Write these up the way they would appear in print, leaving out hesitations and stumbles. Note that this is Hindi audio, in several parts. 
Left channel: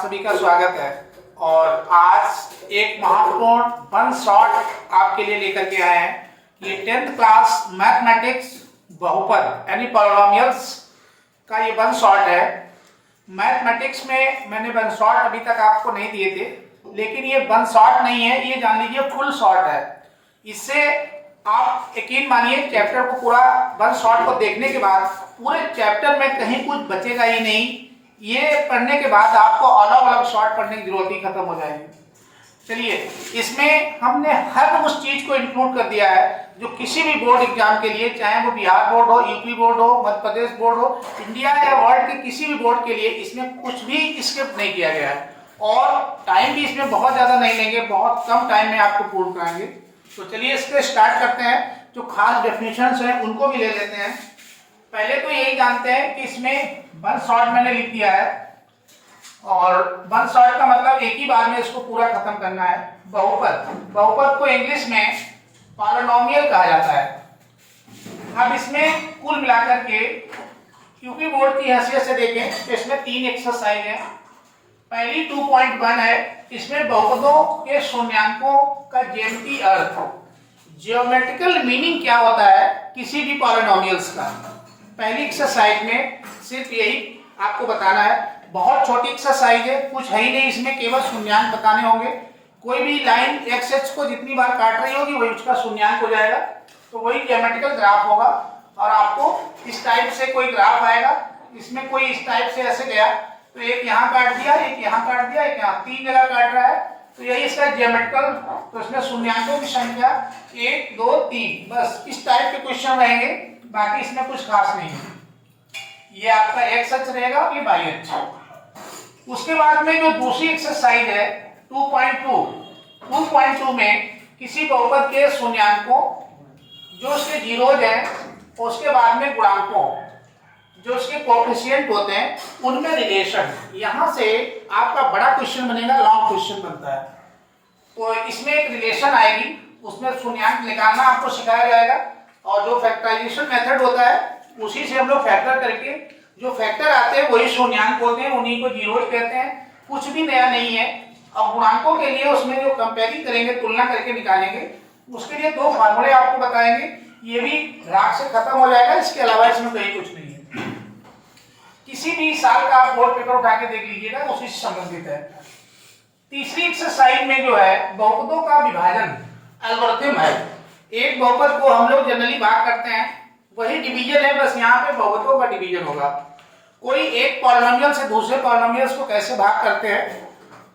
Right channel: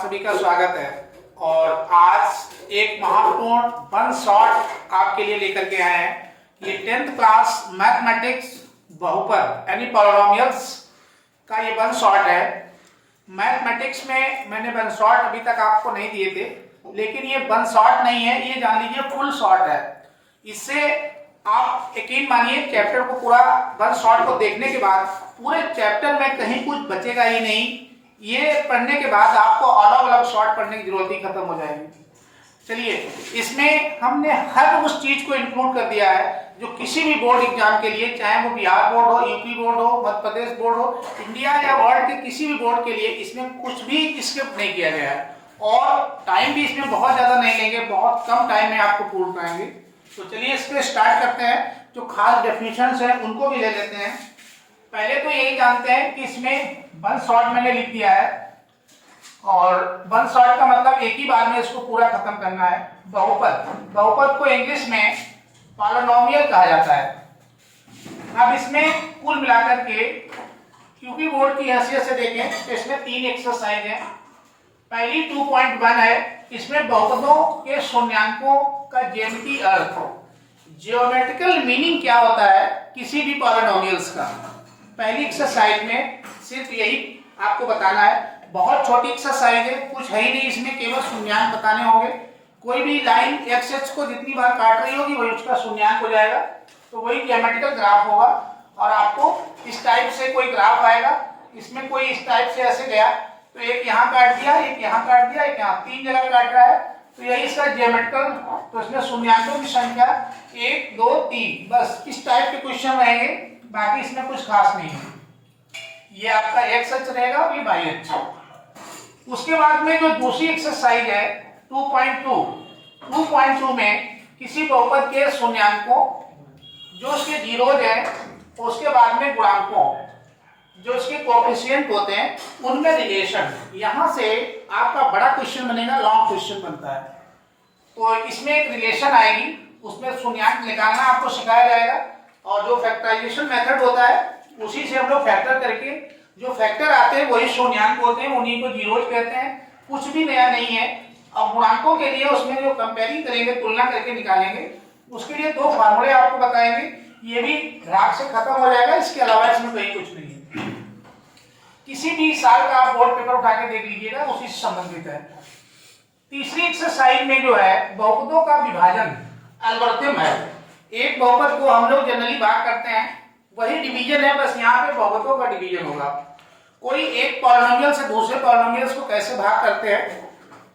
आप सभी का स्वागत है। और आज एक महत्वपूर्ण वन शॉट आपके लिए लेकर के आए हैं। ये 10th क्लास मैथमेटिक्स बहुपद यानी पॉलिनोमियल्स का ये वन शॉट है। मैथमेटिक्स में मैंने वन शॉट अभी तक आपको नहीं दिए थे, लेकिन ये वन शॉट नहीं है, ये जान लीजिए फुल शॉट है। इससे आप यकीन मानिए चैप्टर को पूरा वन शॉट को देखने के बाद पूरे चैप्टर में कहीं कुछ बचेगा ही नहीं। ये पढ़ने के बाद आपको अलग अलग शॉर्ट पढ़ने की जरूरत ही खत्म हो जाएगी। चलिए, इसमें हमने हर उस चीज को इंक्लूड कर दिया है जो किसी भी बोर्ड एग्जाम के लिए, चाहे वो बिहार बोर्ड हो, यूपी बोर्ड हो, मध्य प्रदेश बोर्ड हो, इंडिया या वर्ल्ड के किसी भी बोर्ड के लिए इसमें कुछ भी स्किप नहीं किया गया है। और टाइम भी इसमें बहुत ज्यादा नहीं लेंगे, बहुत कम टाइम में आपको पूर्ण कराएंगे। तो चलिए इस पे स्टार्ट करते हैं। जो खास डेफिनेशंस हैं उनको भी ले लेते हैं। पहले तो यही जानते हैं कि इसमें वन शॉट मैंने लिख दिया है, और वन शॉट का मतलब एक ही बार में इसको पूरा खत्म करना है। बहुपद, बहुपद को इंग्लिश में पॉलिनोमियल कहा जाता है। अब इसमें कुल मिलाकर के क्योंकि बोर्ड की हैसियत से देखें तो इसमें 3 एक्सरसाइज है। पहली 2.1 है, इसमें बहुपदों के शून्यांकों का ज्यामितीय अर्थ, ज्योमेट्रिकल मीनिंग क्या होता है किसी भी पॉलिनोमियल्स का। पहली एक्सरसाइज में सिर्फ यही आपको बताना है। बहुत छोटी एक्सरसाइज है, कुछ है ही नहीं इसमें, केवल शून्यांक बताने होंगे। कोई भी लाइन एक्स एक्स को जितनी बार काट रही होगी वही उसका शून्यांक हो जाएगा, तो वही ज्योमेट्रिकल ग्राफ होगा। और आपको इस टाइप से कोई ग्राफ आएगा, इसमें कोई इस टाइप से ऐसे गया तो एक यहाँ काट दिया, एक यहाँ काट दिया, एक यहाँ, 3 जगह काट रहा है, तो यही इसका ज्योमेट्रिकल। तो इसमें शून्यांकों की संख्या 1 2 3, बस इस टाइप के क्वेश्चन रहेंगे, बाकी इसमें कुछ खास नहीं है। ये आपका एक्स अक्ष रहेगा और ये वाई अक्ष। उसके बाद में जो दूसरी एक्सरसाइज है 2.2 में किसी बहुपद के शून्यांकों जो उसके जीरोज हैं, उसके बाद में गुणांकों जो उसके कोएफिशिएंट होते हैं उनमें रिलेशन। यहां से आपका बड़ा क्वेश्चन बनेगा, लॉन्ग क्वेश्चन बनता है। तो इसमें एक रिलेशन आएगी, उसमें शून्यांक निकालना आपको सिखाया जाएगा। और जो फैक्टराइजेशन मेथड होता है उसी से हम लोग फैक्टर करके जो फैक्टर आते हैं वही शून्यांक होते हैं, उन्हीं को जीरोज कहते हैं। कुछ भी नया नहीं है। अब गुणांकों के लिए उसमें जो कंपेयरिंग करेंगे, तुलना करके निकालेंगे, उसके लिए 2 फार्मूले आपको बताएंगे। ये भी राग से खत्म हो जाएगा, इसके अलावा इसमें कहीं कुछ नहीं है। किसी भी साल का आप बोर्ड पेपर उठा के देख लीजिएगा, उसी से संबंधित है। तीसरी एक्सरसाइज में जो है बहुपदों का विभाजन एल्गोरिथम है। एक बहुपद को हम लोग जनरली भाग करते हैं, वही डिवीजन है, बस यहाँ पे बहुपदों का डिवीजन होगा। कोई एक पॉलिनोमियल से दूसरे पॉलिनोमियल्स को कैसे भाग करते हैं,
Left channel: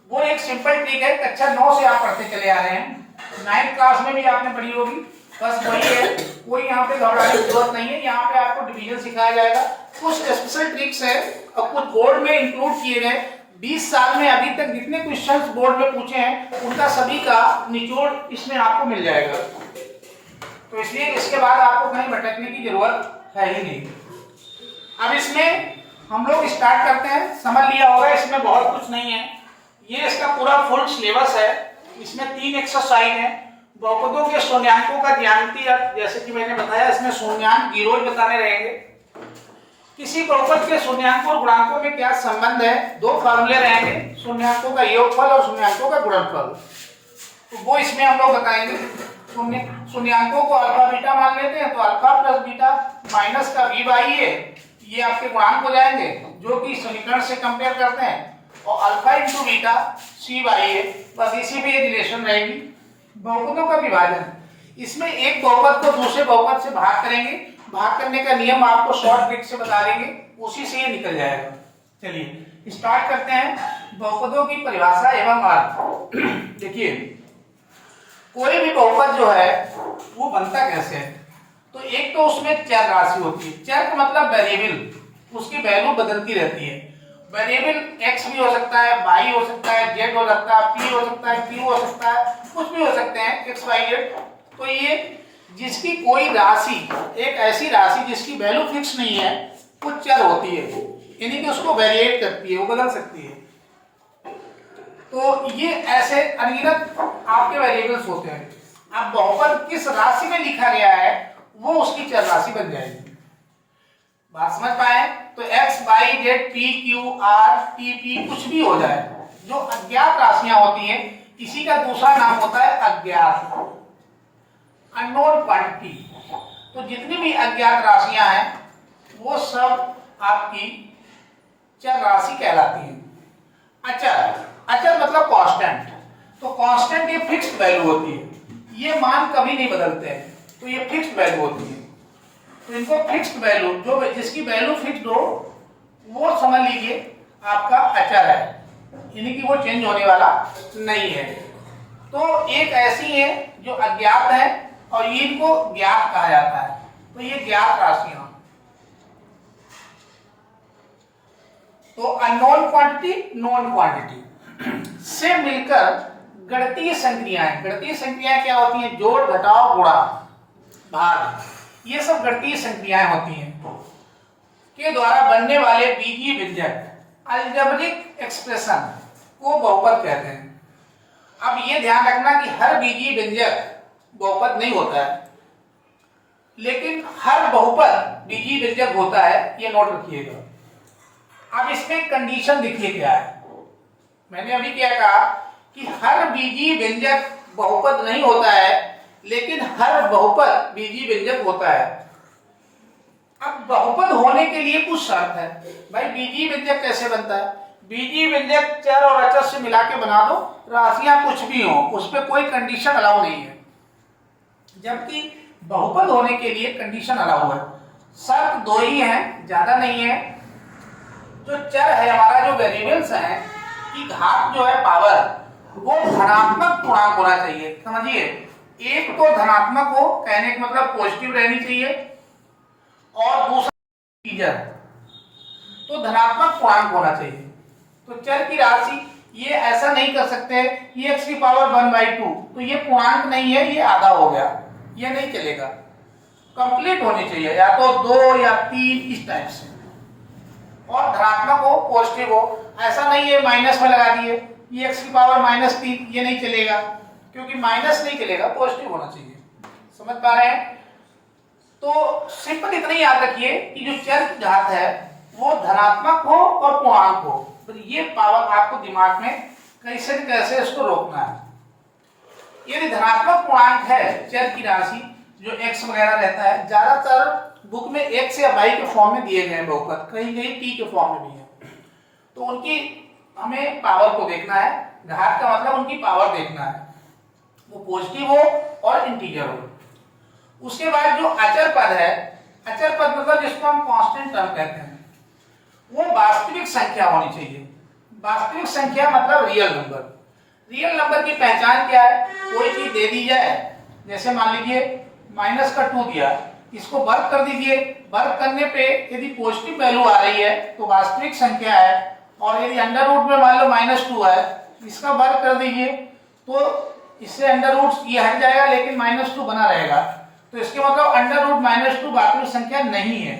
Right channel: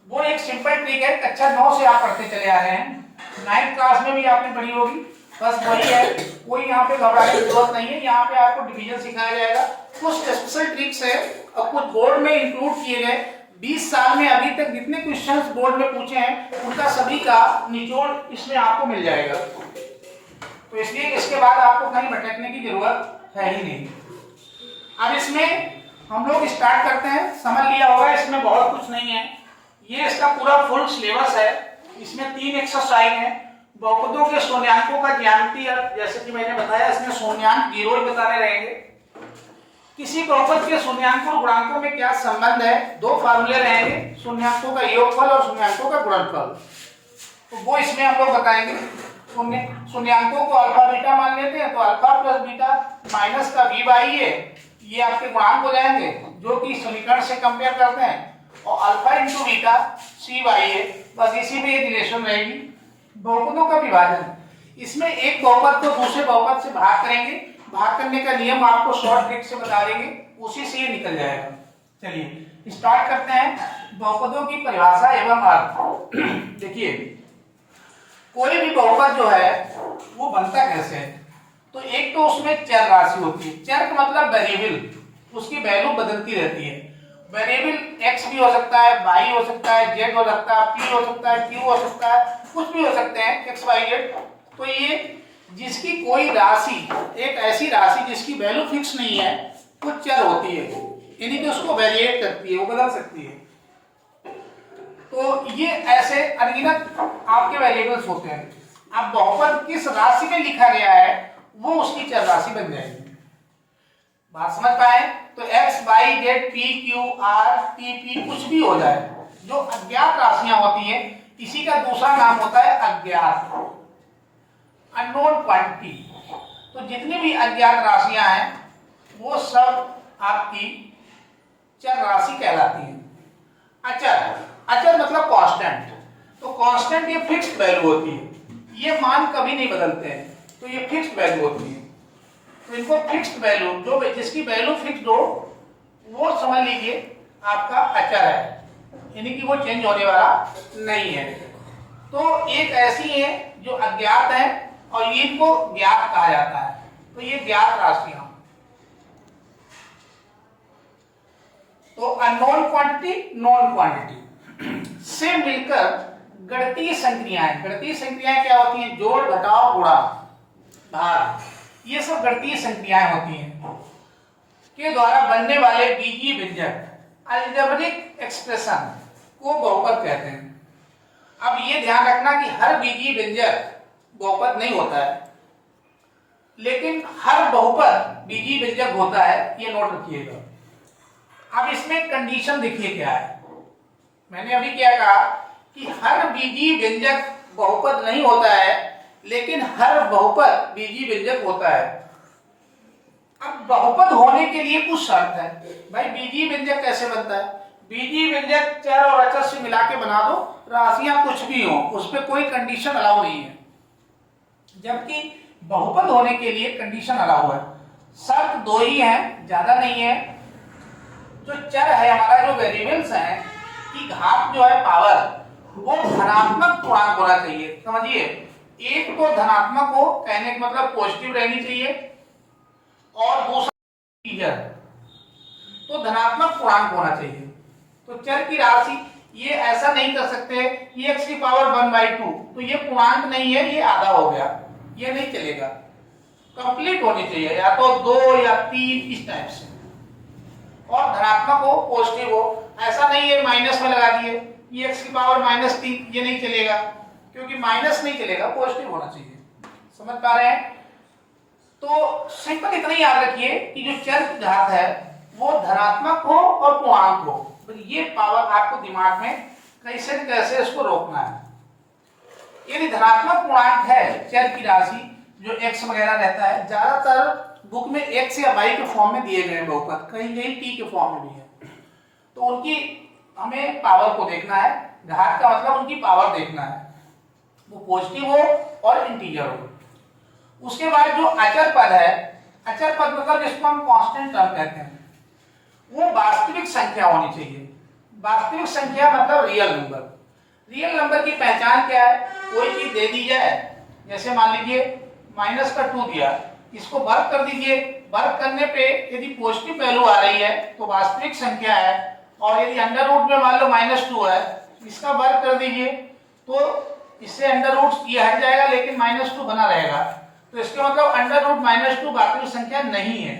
वो एक सिंपल ट्रिक है। कक्षा 9 से आप पढ़ते चले आ रहे हैं, 9th क्लास में भी आपने पढ़ी होगी, बस वही है। कोई यहाँ पे घबराने की जरूरत नहीं है। यहाँ पे आपको डिवीजन सिखाया जाएगा। कुछ स्पेशल ट्रिक्स है और कुछ बोर्ड में इंक्लूड किए गए। 20 साल में अभी तक जितने क्वेश्चंस बोर्ड में पूछे हैं उनका सभी का निचोड़ इसमें आपको मिल जाएगा। तो इसलिए इसके बाद आपको कहीं भटकने की जरूरत है ही नहीं। अब इसमें हम लोग स्टार्ट करते हैं। समझ लिया होगा इसमें बहुत कुछ नहीं है। ये इसका पूरा फुल सिलेबस है। इसमें 3 एक्सरसाइज है। बहुपदों के शून्यांकों का ज्यामितीय अर्थ, जैसे कि मैंने बताया, इसमें शून्यांक जीरोज बताने रहेंगे। किसी बहुपद के शून्यांकों और गुणांकों में क्या संबंध है, 2 फार्मूले रहेंगे, शून्यांकों का योगफल और शून्यांकों का गुणनफल। तो वो इसमें हम लोग बताएंगे। शून्यांकों को अल्फा बीटा मान लेते हैं, तो अल्फा प्लस बीटा माइनस का बी बाई ए, ये आपके गुणांक हो जाएंगे जो कि समीकरण से कंपेयर करते हैं। और alpha into beta c by a, बस इसी में ये रिलेशन रहेगी। बहुपदों का विभाजन, इसमें एक बहुपद को दूसरे बहुपद से भाग करेंगे। भाग करने का नियम आपको शॉर्ट ट्रिक से बता देंगे, उसी से ये निकल जाएगा। चलिए स्टार्ट करते हैं। बहुपदों की परिभाषा एवं अर्थ। देखिए, कोई भी बहुपद जो है वो बनता कैसे है, तो एक तो उसमें चर राशि होती है। चर का मतलब वेरिएबल, उसकी वैल्यू बदलती रहती है। वेरिएबल एक्स भी हो सकता है, वाई हो सकता है, जेड हो सकता है, पी हो सकता है, क्यू हो सकता है, कुछ भी हो सकते हैं, एक्स वाई जेड। तो ये जिसकी कोई राशि, एक ऐसी राशि जिसकी वैल्यू फिक्स नहीं है, कुछ चर होती है, यानी कि उसको वेरिएट करती है, वो बदल सकती है। तो ये ऐसे अनगिनत आपके वेरिएबल्स होते हैं। अब बहुपद किस राशि में लिखा गया है वो उसकी चर राशि बन जाएगी। बात समझ पाए? तो x y z p q r t p कुछ भी हो जाए, जो अज्ञात राशियां होती हैं इसी का दूसरा नाम होता है अज्ञात, अननोन क्वांटिटी। तो जितनी भी अज्ञात राशियां हैं वो सब आपकी चर राशि कहलाती है। अचर, अचर मतलब कांस्टेंट। तो कांस्टेंट ये फिक्स्ड वैल्यू होती है, ये मान कभी नहीं बदलते हैं, तो ये फिक्स्ड वैल्यू होती है। तो इनको फिक्स्ड वैल्यू, जो जिसकी वैल्यू फिक्स्ड हो वो समझ लीजिए आपका अचर है, यानी कि वो चेंज होने वाला नहीं है। तो एक ऐसी है जो अज्ञात है और इनको ज्ञात कहा जाता है। तो ये ज्ञात राशियां, तो अननोन क्वांटिटी, नोन क्वांटिटी से मिलकर गणितीय संक्रियाएं। गणितीय संक्रियाएं क्या होती हैं? जोड़, घटाव, गुणा, भाग, ये सब गणितीय संक्रियाएं होती हैं के द्वारा बनने वाले बीजीय व्यंजक अलजेब्रिक एक्सप्रेशन को बहुपद कहते हैं। अब ये ध्यान रखना कि हर बीजीय व्यंजक बहुपद नहीं होता है, लेकिन हर बहुपद बीजीय व्यंजक होता है, ये नोट रखिएगा। अब इसमें कंडीशन देखिए क्या है। मैंने अभी क्या कहा कि हर बीजीय व्यंजक बहुपद नहीं होता है, लेकिन हर बहुपद बीजीय व्यंजक होता है। अब बहुपद होने के लिए कुछ शर्त है। भाई बीजीय व्यंजक कैसे बनता है? बीजीय व्यंजक चर और अचर से मिला के बना दो, राशियां कुछ भी हो, उस पर कोई कंडीशन अलाउ नहीं है। जबकि बहुपद होने के लिए कंडीशन अलाउ है। शर्त दो ही है, ज्यादा नहीं है। जो चर है हमारा, जो वेरिएबल्स हैं की घात जो है पावर, वो धनात्मक पूर्णांक होना चाहिए। समझिए, एक तो धनात्मक हो, कहने का मतलब पॉजिटिव रहनी चाहिए, और दूसरा इंटीजर, तो धनात्मक पूर्णांक होना चाहिए। तो चर की राशि ये ऐसा नहीं कर सकते कि x की पावर 1/2, तो ये पूर्णांक नहीं है, ये आधा हो गया, ये नहीं चलेगा। कंप्लीट होनी चाहिए, या तो 2 या 3 इस टाइप से, और धनात्मक हो, पॉजिटिव हो। ऐसा नहीं है माइनस में लगा दिए ये x की पावर -3, ये नहीं चलेगा, क्योंकि माइनस नहीं चलेगा, पॉजिटिव होना चाहिए। समझ पा रहे हैं? तो सिंपल इतना ही याद रखिए कि जो चर की घात है वो धनात्मक हो और पूर्णांक हो। तो ये पावर आपको दिमाग में कैसे न कैसे इसको रोकना है। यदि धनात्मक पूर्णांक है चर की राशि, जो x वगैरह रहता है, ज्यादातर बुक में x या y के फॉर्म में दिए गए हैं बहुपद, कहीं कहीं t के फॉर्म में भी है। तो उनकी हमें पावर को देखना है। घात का मतलब उनकी पावर देखना है, वो पॉजिटिव हो और इंटीजर हो। उसके बाद जो अचर पद है, अचर पद मतलब जिसको हम कांस्टेंट टर्म कहते हैं, वो वास्तविक संख्या होनी चाहिए। वास्तविक संख्या मतलब रियल नंबर। रियल नंबर की पहचान क्या है? कोई चीज दे दी जाए, जैसे मान लीजिए -2 दिया, इसको वर्ग कर दीजिए। वर्ग करने पे यदि पॉजिटिव वैल्यू आ रही है तो वास्तविक संख्या है, और यदि अंडर रूट में मान लो -2 है, इसका वर्ग कर दीजिए, तो इससे अंडर रूट ये हट जाएगा, लेकिन -2 बना रहेगा। तो इसके मतलब अंडर रूट -2 वास्तविक संख्या नहीं है,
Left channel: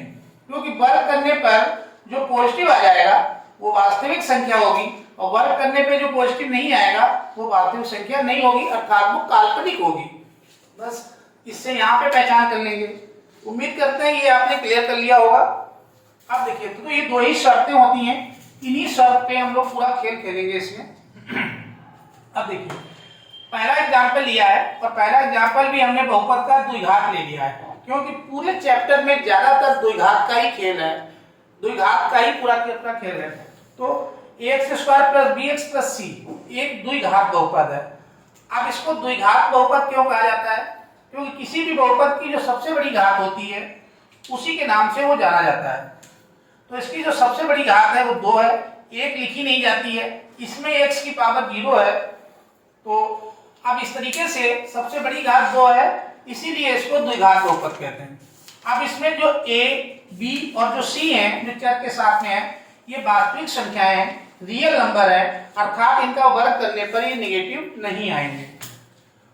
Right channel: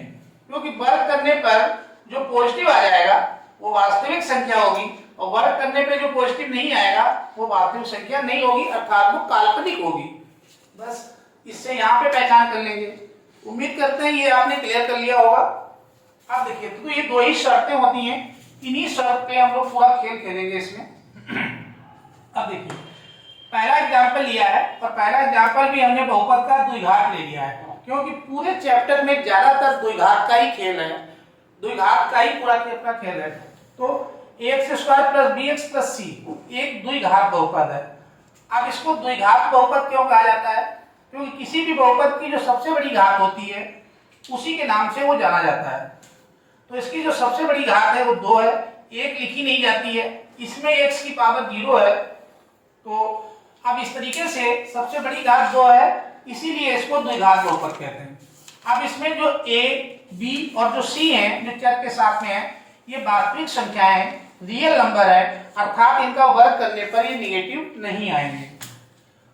क्योंकि वर्ग करने पर जो पॉजिटिव आ जाएगा वो वास्तविक संख्या होगी, और वर्ग करने पे जो पॉजिटिव नहीं आएगा वो वास्तविक संख्या नहीं होगी, अर्थात वो काल्पनिक होगी। बस इससे यहाँ पे पहचान कर लेंगे। उम्मीद करते हैं ये आपने क्लियर कर लिया होगा। अब देखिए, तो ये दो ही शर्तें होती हैं, इन्हीं शर्त पे हम लोग पूरा खेल खेलेंगे इसमें। अब देखिए, पहला एग्जाम्पल लिया है, और पहला एग्जाम्पल भी हमने बहुपद का द्विघात ले लिया है, क्योंकि पूरे चैप्टर में ज्यादातर द्विघात का ही खेल है, द्विघात का ही पूरा खेल है। तो ax² + bx + c एक द्विघात बहुपद है। अब इसको द्विघात बहुपद क्यों कहा जाता है? क्योंकि किसी भी बहुपद की जो सबसे बड़ी घात होती है उसी के नाम से वो जाना जाता है। तो इसकी जो सबसे बड़ी घात है वो 2 है, 1 लिखी नहीं जाती है, इसमें x की पावर 0 है। तो अब इस तरीके से सबसे बड़ी घात 2 है, इसीलिए इसको द्विघात बहुपद कहते हैं। अब इसमें जो a, b और जो c है, जो चर के साथ में है, ये वास्तविक संख्याएं हैं, रियल नंबर है, अर्थात इनका वर्ग करने पर ये नेगेटिव नहीं आएंगे।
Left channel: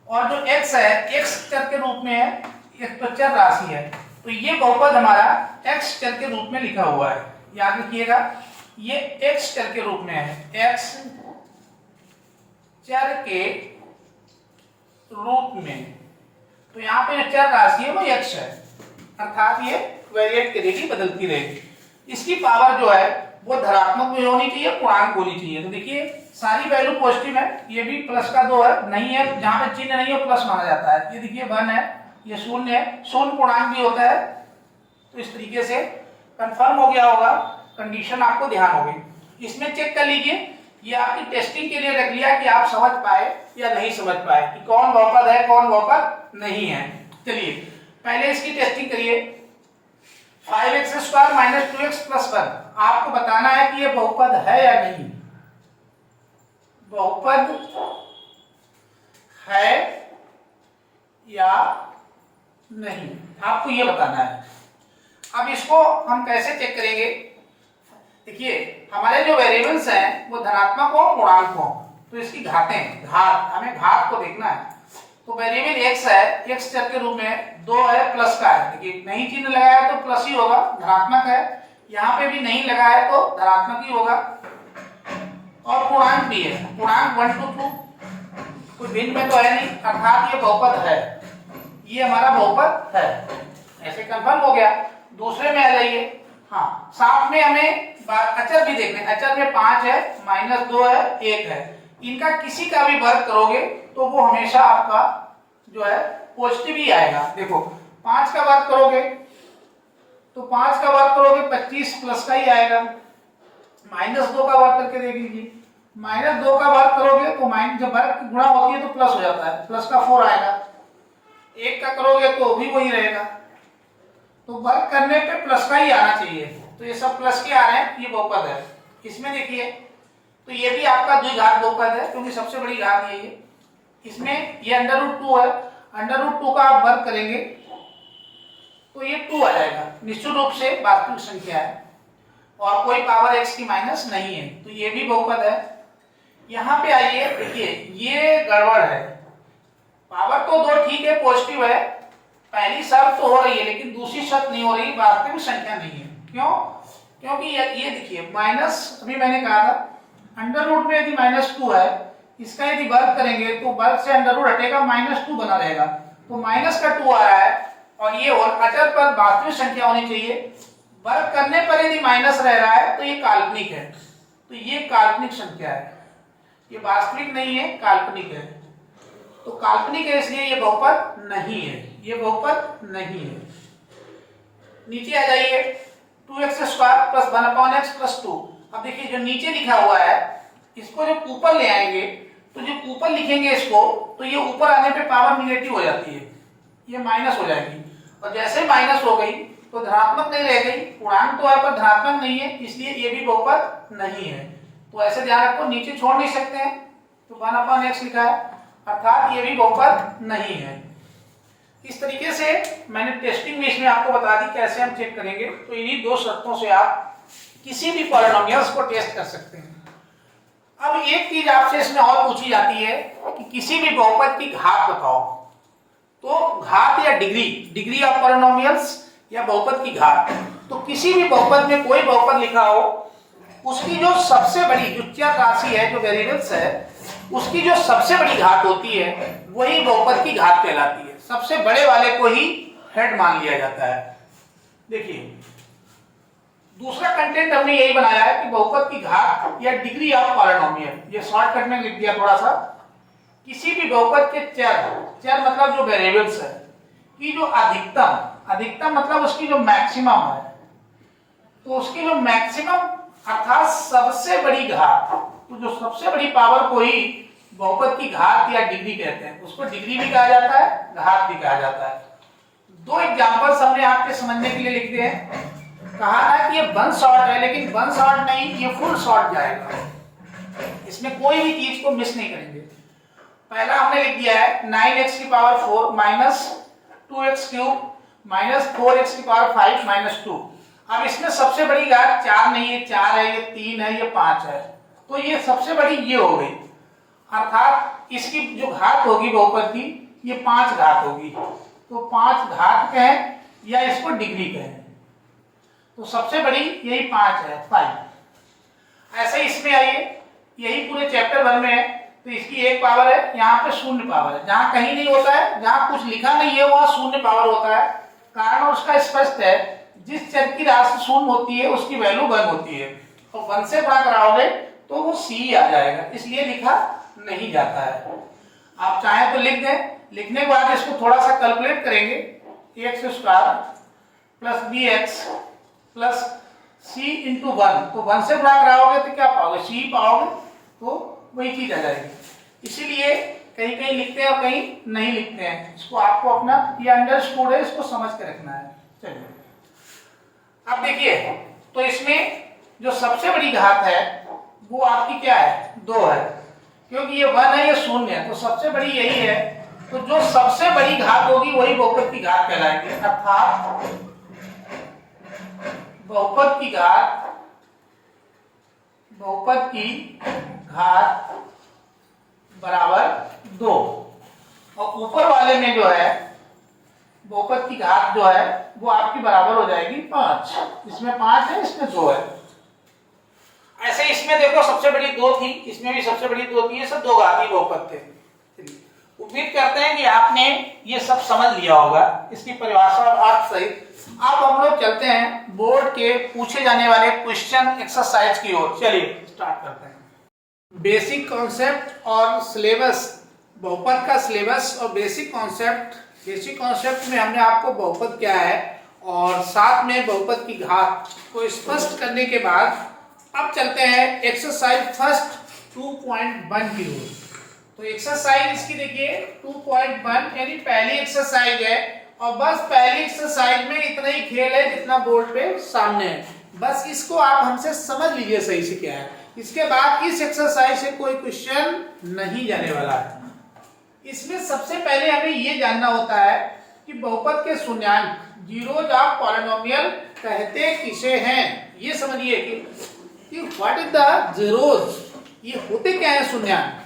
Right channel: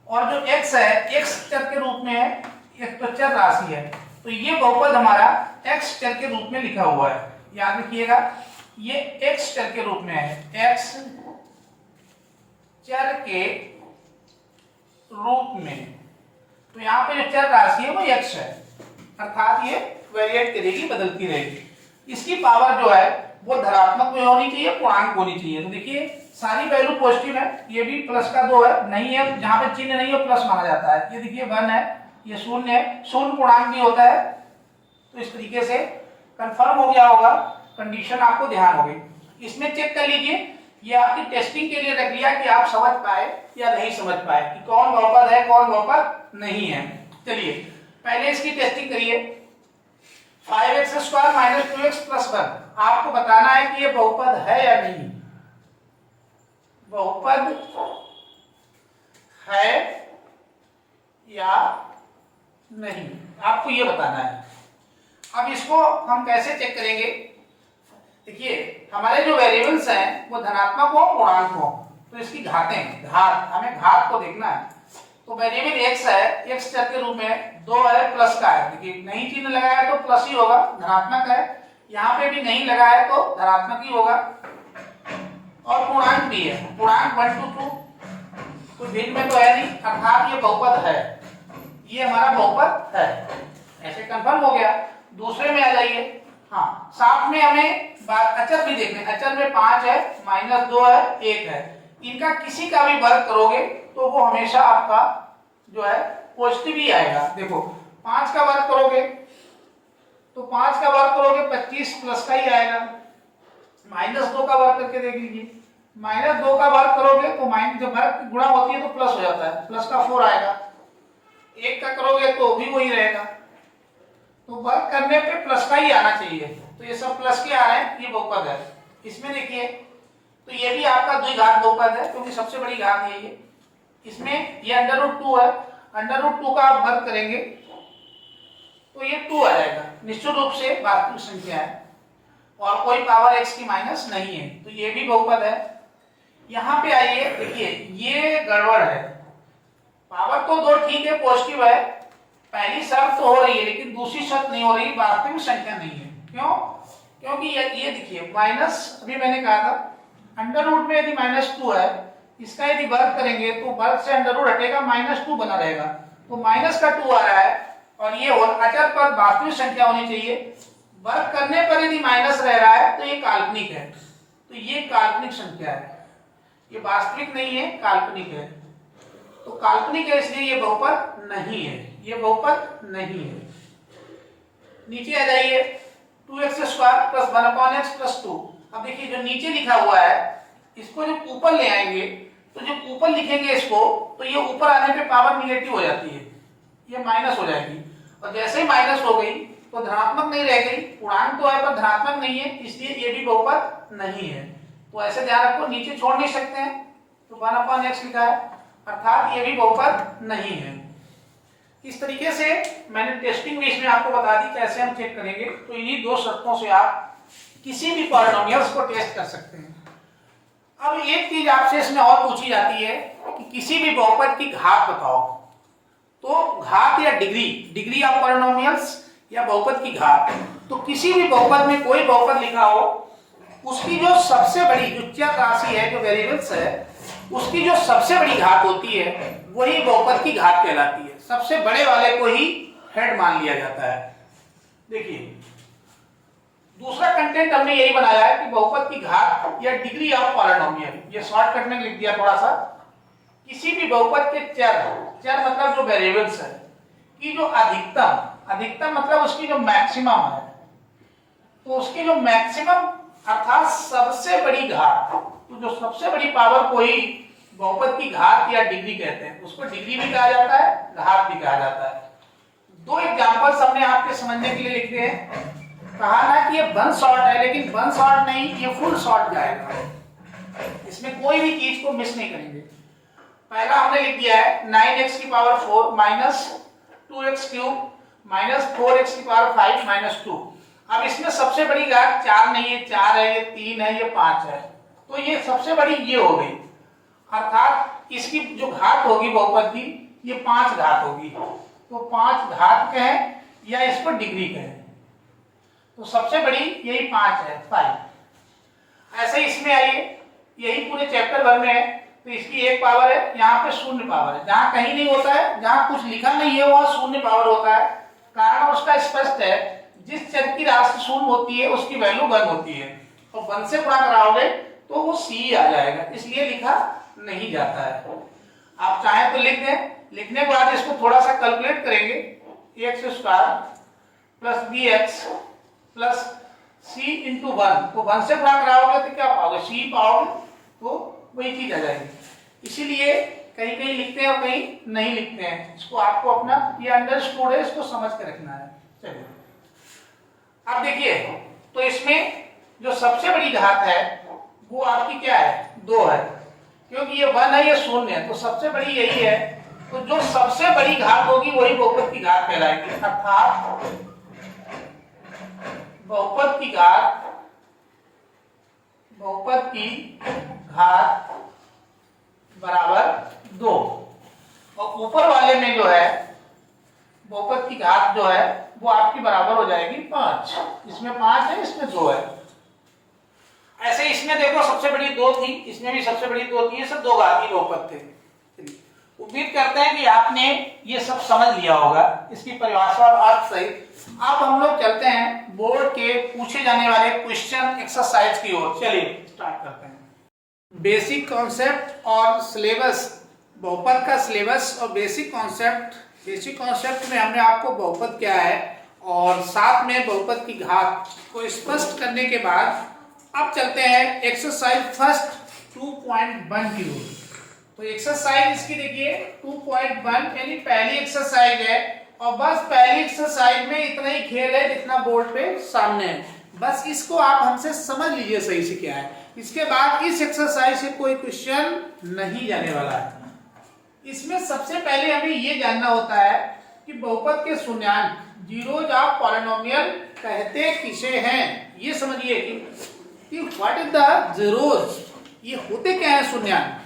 और जो x है, x चर के रूप में है, एक तो चर राशि है, तो ये बहुपद हमारा x चर के रूप में लिखा हुआ है। याद रखिएगा, ये x चर के रूप में है, x चर के रूप में। तो यहाँ पे जो चर राशि है वो x है, अर्थात ये वेरिएट करेगी, बदलती रहेगी। इसकी पावर जो है वो धनात्मक में होनी चाहिए, पूर्णांक होनी चाहिए। तो देखिए सारी वैल्यू पॉजिटिव है, ये भी प्लस का 2 है, नहीं है जहां पे चिन्ह नहीं है प्लस माना जाता है। ये देखिए 1 है, ये 0 है, 0 पूर्णांक भी होता है। तो इस तरीके से कंफर्म हो गया होगा, कंडीशन आपको ध्यान होगी। इसमें चेक कर लीजिए, ये आपकी टेस्टिंग के लिए रख लिया कि आप समझ पाए या नहीं समझ पाए कि कौन बहुपद है कौन बहुपद नहीं है। चलिए पहले इसकी टेस्टिंग करिए। 5x² - 2x + 1 आपको बताना है कि ये बहुपद है या नहीं, बहुपद है या नहीं, आपको ये बताना है। अब इसको हम कैसे चेक करेंगे? देखिए हमारे जो वेरिएबल्स हैं वो धनात्मक हो पूर्णांक हो, तो इसकी घातें, घात, हमें घात को देखना है। तो वेरिएबल x है, x चर के रूप में 2 है, प्लस का है। देखिए नहीं चिन्ह लगाया तो प्लस ही होगा, धनात्मक है। यहाँ पे भी नहीं लगा है तो धनात्मक ही होगा। और पूर्णांक भी है, पूर्णांक 1 to 2, कोई भिन्न में तो है नहीं, अर्थात ये बहुपद है, ये हमारा बहुपद है। ऐसे कंफर्म हो गया। दूसरे में आ जाइए। हाँ, साथ में हमें अचर भी देखने, अचर में 5 है, -2 है, 1 है। इनका किसी का भी वर्ग करोगे तो वो हमेशा आपका जो है पॉजिटिव ही आएगा। देखो 5 का वर्ग करोगे तो 5 का वर्ग करोगे 25 प्लस का ही आएगा। -2 का वर्ग करके देख लीजिए, -2 का वर्ग करोगे तो जब वर्ग गुणा होती है तो प्लस हो जाता है, प्लस का 4 आएगा। 1 का करोगे तो भी वही रहेगा। तो वर्ग करने पे प्लस का ही आना चाहिए, तो ये सब प्लस के आ रहे हैं, ये बहुपद है। इसमें देखिए तो ये भी आपका द्विघात बहुपद है, क्योंकि सबसे बड़ी घात यही है। इसमें ये √2 है, √2 का आप वर्ग करेंगे तो ये 2 आ जाएगा। निश्चित रूप से वास्तविक संख्या है और कोई पावर x की माइनस नहीं है, तो ये भी बहुपद है। यहाँ पे आइए, देखिए ये गड़बड़ है, पावर तो 2 ठीक है, पॉजिटिव है, पहली शर्त तो हो रही है लेकिन दूसरी शर्त नहीं हो रही, वास्तविक संख्या नहीं है। क्यों? क्योंकि ये देखिए माइनस, अभी मैंने कहा था अंडर रूट में यदि -2 है, इसका यदि वर्ग करेंगे तो वर्ग से अंडर रूट हटेगा, -2 बना रहेगा, तो माइनस का 2 आ रहा है। और ये अचर पर वास्तविक संख्या होनी चाहिए, वर्ग करने पर यदि माइनस रह रहा है तो ये काल्पनिक है, तो ये काल्पनिक संख्या है, ये वास्तविक नहीं है, काल्पनिक है। तो काल्पनिक है इसलिए ये बहुपद नहीं है, ये बहुपद नहीं है। नीचे आ जाइए, 2x² + 1/x + 2। अब देखिए जो नीचे लिखा हुआ है इसको जब ऊपर ले आएंगे तो जब ऊपर लिखेंगे इसको तो ये ऊपर आने पे पावर निगेटिव हो जाती है, ये माइनस हो जाएगी। और जैसे ही माइनस हो गई तो धनात्मक नहीं रह गई, पूर्णांक तो है पर धनात्मक नहीं है, इसलिए ये भी बहुपद नहीं है। तो ऐसे ध्यान रखो, नीचे छोड़ नहीं सकते हैं, तो 1/x लिखा है, अर्थात ये भी बहुपद नहीं है। इस तरीके से मैंने टेस्टिंग में इसमें आपको बता दी कैसे हम चेक करेंगे। तो इन्हीं 2 शर्तों से आप किसी भी पॉलिनोमियल्स को टेस्ट कर सकते हैं। अब एक चीज आपसे इसमें और पूछी जाती है कि किसी भी बहुपद की घात बताओ, तो घात या डिग्री ऑफ पॉलिनोमियल्स या बहुपद की घात। तो किसी भी बहुपद में कोई बहुपद लिखा हो, उसकी जो सबसे बड़ी जो चर राशि है, जो वेरिएबल्स है, उसकी जो सबसे बड़ी घात होती है वही बहुपद की घात कहलाती है। सबसे बड़े वाले को ही हेड मान लिया जाता है। देखिए दूसरा कंटेंट हमने यही बनाया है कि बहुपद की घात या डिग्री ऑफ पॉलिनोमियल, ये शॉर्टकट में लिख दिया थोड़ा सा। किसी भी बहुपद के चर मतलब जो वेरिएबल्स है की जो अधिकतम मतलब उसकी जो मैक्सिमम है, तो उसकी जो मैक्सिमम अर्थात सबसे बड़ी घात, तो जो सबसे बड़ी पावर को ही बहुपद की घात या डिग्री कहते हैं। उसको डिग्री भी कहा जाता है, घात भी कहा जाता है। 2 एग्जांपल्स हमने आपके समझने के लिए लिख दिए हैं। कहा ना कि ये 1 शॉर्ट है, लेकिन 1 शॉर्ट नहीं, ये फुल शॉर्ट जाएगा, इसमें कोई भी चीज को मिस नहीं करेंगे। पहला हमने लिख दिया है 9x⁴ - 2x³ - 4x⁵ - 2। अब इसमें सबसे बड़ी घात 4 नहीं है, 4 है, ये 3 है, ये 5 है, तो ये सबसे बड़ी ये हो गई, अर्थात इसकी जो घात होगी बहुपद की ये 5 घात होगी। तो 5 घात कहें या इसको डिग्री कहें, तो सबसे बड़ी यही 5 है, 5। ऐसे इसमें आइए, यही पूरे चैप्टर भर में है, तो इसकी 1 पावर है, यहाँ पे 0 पावर है, जहां कहीं नहीं होता है, जहां कुछ लिखा नहीं है वहां 0 पावर होता है। कारण उसका स्पष्ट है, जिस चर की राशि 0 होती है उसकी वैल्यू 1 होती है। और 1 से गुणा कराओगे तो वो c आ जाएगा, इसलिए लिखा नहीं जाता है। आप चाहें तो लिख दें, लिखने के बाद इसको थोड़ा सा कैलकुलेट करेंगे, x square plus b x plus c into 1, तो 1 से गुणा कराओगे तो क्या पाओगे, सी पाओगे, तो वही चीज आ जाएगी। इसीलिए कहीं कहीं लिखते हैं और कहीं नहीं लिखते हैं, इसको आपको अपना ये अंडरस्टूड है, इसको समझ के रखना है। चलिए अब देखिए, तो इसमें जो सबसे बड़ी घात है वो आपकी क्या है, 2 है, क्योंकि ये 1 है, ये 0 है, तो सबसे बड़ी यही है। तो जो सबसे बड़ी घात होगी वही बहुपद की घात कहलाएगी, अर्थात बहुपद की घात बराबर 2, और ऊपर वाले में जो है बहुपद की घात जो है वो आपकी बराबर हो जाएगी 5। इसमें 5 है, इसमें 2 है। ऐसे इसमें देखो सबसे बड़ी 2 थी, इसमें भी सबसे बड़ी 2 थी, ये सब 2 घातीय बहुपद थे। उम्मीद करते हैं कि आपने ये सब समझ लिया होगा, इसकी परिभाषा और अर्थ सहित। अब हम लोग चलते हैं बोर्ड के पूछे जाने वाले क्वेश्चन एक्सरसाइज की ओर। चलिए स्टार्ट करते हैं। बेसिक कॉन्सेप्ट और सिलेबस, बहुपद का सिलेबस और बेसिक कॉन्सेप्ट में हमने आपको बहुपद क्या है और साथ में बहुपद की घात को स्पष्ट करने के बाद अब चलते हैं एक्सरसाइज फर्स्ट 2.1 की ओर। तो एक्सरसाइज इसकी देखिए 2.1 यानी पहली एक्सरसाइज है, और बस पहली एक्सरसाइज में इतना ही खेल है जितना बोर्ड पे सामने है। बस इसको आप हमसे समझ लीजिए सही से क्या है, इसके बाद इस एक्सरसाइज से कोई क्वेश्चन नहीं जाने वाला है। इसमें सबसे पहले हमें ये जानना होता है कि बहुपद के शून्यांक जीरोज ऑफ पॉलिनोमियल कहते किसे हैं। ये समझिए कि व्हाट इज द जीरोज, ये होते क्या है शून्यांक।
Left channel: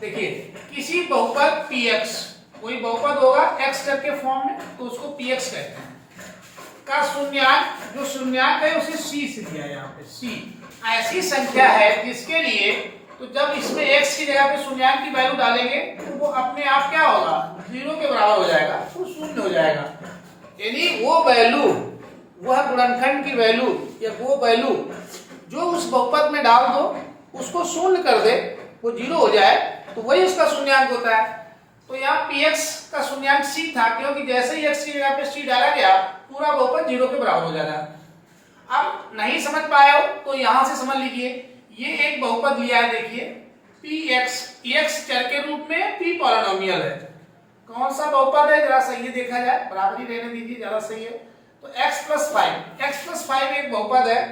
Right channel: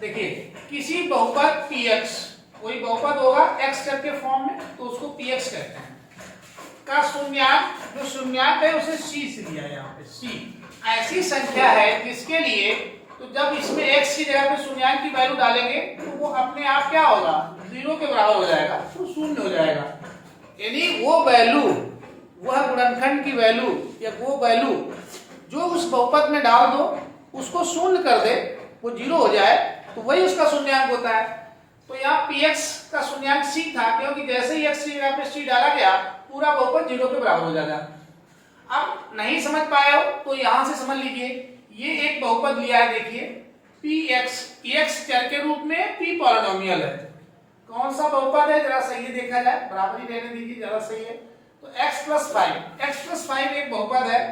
देखिए किसी बहुपद px, कोई बहुपद होगा x चर के फॉर्म में तो उसको px कहते हैं, का शून्यांक, जो शून्यांक है उसे c से दिया यहाँ पे। c ऐसी संख्या है जिसके लिए तो जब इसमें x की जगह पे शून्यांक की वैल्यू डालेंगे तो वो अपने आप क्या होगा, 0 के बराबर हो जाएगा, तो 0 हो जाएगा। यानी वो वैल्यू, वह गुणनखंड की वैल्यू या वो वैल्यू जो उस बहुपद में डाल दो उसको शून्य कर दे, वो 0 हो जाए, तो वही उसका शून्यांक होता है। तो यहाँ px का शून्यांक c था, क्योंकि जैसे ही x की जगह पे c डाला गया पूरा बहुपद 0 के बराबर हो जाएगा। अब नहीं समझ पाए हो तो यहां से समझ लीजिए, ये एक बहुपद लिया है, देखिए px, x चर के रूप में, p पॉलिनोमियल है। कौन सा बहुपद है जरा सही है देखा जाए, बराबरी रहने दीजिए ज्यादा सही है। तो x प्लस 5 एक बहुपद है।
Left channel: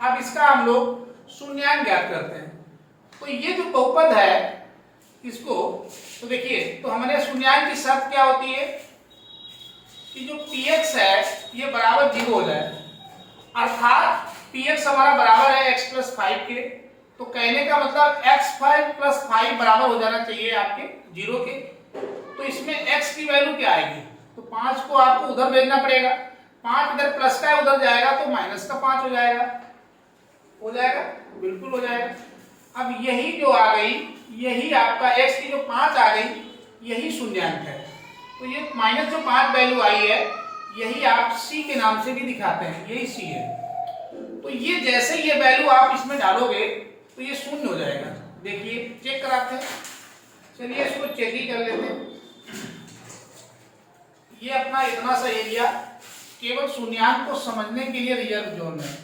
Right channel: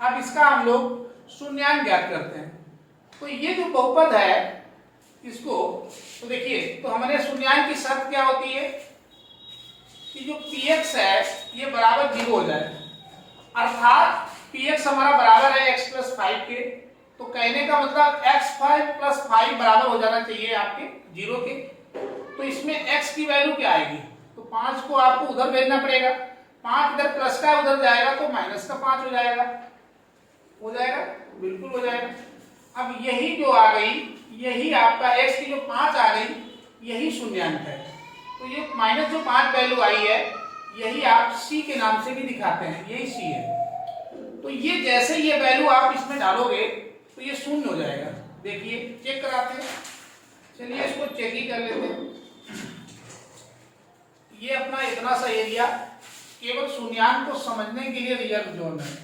अब इसका हम लोग शून्यांक ज्ञात करते हैं। तो ये जो बहुपद है इसको तो देखिए, तो हमारे शून्यांक की शर्त क्या होती है कि जो px है ये बराबर 0 हो जाए, अर्थात px हमारा बराबर है x प्लस 5 के। तो कहने का मतलब x5 प्लस 5 बराबर हो जाना चाहिए आपके 0 के। तो इसमें x की वैल्यू क्या आएगी, तो 5 को आपको उधर भेजना पड़ेगा, 5 इधर प्लस का उधर जाएगा तो माइनस का 5 हो जाएगा, बिल्कुल हो जाएगा। अब यही जो आ गई, यही आपका x की जो 5 आ गई, यही शून्यांक है। तो ये माइनस जो 5 वैल्यू आई है यही आप c के नाम से भी दिखाते हैं, यही c है। तो ये जैसे ये वैल्यू आप इसमें डालोगे तो ये शून्य हो जाएगा। देखिए चेक कराते हैं, चलिए इसको चेक ही कर लेते हैं। ये अपना इतना सा एरिया केवल शून्यांक को समझने के लिए रिजर्व जोन है,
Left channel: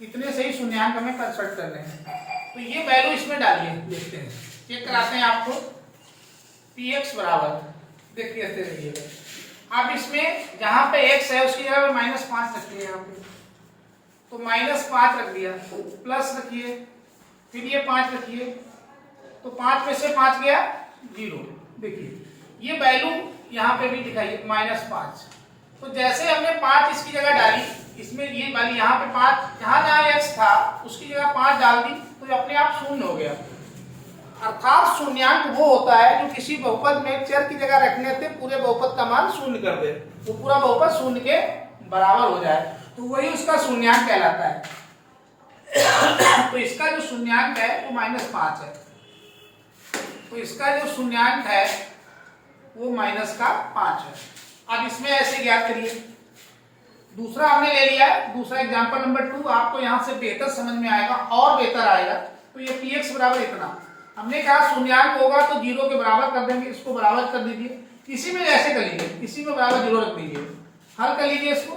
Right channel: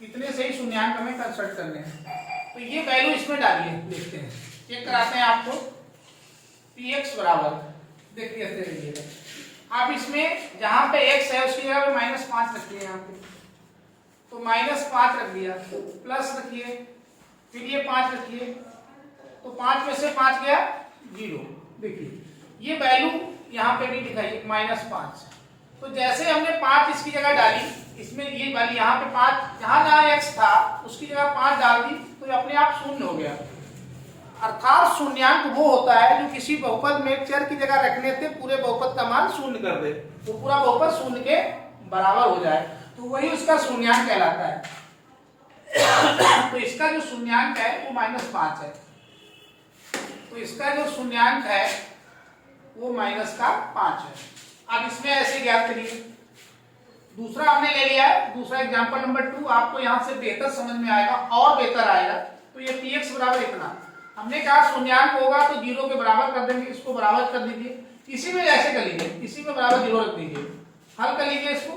इतने से ही शून्यांक हमें कंसल्ट करने हैं। तो ये वैल्यू इसमें डालिए, देखते हैं, चेक कराते हैं आपको। px बराबर देखिए ऐसे रखिएगा, आप इसमें जहां पे x है उसकी जगह पे -5 रखिए यहाँ पे, तो -5 रख दिया, प्लस रखिए, फिर ये 5 रखिए, तो 5 में से 5 गया 0। देखिए ये वैल्यू यहाँ पे भी दिखाइए -5। तो जैसे हमने 5 इसकी जगह डाली, इसमें ये वाली यहाँ पे 5, जहाँ x था उसकी जगह 5 डाल दी, तो ये अपने आप शून्य हो गया। अर्थात शून्यांक वो होता है जो किसी बहुपद में चर की जगह रखने से पूरे बहुपद का मान शून्य कर दे, वो पूरा बहुपद शून्य के बराबर हो जाए, तो वही उसका शून्यांक कहलाता है। तो इसका जो शून्यांक है वो -5 है, तो इसका जो शून्यांक है वो -5 है। अब इसमें ऐसे ज्ञात करिए, दूसरा हमने ले लिया है, दूसरा एग्जांपल नंबर 2 आपको यहां से बेहतर समझ में आएगा और बेहतर आएगा। तो ये px बराबर इतना, हमने कहा शून्यांक होगा तो 0 के बराबर कर देंगे, इसको बराबर कर दीजिए, इसी में ऐसे कर लीजिए, इसी में बराबर 0 रख दीजिए, हल कर लीजिए इसको,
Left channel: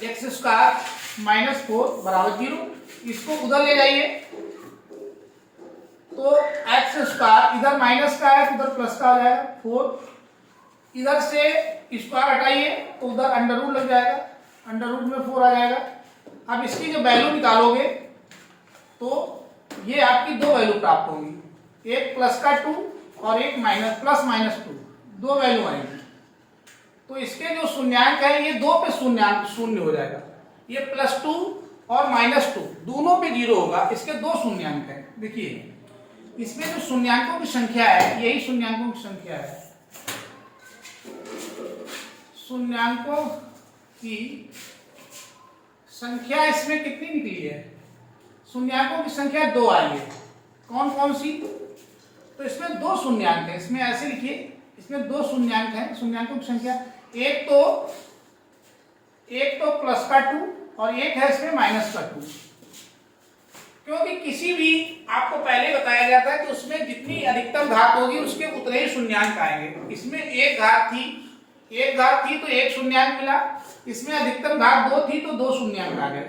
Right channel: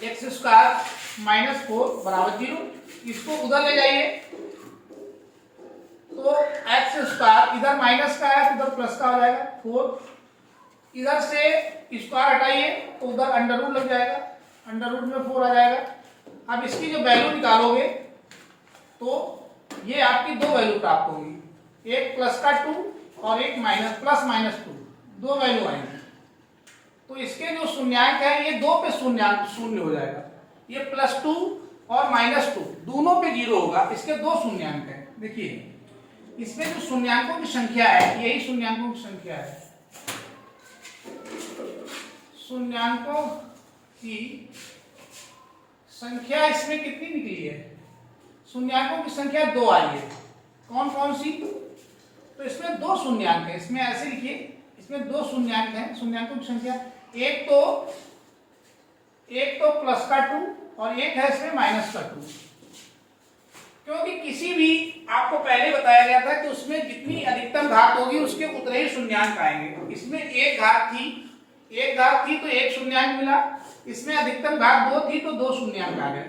एक्स स्क्वायर माइनस 4 बराबर 0, इसको उधर ले जाइए तो एक्स स्क्वायर इधर माइनस का है तो उधर प्लस का आ जाएगा 4, इधर से स्क्वायर हटाइए तो उधर अंडर रूट लग जाएगा, अंडर रूट में 4 आ जाएगा। अब इसकी जो वैल्यू निकालोगे तो ये आपकी दो वैल्यू प्राप्त होगी, एक प्लस का 2 और एक माइनस प्लस माइनस 2, दो वैल्यू आएंगी। तो इसके जो शून्यांक है ये 2 पे शून्यांक शून्य हो जाएगा, ये +2 और -2 दोनों पे 0 होगा, इसके दो शून्यांक है। देखिए इसमें जो शून्यांकों की संख्या है यही शून्यांकों की संख्या है, शून्यांकों की संख्या इसमें कितनी निकली है, शून्यांकों की संख्या 2 आई है। कौन कौन सी, तो इसमें दो शून्यांक है, इसमें ऐसे लिखिए, इसमें दो शून्यांक है, शून्यांकों की संख्या एक तो प्लस का 2 और एक है इसमें माइनस का 2, क्योंकि किसी भी आपको पहले बताया गया था कि उसमें जितनी अधिकतम घात होगी उसके उतने ही शून्यांक आएंगे। इसमें एक घात थी तो एक शून्यांक मिला, इसमें अधिकतम घात 2 थी तो 2 शून्यांक आ गए।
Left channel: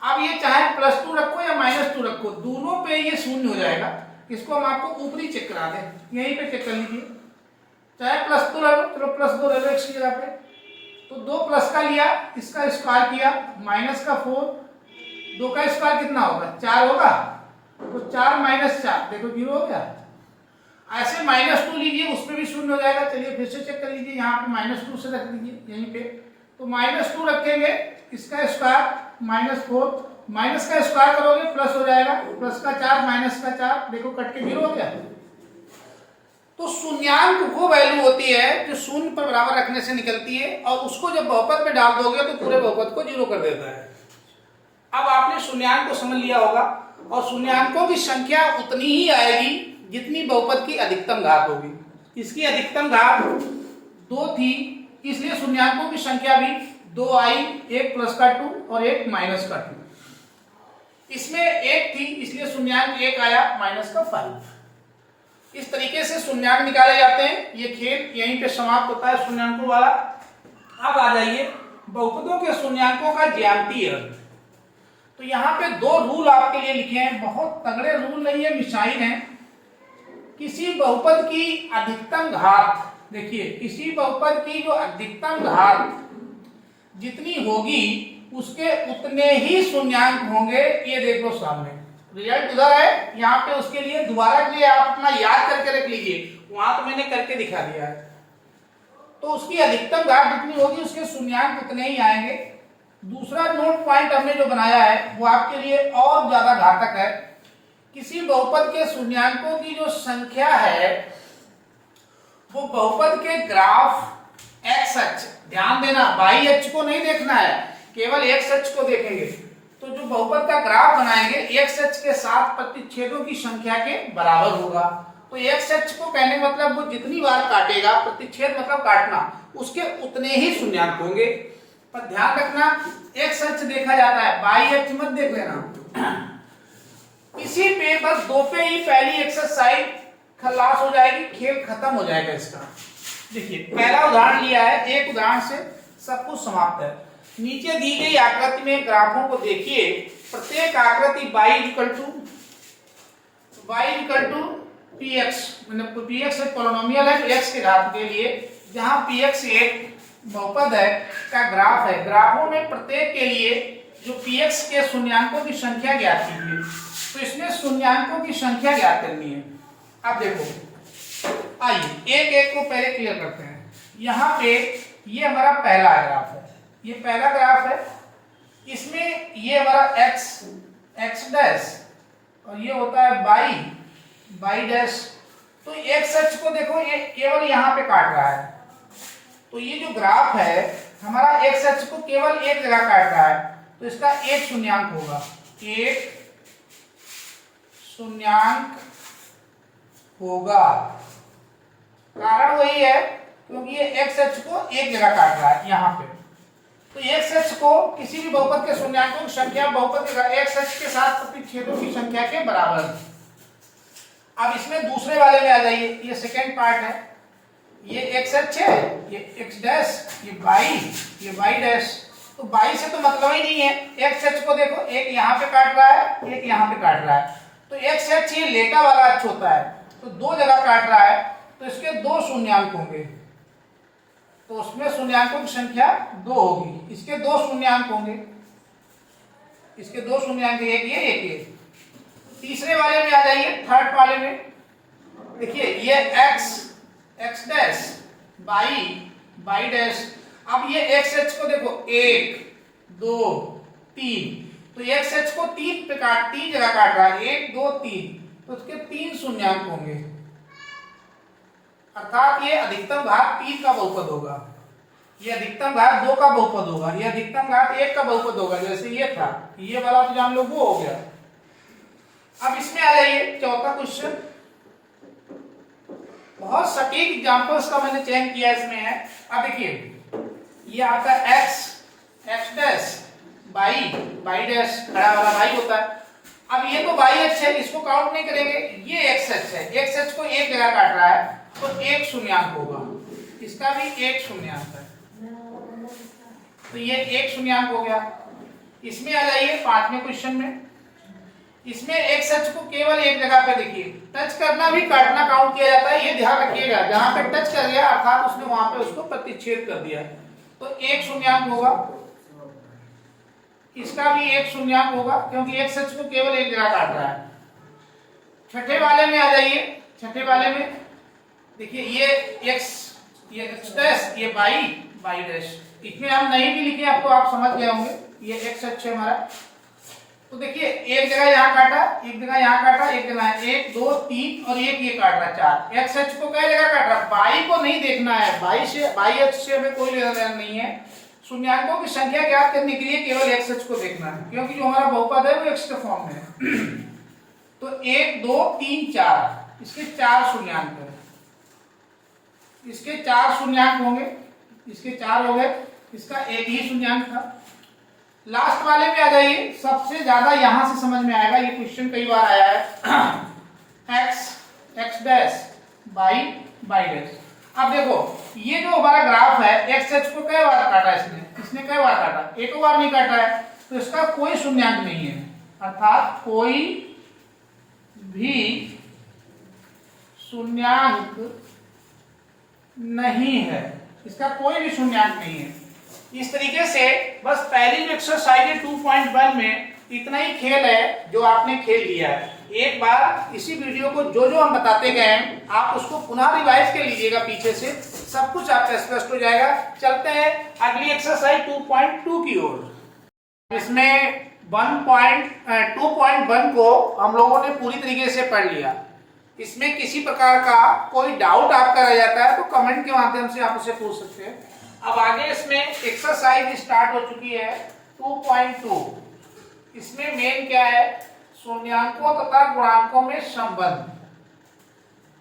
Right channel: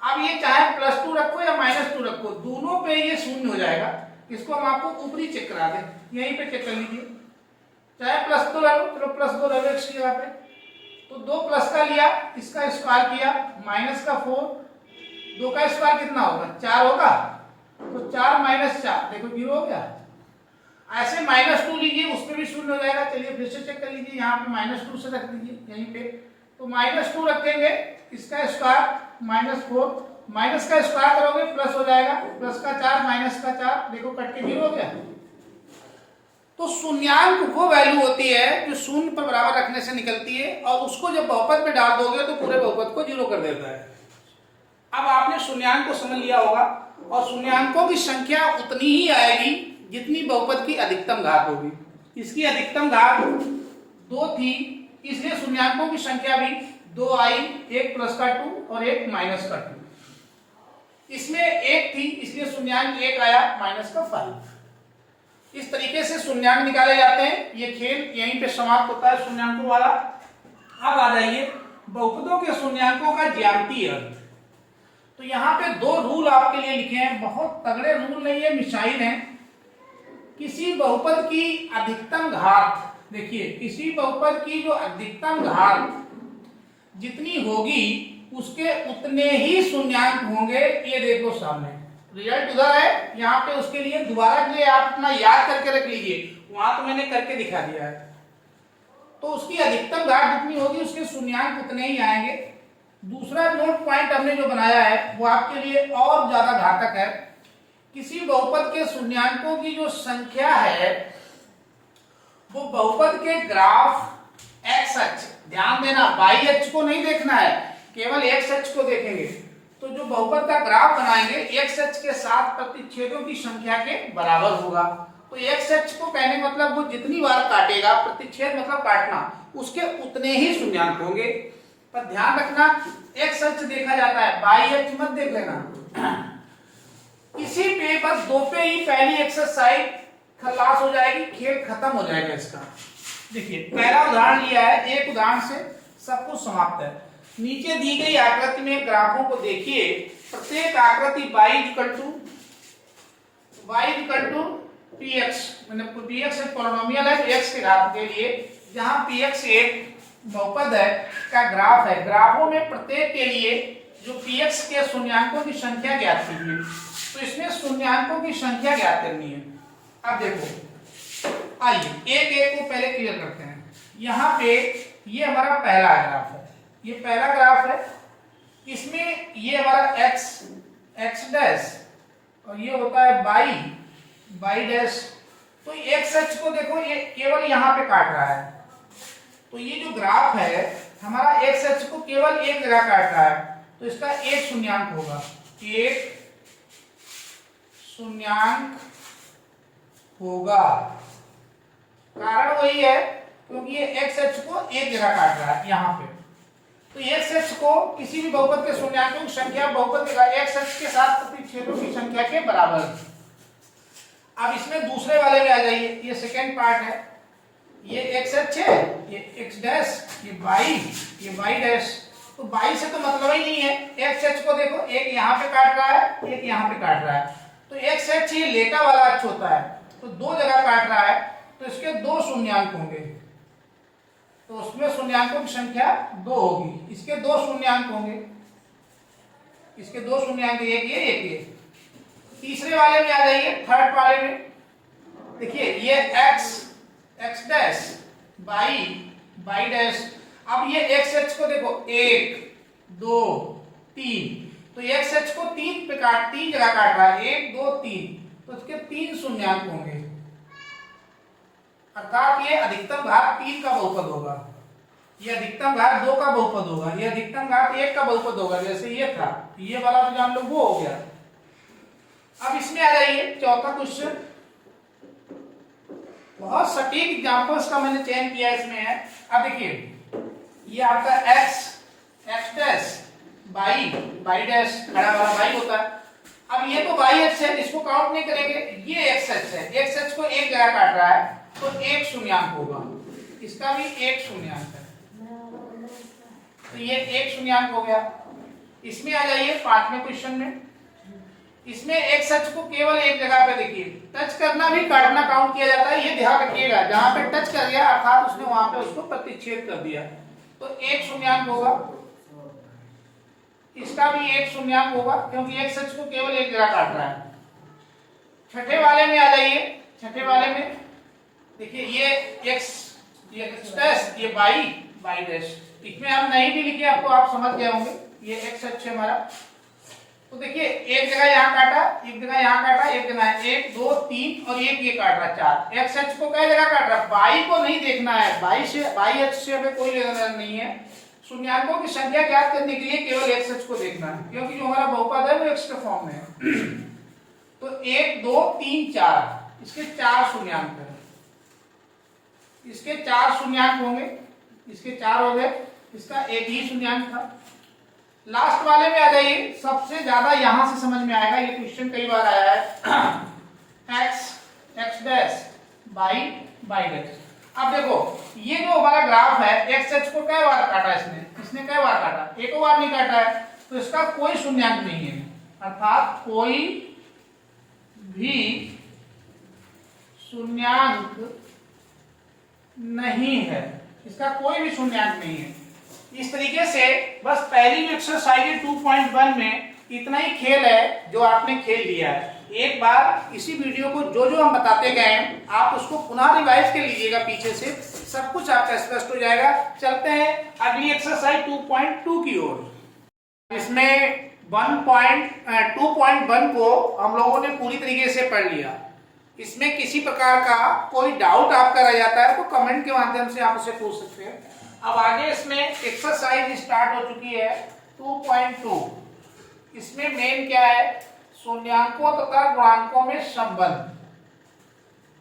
अब ये चाहे +2 रखो या -2 रखो, दोनों पे ये शून्य हो जाएगा। इसको हम आपको ऊपरी चेक करा दें, यहीं पे चेक कर लीजिए, चाहे +2 ले लो, चलो +2 ले लो इसकी जगह पे, तो 2 प्लस का लिया, इसका स्क्वायर किया, माइनस का 4, 2 का स्क्वायर कितना होगा 4 होगा, तो 4 - 4 देखो 0 हो गया। ऐसे -2 लीजिए, उसमें भी शून्य हो जाएगा। चलिए फिर से चेक कर लीजिए, यहाँ पे -2 से रख दीजिए यहीं पे, तो -2 रखेंगे, इसका स्क्वायर -4, माइनस का स्क्वायर करोगे प्लस हो जाएगा, प्लस का 4 माइनस का 4 देखो कट के 0 हो गया। तो शून्यांक वो वैल्यू होती है जो शून्य पर बराबर रखने से निकलती है, और उसको जब बहुपद में डाल दोगे तो पूरे बहुपद को 0 कर देता है। अब आपने शून्यांक को समझ लिया होगा, और शून्यांकों की संख्या उतनी ही आएगी जितनी बहुपद की अधिकतम घात होगी। इसकी अधिकतम घात 2 थी, इसलिए शून्यांकों की संख्या भी 2 आई, एक प्लस का 2 और एक माइनस का 2। इसमें 1 थी इसलिए शून्यांक 1 आया, माइनस का 5। इस तरीके से शून्यांक निकाले जाते हैं। ये खेल यहीं पे समाप्त होता है शून्यांकों वाला। अब आ जाइए बहुपदों के शून्यांकों का ज्यामितीय अर्थ। तो यहाँ पे 2 रूल आपके लिए लिखे हैं, बहुत तगड़े रूल नहीं है, मिसाइल है। किसी बहुपद की अधिकतम घात, देखिए किसी बहुपद की जो अधिकतम घात जितनी होगी उसके उतने ही शून्यांक होंगे। ये देखो सामने रिजल्ट उधर है, यहाँ पे उसके लिए दोबारा के लिए आप अपना याद करके रख लीजिए, वहां तो मैंने करके दिखा दिया है। तो उसकी अधिकतम घात जितनी होगी उसके शून्यांक उतने ही आएंगे। दूसरा नोट पॉइंट हमने जो बनाया है वो आपके लिए और ज्यादा घातक है। किसी बहुपद के शून्यांकों की जो संख्या है वो बहुपद के ग्राफ एक्स अक्ष, ध्यान देना वाई अक्ष को नहीं देखना है, केवल एक्स अक्ष को देखेंगे। तो जो बहुपद का ग्राफ बनाएंगे एक्स अक्ष के साथ प्रतिच्छेदों की संख्या के बराबर होगा। तो एक्स अक्ष को कहने मतलब वो जितनी बार काटेगा, प्रतिच्छेद मतलब काटना, उसके उतने ही शून्यांक होंगे। पर ध्यान रखना एक्स अक्ष देखा जाता है, वाई अक्ष मत देख लेना। इसी पे बस 2 पे ही पहली एक्सरसाइज खलास हो जाएगी, खेल खत्म हो जाएगा इसका। देखिए पहला उदाहरण लिया है, एक उदाहरण से सब कुछ समाप्त है। नीचे दी गई आकृति में ग्राफों को देखिए, प्रत्येक आकृति y = px, मतलब px एक पोलिनोमियल है तो x के घात के लिए, जहां px एक बहुपद है का ग्राफ है। ग्राफों में प्रत्येक के लिए जो px के शून्यांकों की संख्या ज्ञात कीजिए। तो इसमें शून्यांकों की संख्या ज्ञात करनी है। अब देखो आइए एक एक को पहले क्लियर करते हैं। यहाँ पे ये हमारा पहला ग्राफ है, ये पहला ग्राफ है, इसमें ये हमारा x डैश और ये होता है y डैश। तो x अक्ष को देखो ये केवल यहाँ पे काट रहा है, तो ये जो ग्राफ है हमारा x अक्ष को केवल एक जगह काट रहा है, तो इसका एक शून्यांक होगा, एक शून्यांक होगा। कारण वही है क्योंकि ये x अक्ष को एक जगह काट रहा है यहाँ पे। तो एक्स एच को किसी भी बहुपद के शून्यांकों की संख्या बहुपद के एक्स एच के साथ प्रतिच्छेदों की संख्या के बराबर। अब इसमें दूसरे वाले में आ जाइए, ये सेकेंड पार्ट है, ये एक्स एच है, ये एक्स डैश, ये वाई डैश। तो वाई से तो मतलब ही नहीं है, एक्स एच को देखो, एक यहाँ पे काट रहा है, एक यहाँ पे काट रहा है, तो एक्स एच ये लेटा वाला अक्ष होता है, तो दो जगह काट रहा है, तो इसके दो शून्यांक होंगे, तो उसमें शून्यांकों की संख्या 2 होगी, इसके दो शून्यांक होंगे, इसके दो शून्यांक, एक ये। तीसरे वाले में आ जाइए, थर्ड वाले में देखिए, ये एक्स डैश, वाई डैश। अब ये एक्स एच को देखो, 1 2 3, तो एक्स एच को तीन जगह काट रहा है, 1 2 3, तो उसके 3 शून्यांक होंगे, अर्थात ये अधिकतम घात 3 का बहुपद होगा, ये अधिकतम घात 2 का बहुपद होगा, ये अधिकतम घात 1 का बहुपद होगा, जैसे ये था, ये वाला तो जान लो वो हो गया। अब इसमें आ जाइए, चौथा क्वेश्चन, बहुत सटीक एग्जांपल्स का मैंने चयन किया इसमें है। अब देखिए, ये आपका एक्स डैश, वाई डैश, खड़ा वाला वाई होता है। अब ये तो वाई एच है, इसको काउंट नहीं करेंगे, ये एक्स एच है, एक्स एच को एक जगह काट रहा है, तो एक शून्यांक होगा, इसका भी एक शून्यांक है, तो ये एक शून्यांक हो गया। इसमें आ जाइए पांचवें क्वेश्चन में, इसमें एक्स एच को केवल एक जगह पे देखिए, टच करना भी काटना काउंट किया जाता है, ये ध्यान रखिएगा, जहां पे टच कर दिया अर्थात उसने वहां पे उसको प्रतिच्छेद कर दिया, तो एक शून्यांक होगा, इसका भी एक शून्यांक होगा, क्योंकि एक्स एच को केवल एक जगह काट रहा है। छठे वाले में आ जाइए, छठे वाले में देखिए, ये एक्स डैश, ये वाई डैश, इसमें हम नहीं भी लिखे, अब तो आप समझ गए होंगे, ये एक्स एच है हमारा। तो देखिए, एक जगह यहाँ काटा, एक जगह यहाँ काटा, एक जगह 1 2 3 और एक ये काट रहा है 4। एक्स एच को कई जगह काट रहा है, वाई को नहीं देखना है, वाई एच से हमें कोई लेना देना नहीं है, शून्यांकों की संख्या ज्ञात करने के लिए केवल एक्स एच को देखना है, क्योंकि जो हमारा बहुपद है वो एक्स के फॉर्म में है। तो 1 2 3 4, इसके 4 शून्यांक है, इसके 4 शून्यांक होंगे, इसके 4 हो गए, इसका एक ही शून्यांक था। लास्ट वाले में आ जाइए, सबसे ज्यादा यहां से समझ में आएगा, ये क्वेश्चन कई बार आया है, एक्स डैश, वाई डैश। अब देखो, ये जो हमारा ग्राफ है, एक्स एच को कई बार काटा इसने कई बार काटा, एक बार नहीं काटा है, तो इसका कोई शून्यांक नहीं है, अर्थात कोई भी शून्यांक नहीं है, इसका कोई भी शून्यांक नहीं है। इस तरीके से बस पहली जो एक्सरसाइज है 2.1 में इतना ही खेल है जो आपने खेल लिया है। एक बार इसी वीडियो को जो हम बताते गए हैं आप उसको पुनः रिवाइज कर लीजिएगा, पीछे से सब कुछ आपका स्पष्ट हो जाएगा। चलते हैं अगली एक्सरसाइज 2.2 की ओर। इसमें 2.1 को हम लोगों ने पूरी तरीके से पढ़ लिया। इसमें किसी प्रकार का कोई डाउट आपका रह जाता है तो कमेंट के माध्यम से आप उसे पूछ सकते हैं। अब आगे इसमें एक्सरसाइज स्टार्ट हो चुकी है 2.2। इसमें मेन क्या है, शून्यांकों तथा गुणांकों में संबंध।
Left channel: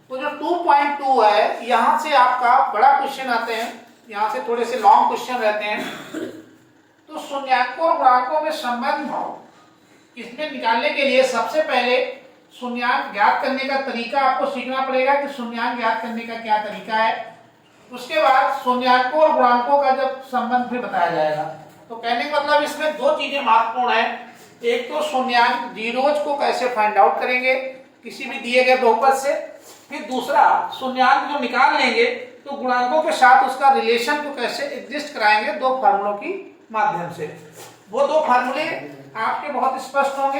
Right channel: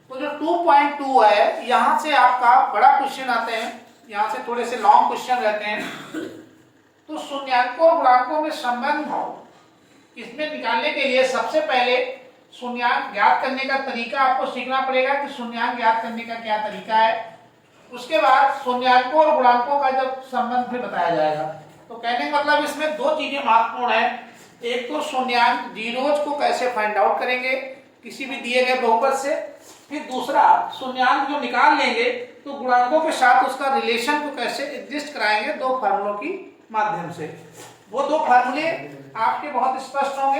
तो जो 2.2 है, यहां से आपका बड़ा क्वेश्चन आते हैं, यहां से थोड़े से लॉन्ग क्वेश्चन रहते हैं। तो शून्यांकों और गुणांकों में संबंध इसमें निकालने के लिए सबसे पहले शून्यांक ज्ञात करने का तरीका आपको सीखना पड़ेगा कि शून्यांक ज्ञात करने का क्या तरीका है। उसके बाद शून्यांकों और गुणांकों का जब संबंध भी बताया जाएगा। तो कहने का मतलब इसमें दो चीजें महत्वपूर्ण है। एक तो शून्यांक जीरोज को कैसे फाइंड आउट करेंगे किसी भी दिए गए बहुपद से, फिर दूसरा शून्यांक जो निकाल लेंगे तो गुणांकों के साथ उसका रिलेशन को कैसे एग्जिस्ट कराएंगे दो फार्मूलों की माध्यम से। वो दो फार्मूले आपके बहुत स्पष्ट होंगे।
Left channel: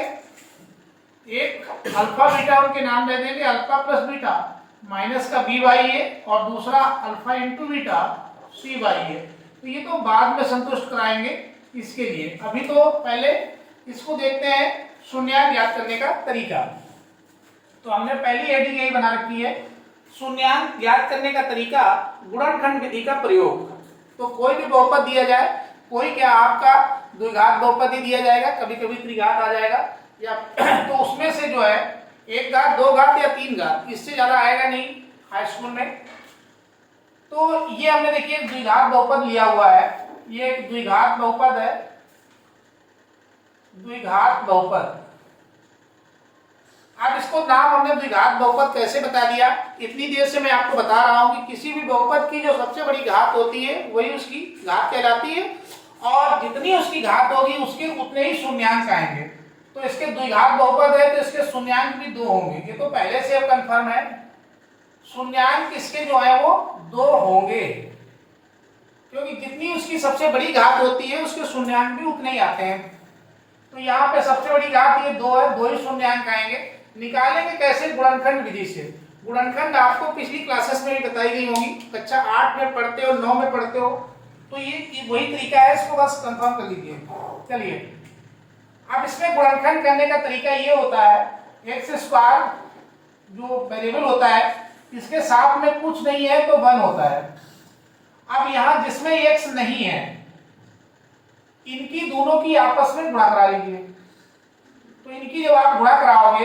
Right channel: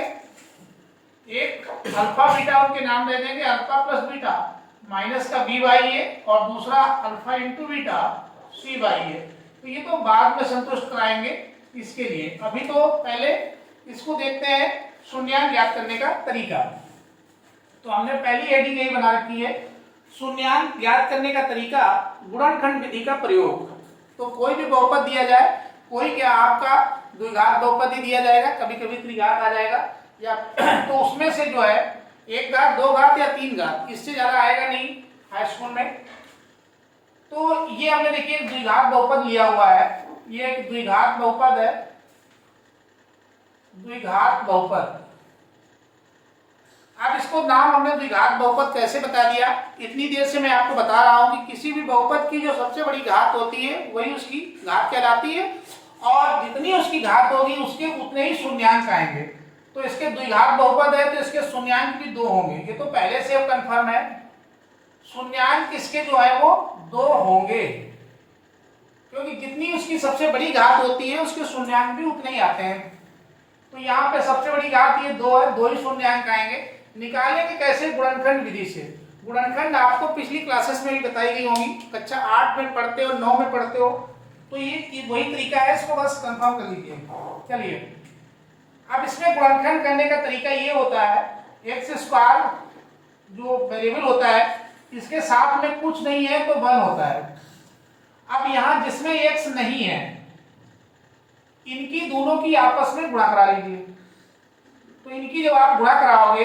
एक अल्फा बीटा उनके नाम दे देंगे, अल्फा प्लस बीटा माइनस का बी बाई ए, और दूसरा alpha into beta c by a. तो ये तो बाद में संतुष्ट कराएंगे इसके लिए। अभी तो पहले इसको देखते हैं शून्यांक ज्ञात करने का तरीका। तो हमने पहली हेडिंग यही बना रखी है, शून्यांक ज्ञात करने का तरीका, गुणनखंड विधि का प्रयोग। तो कोई भी बहुपद दिया जाए, कोई क्या आपका द्विघात बहुपद ही दिया जाएगा, कभी कभी त्रिघात आ जाएगा या तो उसमें से जो है एक घात, दो घात या तीन घात, इससे ज्यादा आएगा नहीं हाई स्कूल में। तो ये हमने देखिए द्विघात बहुपद लिया हुआ है, ये एक द्विघात बहुपद है, द्विघात बहुपद। अब इसको नाम हमने द्विघात बहुपद कैसे बता दिया, इतनी देर से मैं आपको बता रहा हूं कि किसी भी बहुपद की जो सबसे बड़ी घात होती है वही उसकी घात कहलाती है, और जितनी उसकी घात होगी उसके उतने ही शून्यांक आएंगे। तो इसके द्विघात बहुपद है तो इसके शून्यांक भी 2 होंगे, ये तो पहले से कंफर्म है। शून्यांक इसके जो है वो 2 होंगे, क्योंकि जितनी उसकी सबसे बड़ी घात होती है उसके शून्यांक भी उतने ही आते हैं। तो यहाँ पे सबसे बड़ी घात ये 2 है, 2 ही शून्यांक आएंगे। निकालेंगे कैसे? गुणनखंड विधि से। गुणनखंड आपको पिछली क्लासेस में भी बताई गई होंगी, कक्षा 8 में पढ़ते हो, 9 में पढ़ते हो, तो ये वही तरीका है, इसको बस कंफर्म कर लीजिए। चलिए, अब इसमें गुणनखंड करने का तरीका ये होता है, एक्स स्क्वायर जो वेरिएबल होता है इसके साथ में कुछ नहीं है तो 1 होता है। अब यहाँ जिसमें एक्स नहीं है इनकी दोनों की आपस में गुणा करा लीजिए। तो इनकी जब आप गुणा कराओगे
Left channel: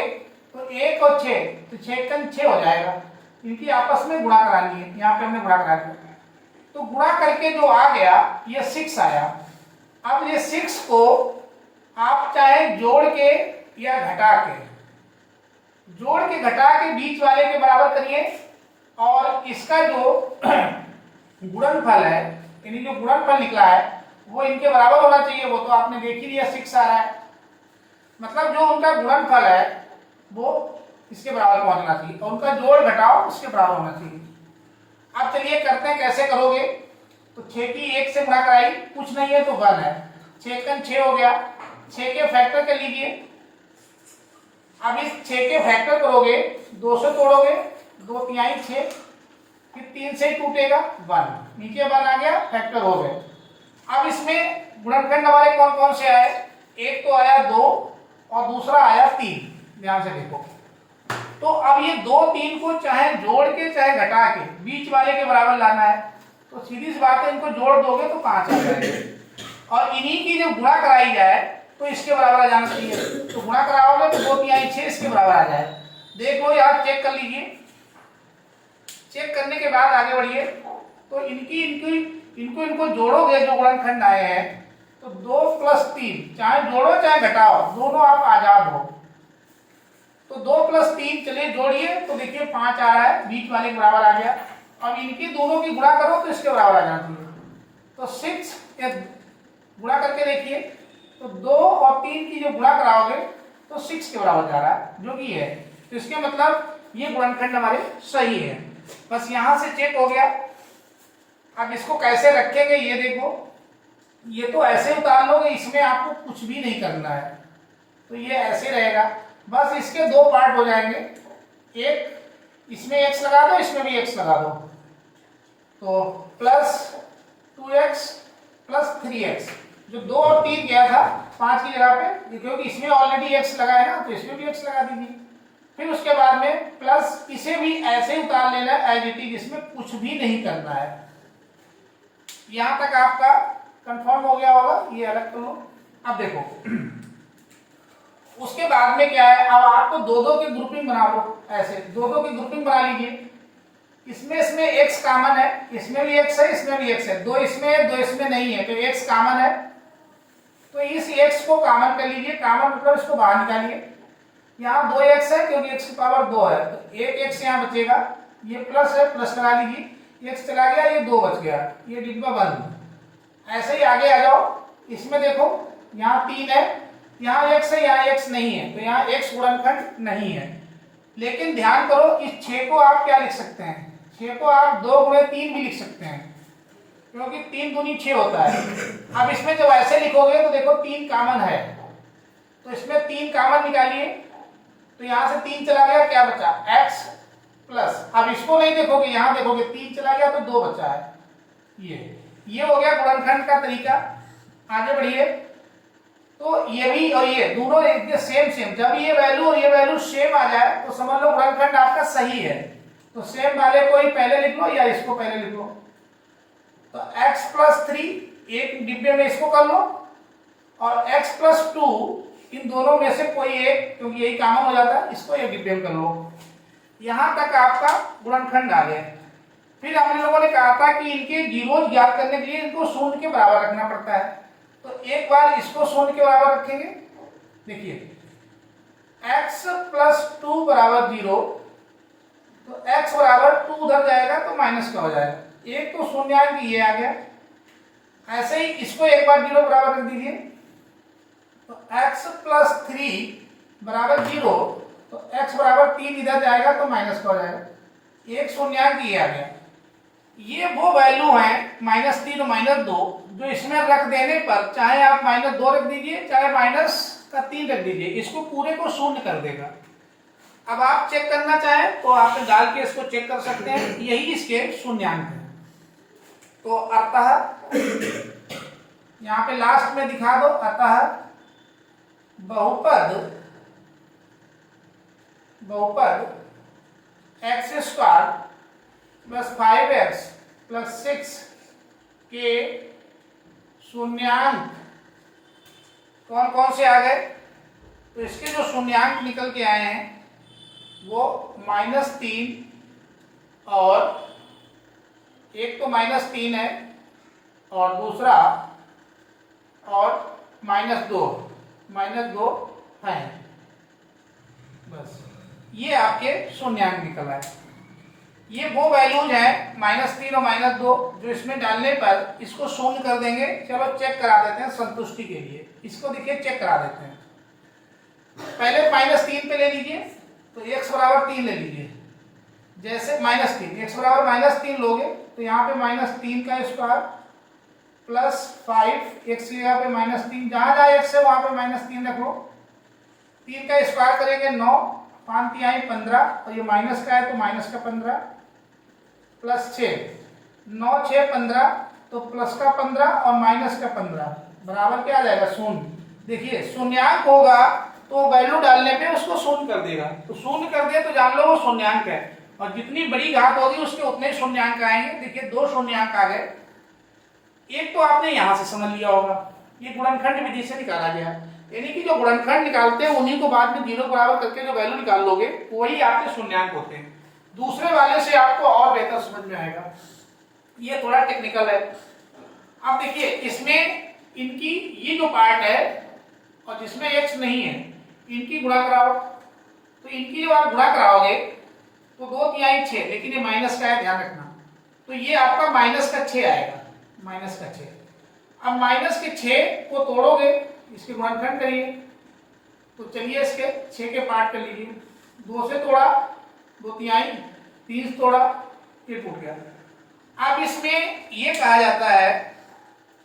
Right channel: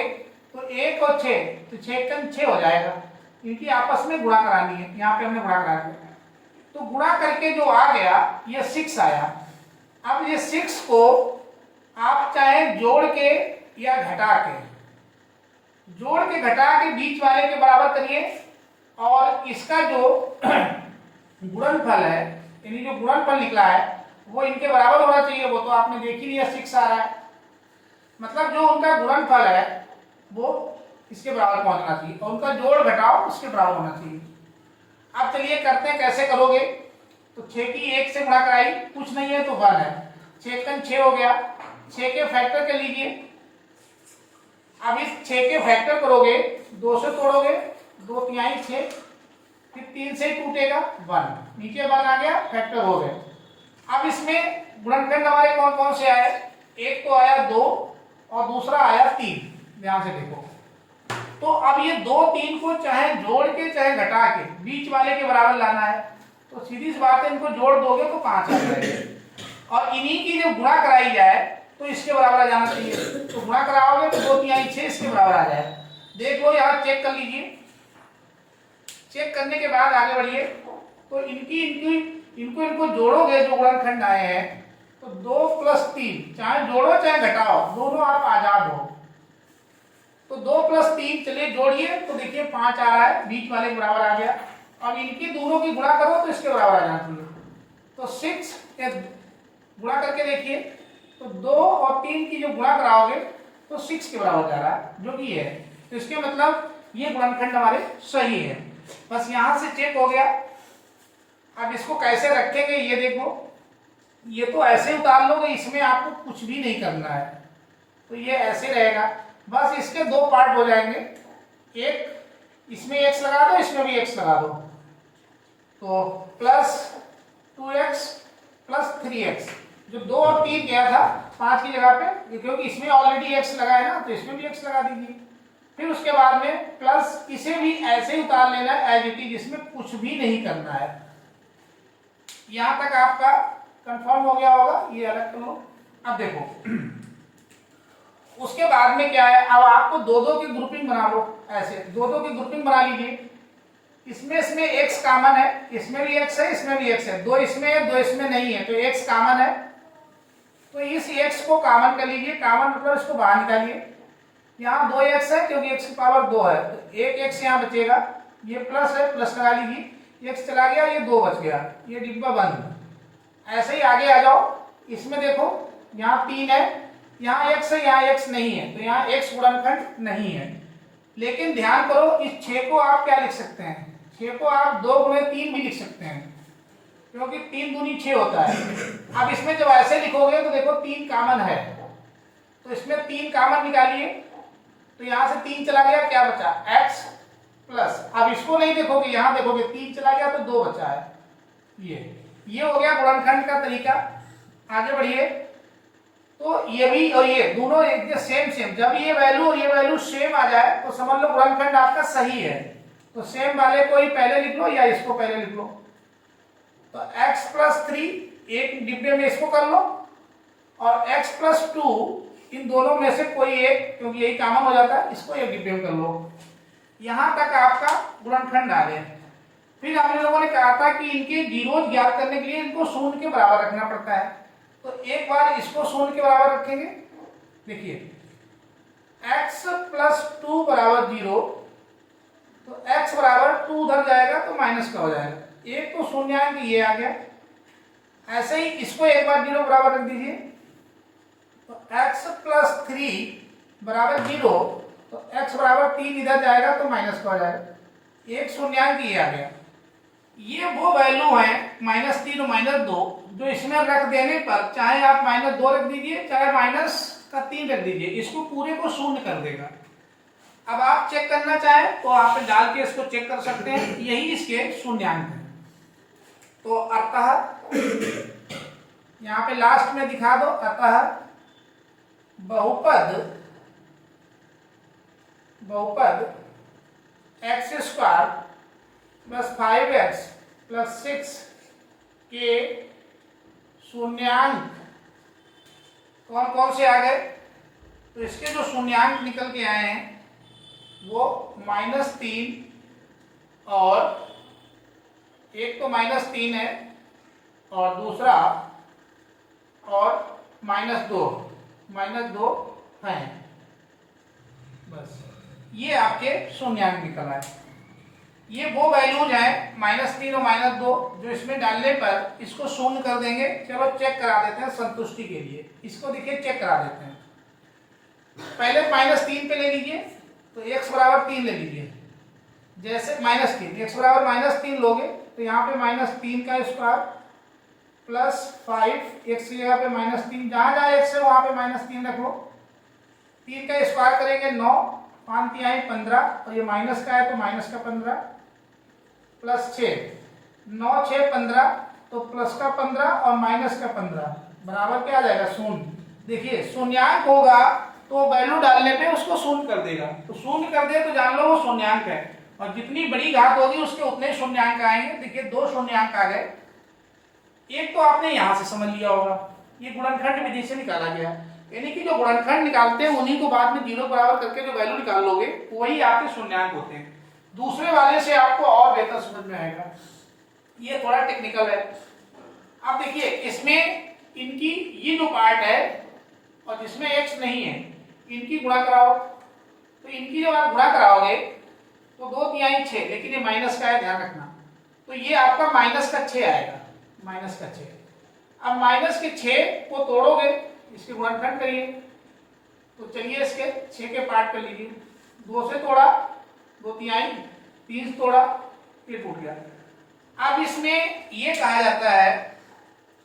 तो 1 और 6, तो 6 का 6 हो जाएगा। इनकी आपस में गुणा करानी है, यहाँ पे हमने गुणा करा दिया। तो गुणा करके जो आ गया ये 6 आया। अब ये 6 को आप चाहे जोड़ के या घटा के, जोड़ के घटा के बीच वाले के बराबर करिए, और इसका जो गुणनफल है, यानी जो गुणनफल निकला है वो इनके बराबर होना चाहिए। वो तो आपने देख ही लिया 6 आ रहा है, मतलब जो उनका गुणनफल है वो इसके बराबर पहुंचना चाहिए, और उनका जोड़ घटाओ उसके बराबर होना चाहिए। अब चलिए करते हैं, कैसे करोगे? तो 6 की 1 से गुणा कराई, कुछ नहीं है तो 1 है, 6 का 6 हो गया। 6 के फैक्टर कर लीजिए। अब इस 6 के फैक्टर करोगे, 2 से तोड़ोगे, 2 तिहाई 6, फिर 3 से टूटेगा 1, नीचे 1 आ गया, फैक्टर हो गए। अब इसमें गुणनखंड हमारे कौन कौन से आए? एक तो आया 2 और दूसरा आया 3, ध्यान से देखो। तो अब ये 2 3 को चाहे जोड़ के चाहे घटा के बीच वाले के बराबर लाना है, तो सीधी सी बात है, इनको जोड़ दोगे तो 5 आ जाएगा, और इन्हीं की जो गुणा कराई जाए तो इसके बराबर आ जाना चाहिए। तो गुणा कराओगे तो 2 तिहाई 6 इसके बराबर आ जाए। देख लो यार, चेक कर लीजिए। चेक करने के बाद आगे बढ़िए। तो इनको जोड़ोगे जो गुणनखंड आए हैं, तो 2 + 3, चाहे जोड़ो चाहे घटाओ, दोनों आप आजाद हो। तो 2 + 3 चलिए जोड़िए, तो देखिए 5 आ रहा है, बीच वाले बराबर आ गया। अब इनकी दोनों की गुणा करो तो इसके बराबर आ जाती है। तो 6 गुणा करके देखिए, तो 2 और 3 की जो गुणा कराओगे तो 6 के बराबर जा रहा है, जो भी है। तो इसके मतलब ये गुणनखंड हमारे सही है। बस यहां से चेक हो गया। अब इसको कैसे रखेंगे ये देखो, ये तो ऐसे उतार लोगे, इसमें आपको कुछ भी नहीं करना है, तो ये ऐसे रहेगा। बस इसके 2 पार्ट हो जाएंगे, एक इसमें x लगा दो, इसमें भी x लगा दो, तो +2x + 3x, जो 2 और 3 गया था 5 की जगह पे, क्योंकि इसमें ऑलरेडी x लगा है ना, तो इसमें भी x लगा दीजिए। फिर उसके बाद में प्लस, इसे भी ऐसे उतार लेना एज इट इज, इसमें कुछ भी नहीं करना है। यहां तक आपका कंफर्म हो गया होगा, ये अलग कर लो। अब देखो उसके बाद में क्या है, अब आपको 2-2 की ग्रुपिंग बना लो, ऐसे 2-2 की ग्रुपिंग बना लीजिए। इसमें x कॉमन है, इसमें भी x है, इसमें भी x है, 2 इसमें है 2 इसमें नहीं है, तो x कॉमन है, तो इस x को कॉमन कर लीजिए। कॉमन मतलब इसको बाहर निकालिए। यहाँ 2x है क्योंकि x की पावर 2 है, तो एक x यहाँ बचेगा, ये प्लस है, प्लस लगा लीजिए, x चला गया, ये 2 बच गया, ये डिब्बा बंद। ऐसे ही आगे आ जाओ। इसमें देखो यहाँ 3 है, यहाँ x है, यहाँ x नहीं है, तो यहाँ x गुणनखंड नहीं है। लेकिन ध्यान करो, इस 6 को आप क्या लिख सकते हैं? 6 को आप 2 × 3 भी लिख सकते हैं, क्योंकि 3 दूनी 6 होता है। अब इसमें जब ऐसे लिखोगे तो देखो 3 कॉमन है, तो इसमें 3 कॉमन निकालिए, तो यहाँ से 3 चला गया, क्या बचा? x प्लस, अब इसको नहीं देखोगे, यहाँ देखोगे 3 चला गया तो 2 बचा है। ये हो गया गुणनखंड का तरीका। आगे बढ़िए। तो ये भी और ये दोनों एक सेम, जब ये वैल्यू और ये वैल्यू सेम आ जाए तो समझ लो गुणनखंड आपका सही है। तो सेम वाले को ही पहले लिख लो या इसको पहले लिख लो। तो x + 3 एक डिब्बे में इसको कर लो, और x + 2 इन दोनों में से कोई एक, क्योंकि यही कॉमन हो जाता है, इसको एक डिब्बे में कर लो। यहां तक आपका गुणनखंड आ गया। फिर हम लोगों ने कहा था कि इनके जीरोज ज्ञात करने के लिए इनको शून्य के बराबर रखना पड़ता है। तो एक बार इसको शून्य के बराबर रखेंगे, देखिए x प्लस 2 बराबर 0, तो x बराबर 2 उधर जाएगा तो माइनस का हो जाएगा, एक तो शून्यांक ये आ गया। ऐसे ही इसको एक बार 0 बराबर रख दीजिए, तो x प्लस 3 बराबर 0, तो x बराबर 3 इधर जाएगा तो माइनस का हो जाएगा, एक शून्यांक ये आ गया। ये वो वैल्यू है -3 और -2 जो इसमें रख देने पर चाहे आप -2 रख दीजिए चाहे -3 रख दीजिए, इसको पूरे को शून्य कर देगा। अब आप चेक करना चाहें तो आप डाल के इसको चेक कर सकते हैं, यही इसके शून्यांक है। तो अतः यहाँ पे लास्ट में दिखा दो, अतः बहुपद x² प्लस 5x प्लस 6 के शून्यांक कौन कौन से आ गए? तो इसके जो शून्यांक निकल के आए हैं वो -3 और एक तो -3 है और दूसरा और -2 है। बस ये आपके शून्यांक निकल आए। ये वो वैल्यूज हैं -3 और -2 जो इसमें डालने पर इसको शून्य कर देंगे। चलो चेक करा देते हैं संतुष्टि के लिए, इसको देखिए चेक करा देते हैं। पहले -3 पे ले लीजिए, तो x बराबर 3 ले लीजिए। जैसे -3 x बराबर -3 लोगे तो यहाँ पे -3 का स्क्वायर प्लस 5 x की जगह पे -3, जहां जहां x है वहां पे -3 रखो। 3 का स्क्वायर करेंगे 9, 5 तिहाई 15, और ये माइनस का है तो माइनस का 15 प्लस 6, 9 6 15, तो प्लस का 15 और माइनस का 15 बराबर क्या आ जाएगा? शून्य। देखिए शून्यांक होगा तो वैल्यू डालने पे उसको शून्य कर देगा, तो शून्य कर दिया तो जान लो वो शून्यांक है, और जितनी बड़ी घात होगी उसके उतने शून्यांक आएंगे। देखिए 2 शून्यांक आ गए। एक तो आपने यहां से समझ लिया होगा, ये गुणनखंड विधि से निकाला गया है, यानी कि जो गुणनखंड निकालते हैं उन्हीं को बाद में 0 बराबर करके जो वैल्यू निकाल लोगे वही आपके शून्यांक होते हैं। दूसरे वाले से आपको और बेहतर समझ में आएगा, ये थोड़ा टेक्निकल है। अब देखिए इसमें इनकी ये जो पार्ट है और जिसमें x नहीं है इनकी गुणा कराओ, तो इनकी जो आप गुणा कराओगे तो 2 तिहाई 6, लेकिन ये माइनस का है ध्यान रखना, तो ये आपका -6 आएगा, -6। अब -6 को तोड़ोगे, इसके गुणनखंड करिए, तो चलिए इसके 6 के पार्ट कर लीजिए। 2 से तोड़ा 2 तिहाई, 3 से तोड़ा ये टूट गया। अब इसमें ये कहा जाता है,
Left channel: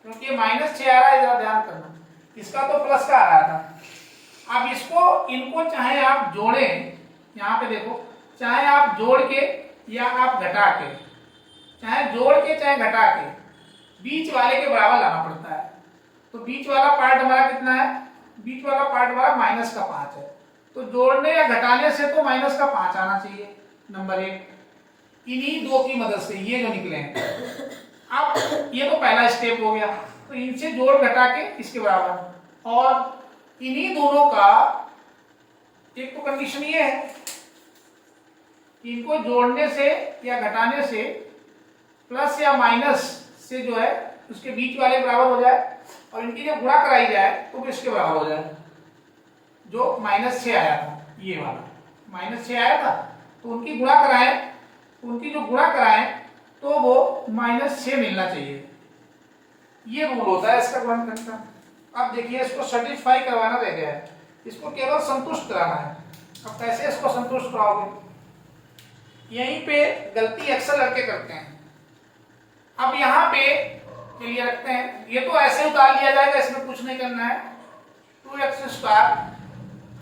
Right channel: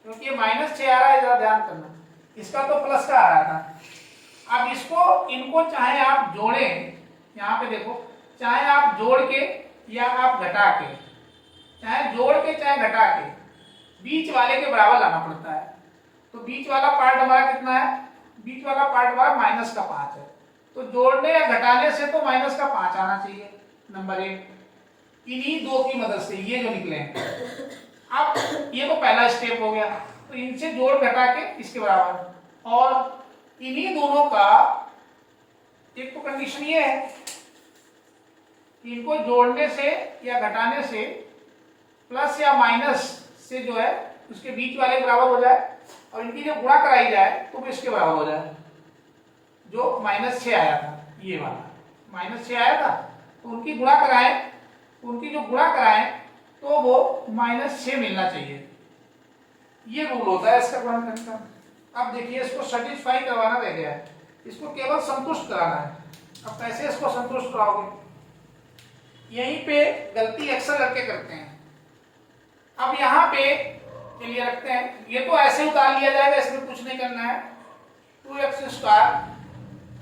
क्योंकि -6 आ रहा है जरा ध्यान करना, इसका तो प्लस का आ रहा था। अब इसको इनको चाहे आप जोड़ें, यहाँ पे देखो, चाहे आप जोड़ के या आप घटा के, चाहे जोड़ के चाहे घटा के, बीच वाले के बराबर लाना पड़ता है। तो बीच वाला पार्ट हमारा कितना है? बीच वाला पार्ट हमारा -5 है, तो जोड़ने या घटाने से तो -5 आना चाहिए, नंबर 1। इन्हीं 2 की मदद से ये जो निकले हैं। अब ये तो पहला स्टेप हो गया, तो इनसे जोड़ घटा के इसके बराबर, और इन्हीं दोनों का एक तो कंडीशन ये है कि इनको जोड़ने से या घटाने से प्लस या माइनस से जो है उसके बीच वाले बराबर हो जाए, और इनकी जो गुणा कराई जाए तो वो इसके बराबर हो जाए। जो -6 आया था, ये वाला -6 आया था, तो उनकी गुणा कराएं, उनकी जो गुणा कराएं तो वो -6 मिलना चाहिए। ये रूल होता है इसका गुणनखंड का। अब देखिए इसको सेटिस्फाई करवाना रह गया है, इसको केवल संतुष्ट कराना है। अब कैसे इसको संतुष्ट कराओगे? यहीं पे गलती अक्सर लड़के करते हैं। अब यहाँ पे चलिए रखते हैं, ये तो ऐसे उतार लिया जाएगा, इसमें कुछ नहीं करना है, 2x²।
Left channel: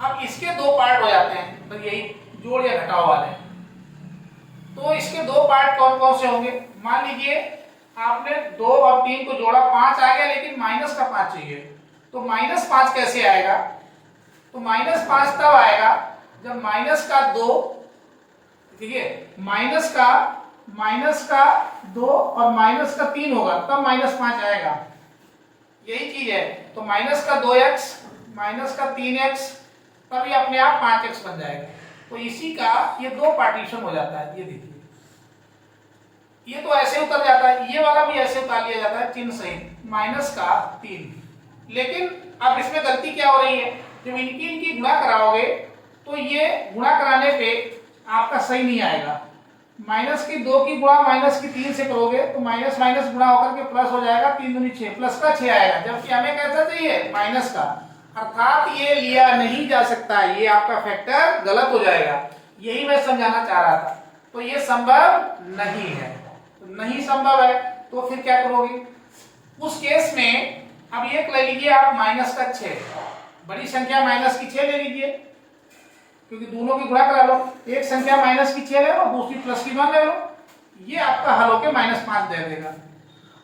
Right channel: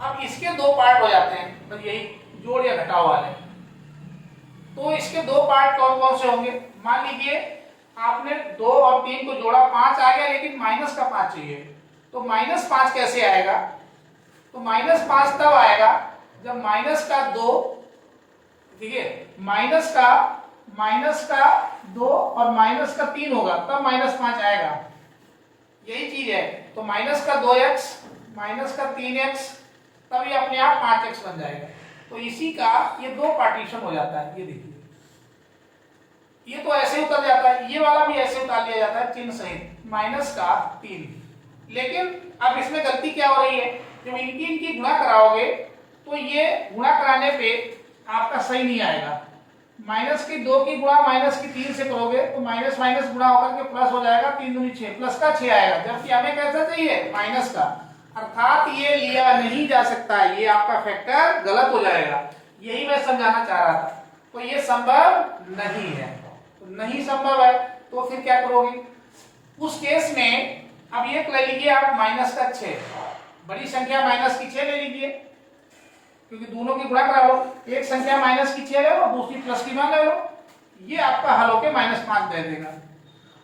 अब इसके 2 पार्ट हो जाते हैं, बस यही जोड़ या घटाव वाले। तो इसके 2 पार्ट कौन कौन से होंगे? मान लीजिए आपने 2 और 3 को जोड़ा, 5 आ गया, लेकिन -5 चाहिए, तो -5 कैसे आएगा? तो -5 तब आएगा जब -2, देखिए -2 और -3 होगा, तब -5 आएगा। यही चीज है, तो -2x -3x, तब ये अपने आप 5x बन जाएगा। तो इसी का ये 2 पार्टीशन हो जाता है। ये देखिए ये तो ऐसे उतर जाता है, ये वाला भी ऐसे उतार लिया जाता है चिन्ह सहित माइनस का 3। लेकिन अब इसमें गलती क्या हो रही है, जब इनकी गुणा कराओगे तो ये गुणा कराने पे आपका सही नहीं आएगा। माइनस की 2 की गुणा माइनस की 3 से करोगे तो माइनस माइनस गुणा होकर के प्लस हो जाएगा, 3 दूनी 6, प्लस का 6 आएगा, जबकि हमें कैसा चाहिए माइनस का, अर्थात ये लिया नहीं जा सकता, ये आपका फैक्टर गलत हो जाएगा। यही मैं समझाना चाह रहा था। तो ये संभव नहीं है, तो नहीं संभव है तो फिर क्या करोगे उस केस में। अब ये ले लीजिए आप माइनस का 6, बड़ी संख्या माइनस की 6 ले लीजिए, क्योंकि दोनों की गुणा करा लो, एक संख्या माइनस की 6 ले लो, दूसरी प्लस की 1 ले लो, ये आपका हल होके -5 दे देगा।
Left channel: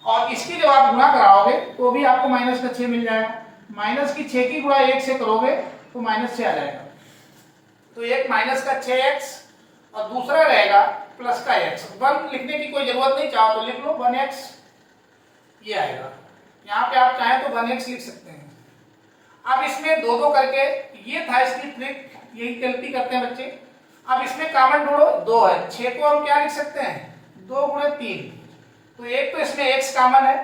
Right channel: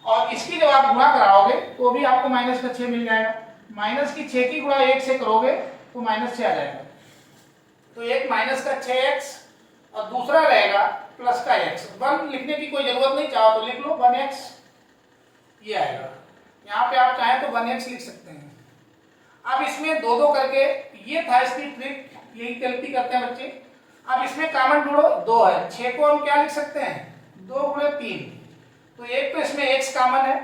और इसकी जब आप गुणा कराओगे तो भी आपको माइनस का 6 मिल जाएगा। माइनस की 6 की गुणा 1 से करोगे तो -6 आ जाएगा। तो एक माइनस का 6x और दूसरा रहेगा प्लस का x। 1 लिखने की कोई जरूरत नहीं, चाहो तो लिख लो 1x, ये आएगा। यहाँ पे आप चाहें तो 1x लिख सकते हैं। अब इसमें दो दो करके, ये था इसकी ट्रिक, यही गलती करते हैं बच्चे। अब इसमें कॉमन ढूंढो, 2 है, 6 को हम क्या लिख सकते हैं 2 गुणे 3, तो एक तो इसमें x कॉमन है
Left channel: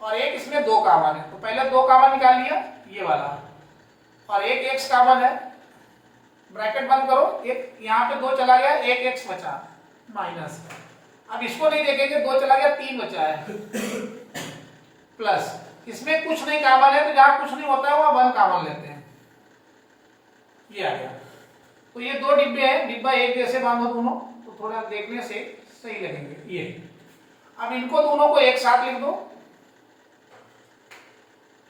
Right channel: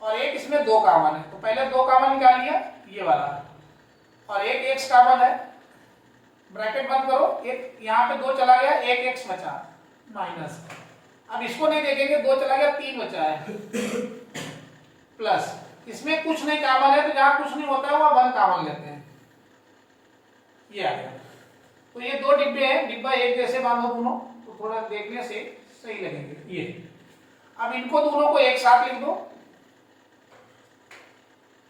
और एक इसमें 2 कॉमन है, तो पहले 2 कॉमन निकाल लिया ये वाला, और एक x कॉमन है, ब्रैकेट बंद करो, एक यहाँ पे 2 चला गया, एक x बचा माइनस। अब इसको नहीं देखेंगे, 2 चला गया 3 बचा है प्लस, इसमें कुछ नहीं कॉमन है तो जहां कुछ नहीं होता है वहां 1 कॉमन लेते हैं, ये आ गया। तो ये 2 डिब्बे हैं, डिब्बा एक जैसे बांधो दोनों तो थोड़ा देखने से सही लगेंगे ये। अब इनको दोनों को एक साथ लिख दो,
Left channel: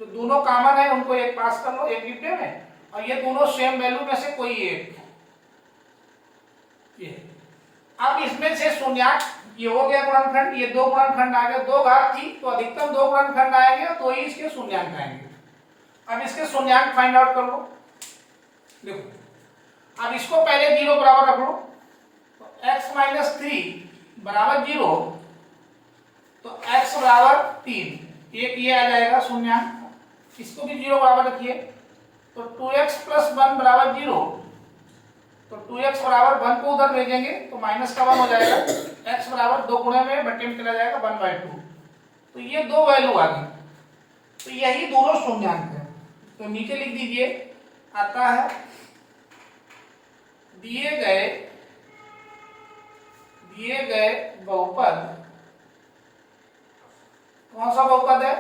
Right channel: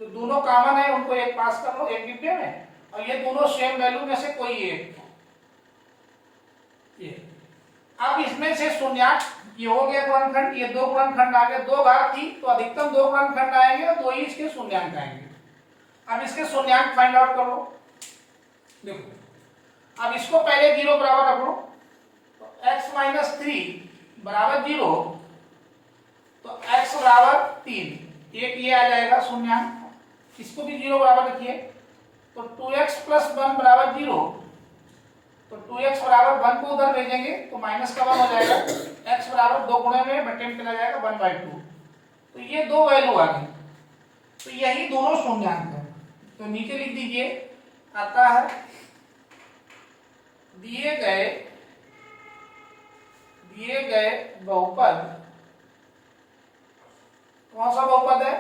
तो दोनों कॉमन है उनको एक पास कर लो एक डिब्बे में, और ये दोनों सेम वैल्यू में से कोई एक, ये। अब इसमें से शून्यांक, ये हो गया गुणनखंड, ये 2 गुणनखंड आ गए, 2 घात थी तो अधिकतम 2 गुणनखंड आएंगे तो ही इसके शून्यांक आएंगे। अब इसके शून्यांक फाइंड आउट कर लो, देखो। अब इसको पहले 0 बराबर रख लो, तो x माइनस 3 बराबर 0, तो x बराबर 3, एक ये आ जाएगा शून्यांक, इसको भी 0 बराबर रखिए, तो 2x प्लस 1 बराबर 0, तो 2x बराबर 1 को उधर भेजेंगे तो माइनस का 1 हो जाएगा, x बराबर 2 गुणे में बटे में चला जाएगा 1/2, तो ये 2 वैल्यू आ गई, तो यही दोनों शून्यांक है। तो नीचे लिख दीजिए, आता है दिए गए बहुपद, कौन सा बहुपद है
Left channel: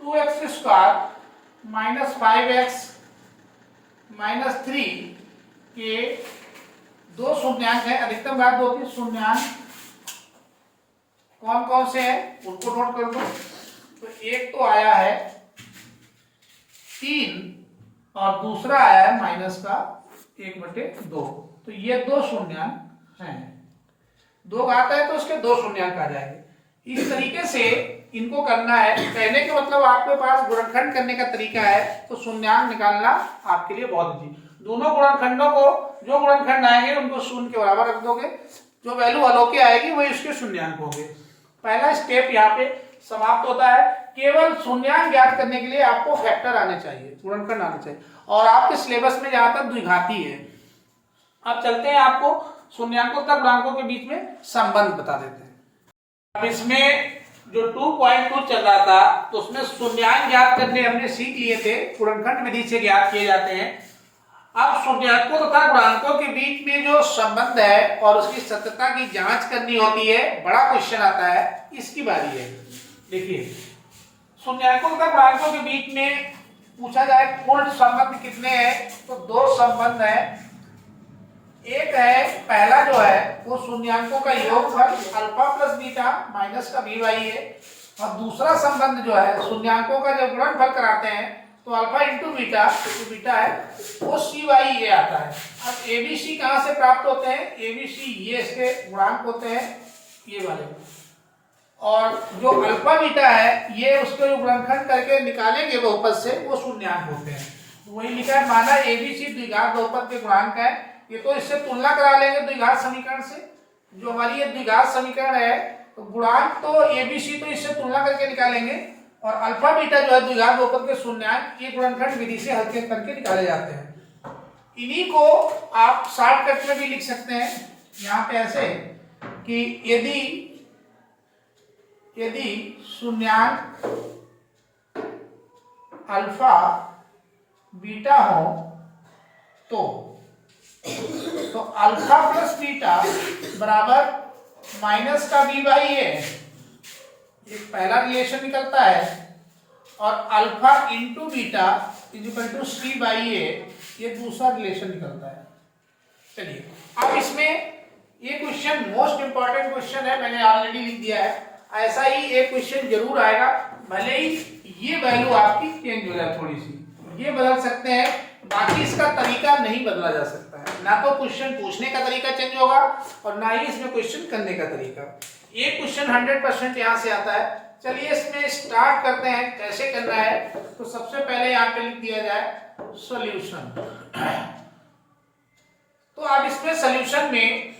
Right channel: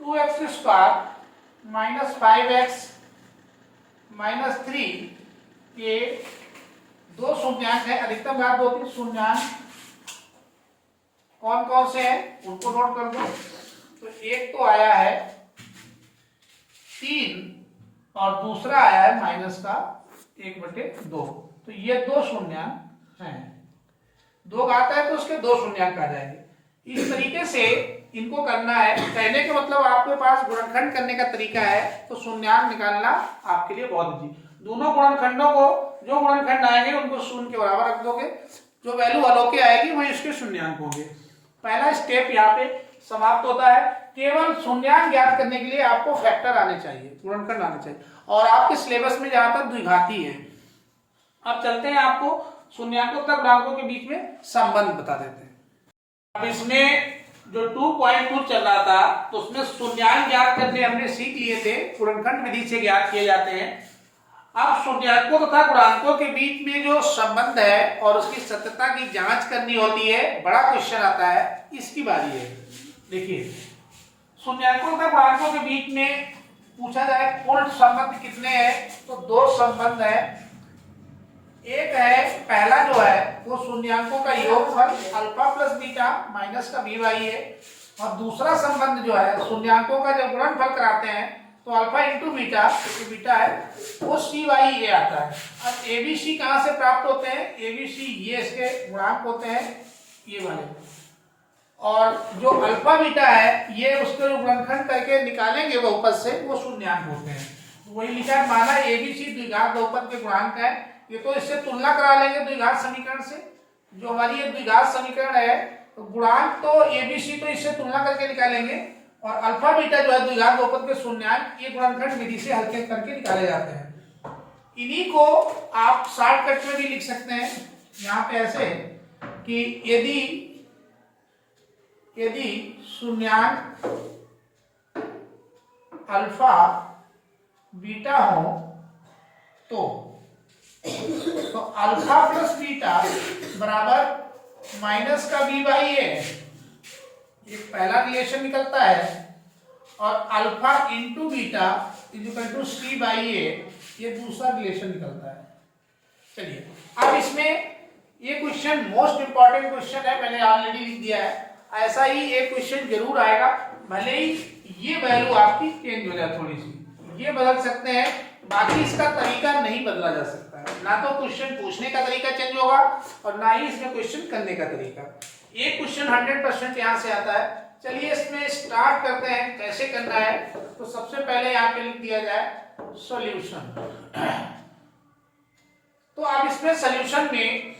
2x square minus 5x minus 3 के 2 शून्यांक है, अधिकतम घात 2 के शून्यांक कौन कौन से हैं उनको नोट कर दो। तो एक तो आया है 3 और दूसरा आया है माइनस का 1/2, तो ये 2 शून्यांक हैं, 2 घात है तो उसके 2 शून्यांक आ जाएंगे। इस तरीके से इनको करना है, कहने के मतलब आपके पास गुणनखंड करने का तरीका है तो शून्यांक निकालना आपके लिए बहुत इजी। दोनों गुणनखंडों को, जो गुणनखंड आएंगे उनको शून्य के बराबर रख दोगे, जो वैल्यू अलौकिक आएगी वही उसके शून्यांक होंगे। पहला स्टेप यहाँ पे समाप्त होता है। केवल शून्यांक ज्ञात करने के लिए आपको फैक्टर आने चाहिए, गुणनखंड आने चाहिए, और आपके सिलेबस में जहां तक द्विघाती है। अब चलते हैं, आपको शून्याङ्कों तक गुणांकों के बीच में संबंध बता देते हैं। अब इसमें जो 2.2 चल रहा था तो उसमें शून्याङ्क ज्ञात करने हमने सीख लिए थे, गुणनखंड विधि से ज्ञात किए जाते हैं। अब शून्याङ्कों तथा गुणांकों के बीच में जो संबंध है और उसकी सत्यता की जांच करनी होती है, बड़ा क्वेश्चन आता है, इसकी बारी है। देखिए, शून्याङ्कों तथा गुणांकों के बीच में पूछा जाए कुल संबंध कितने हैं, तो 2 संबंध है। एक है, पहला जो है वो शून्याङ्कों का योगफल अल्फा प्लस बीटा माइनस का v बाई है, और दूसरा संबंध जो है शून्याङ्कों का जब गुणनफल कराते हैं तो अल्फा इंटू बीटा, जो बीटा है वो c बाई ए आता है। अब एबीसी कहाँ से प्राप्त होते हैं, एबीसी ये इसके गुणांक होते हैं ये वाले, और जो अल्फा बीटा है ये उसके गुणनखंड करके निकालेंगे बहुपद से, वो शून्याङ्क होते हैं। वही लिखा, माना एबीसी द्विघात बहुपद के गुणांक है, ये तो इससे तुलना करा लेंगे द्विघात समीकरण से, जो हमारी ये द्विघात समीकरण है तो गुणांक तो एबीसी तो इससे तुलना करके निकालेंगे, और अल्फा बीटा जो है द्विघात बहुपद के शून्याङ्क ये गुणनखंड विधि से हल्के करके निकाले जाते हैं। इन्हीं को आप शॉर्टकट में भी लिख सकते हैं, यहाँ पे ऐसे कि यदि शून्यांक अल्फा बीटा हो तो अल्फा प्लस बीटा बराबर माइनस का बी बाई ए, एक पहला रिलेशन निकलता है, और alpha into beta is equal to c by a, ये दूसरा रिलेशन निकलता है। चलिए अब इसमें ये क्वेश्चन मोस्ट इंपॉर्टेंट क्वेश्चन है, मैंने ऑलरेडी लिख दिया है। ऐसा ही एक क्वेश्चन जरूर आएगा, भले ही ये वैल्यू आपकी चेंज हो जाए, थोड़ी सी ये बदल सकते हैं, बाकी इसका तरीका नहीं बदला जा सकता है। ना तो क्वेश्चन पूछने का तरीका चेंज होगा और ना ही इसमें क्वेश्चन करने का तरीका। एक क्वेश्चन 100% यहाँ से आता है। चलिए इसमें स्टार्ट करते हैं कैसे करना है। तो सबसे पहले यहाँ पे लिख दिया जाए सॉल्यूशन। तो अब इसमें सॉल्यूशन में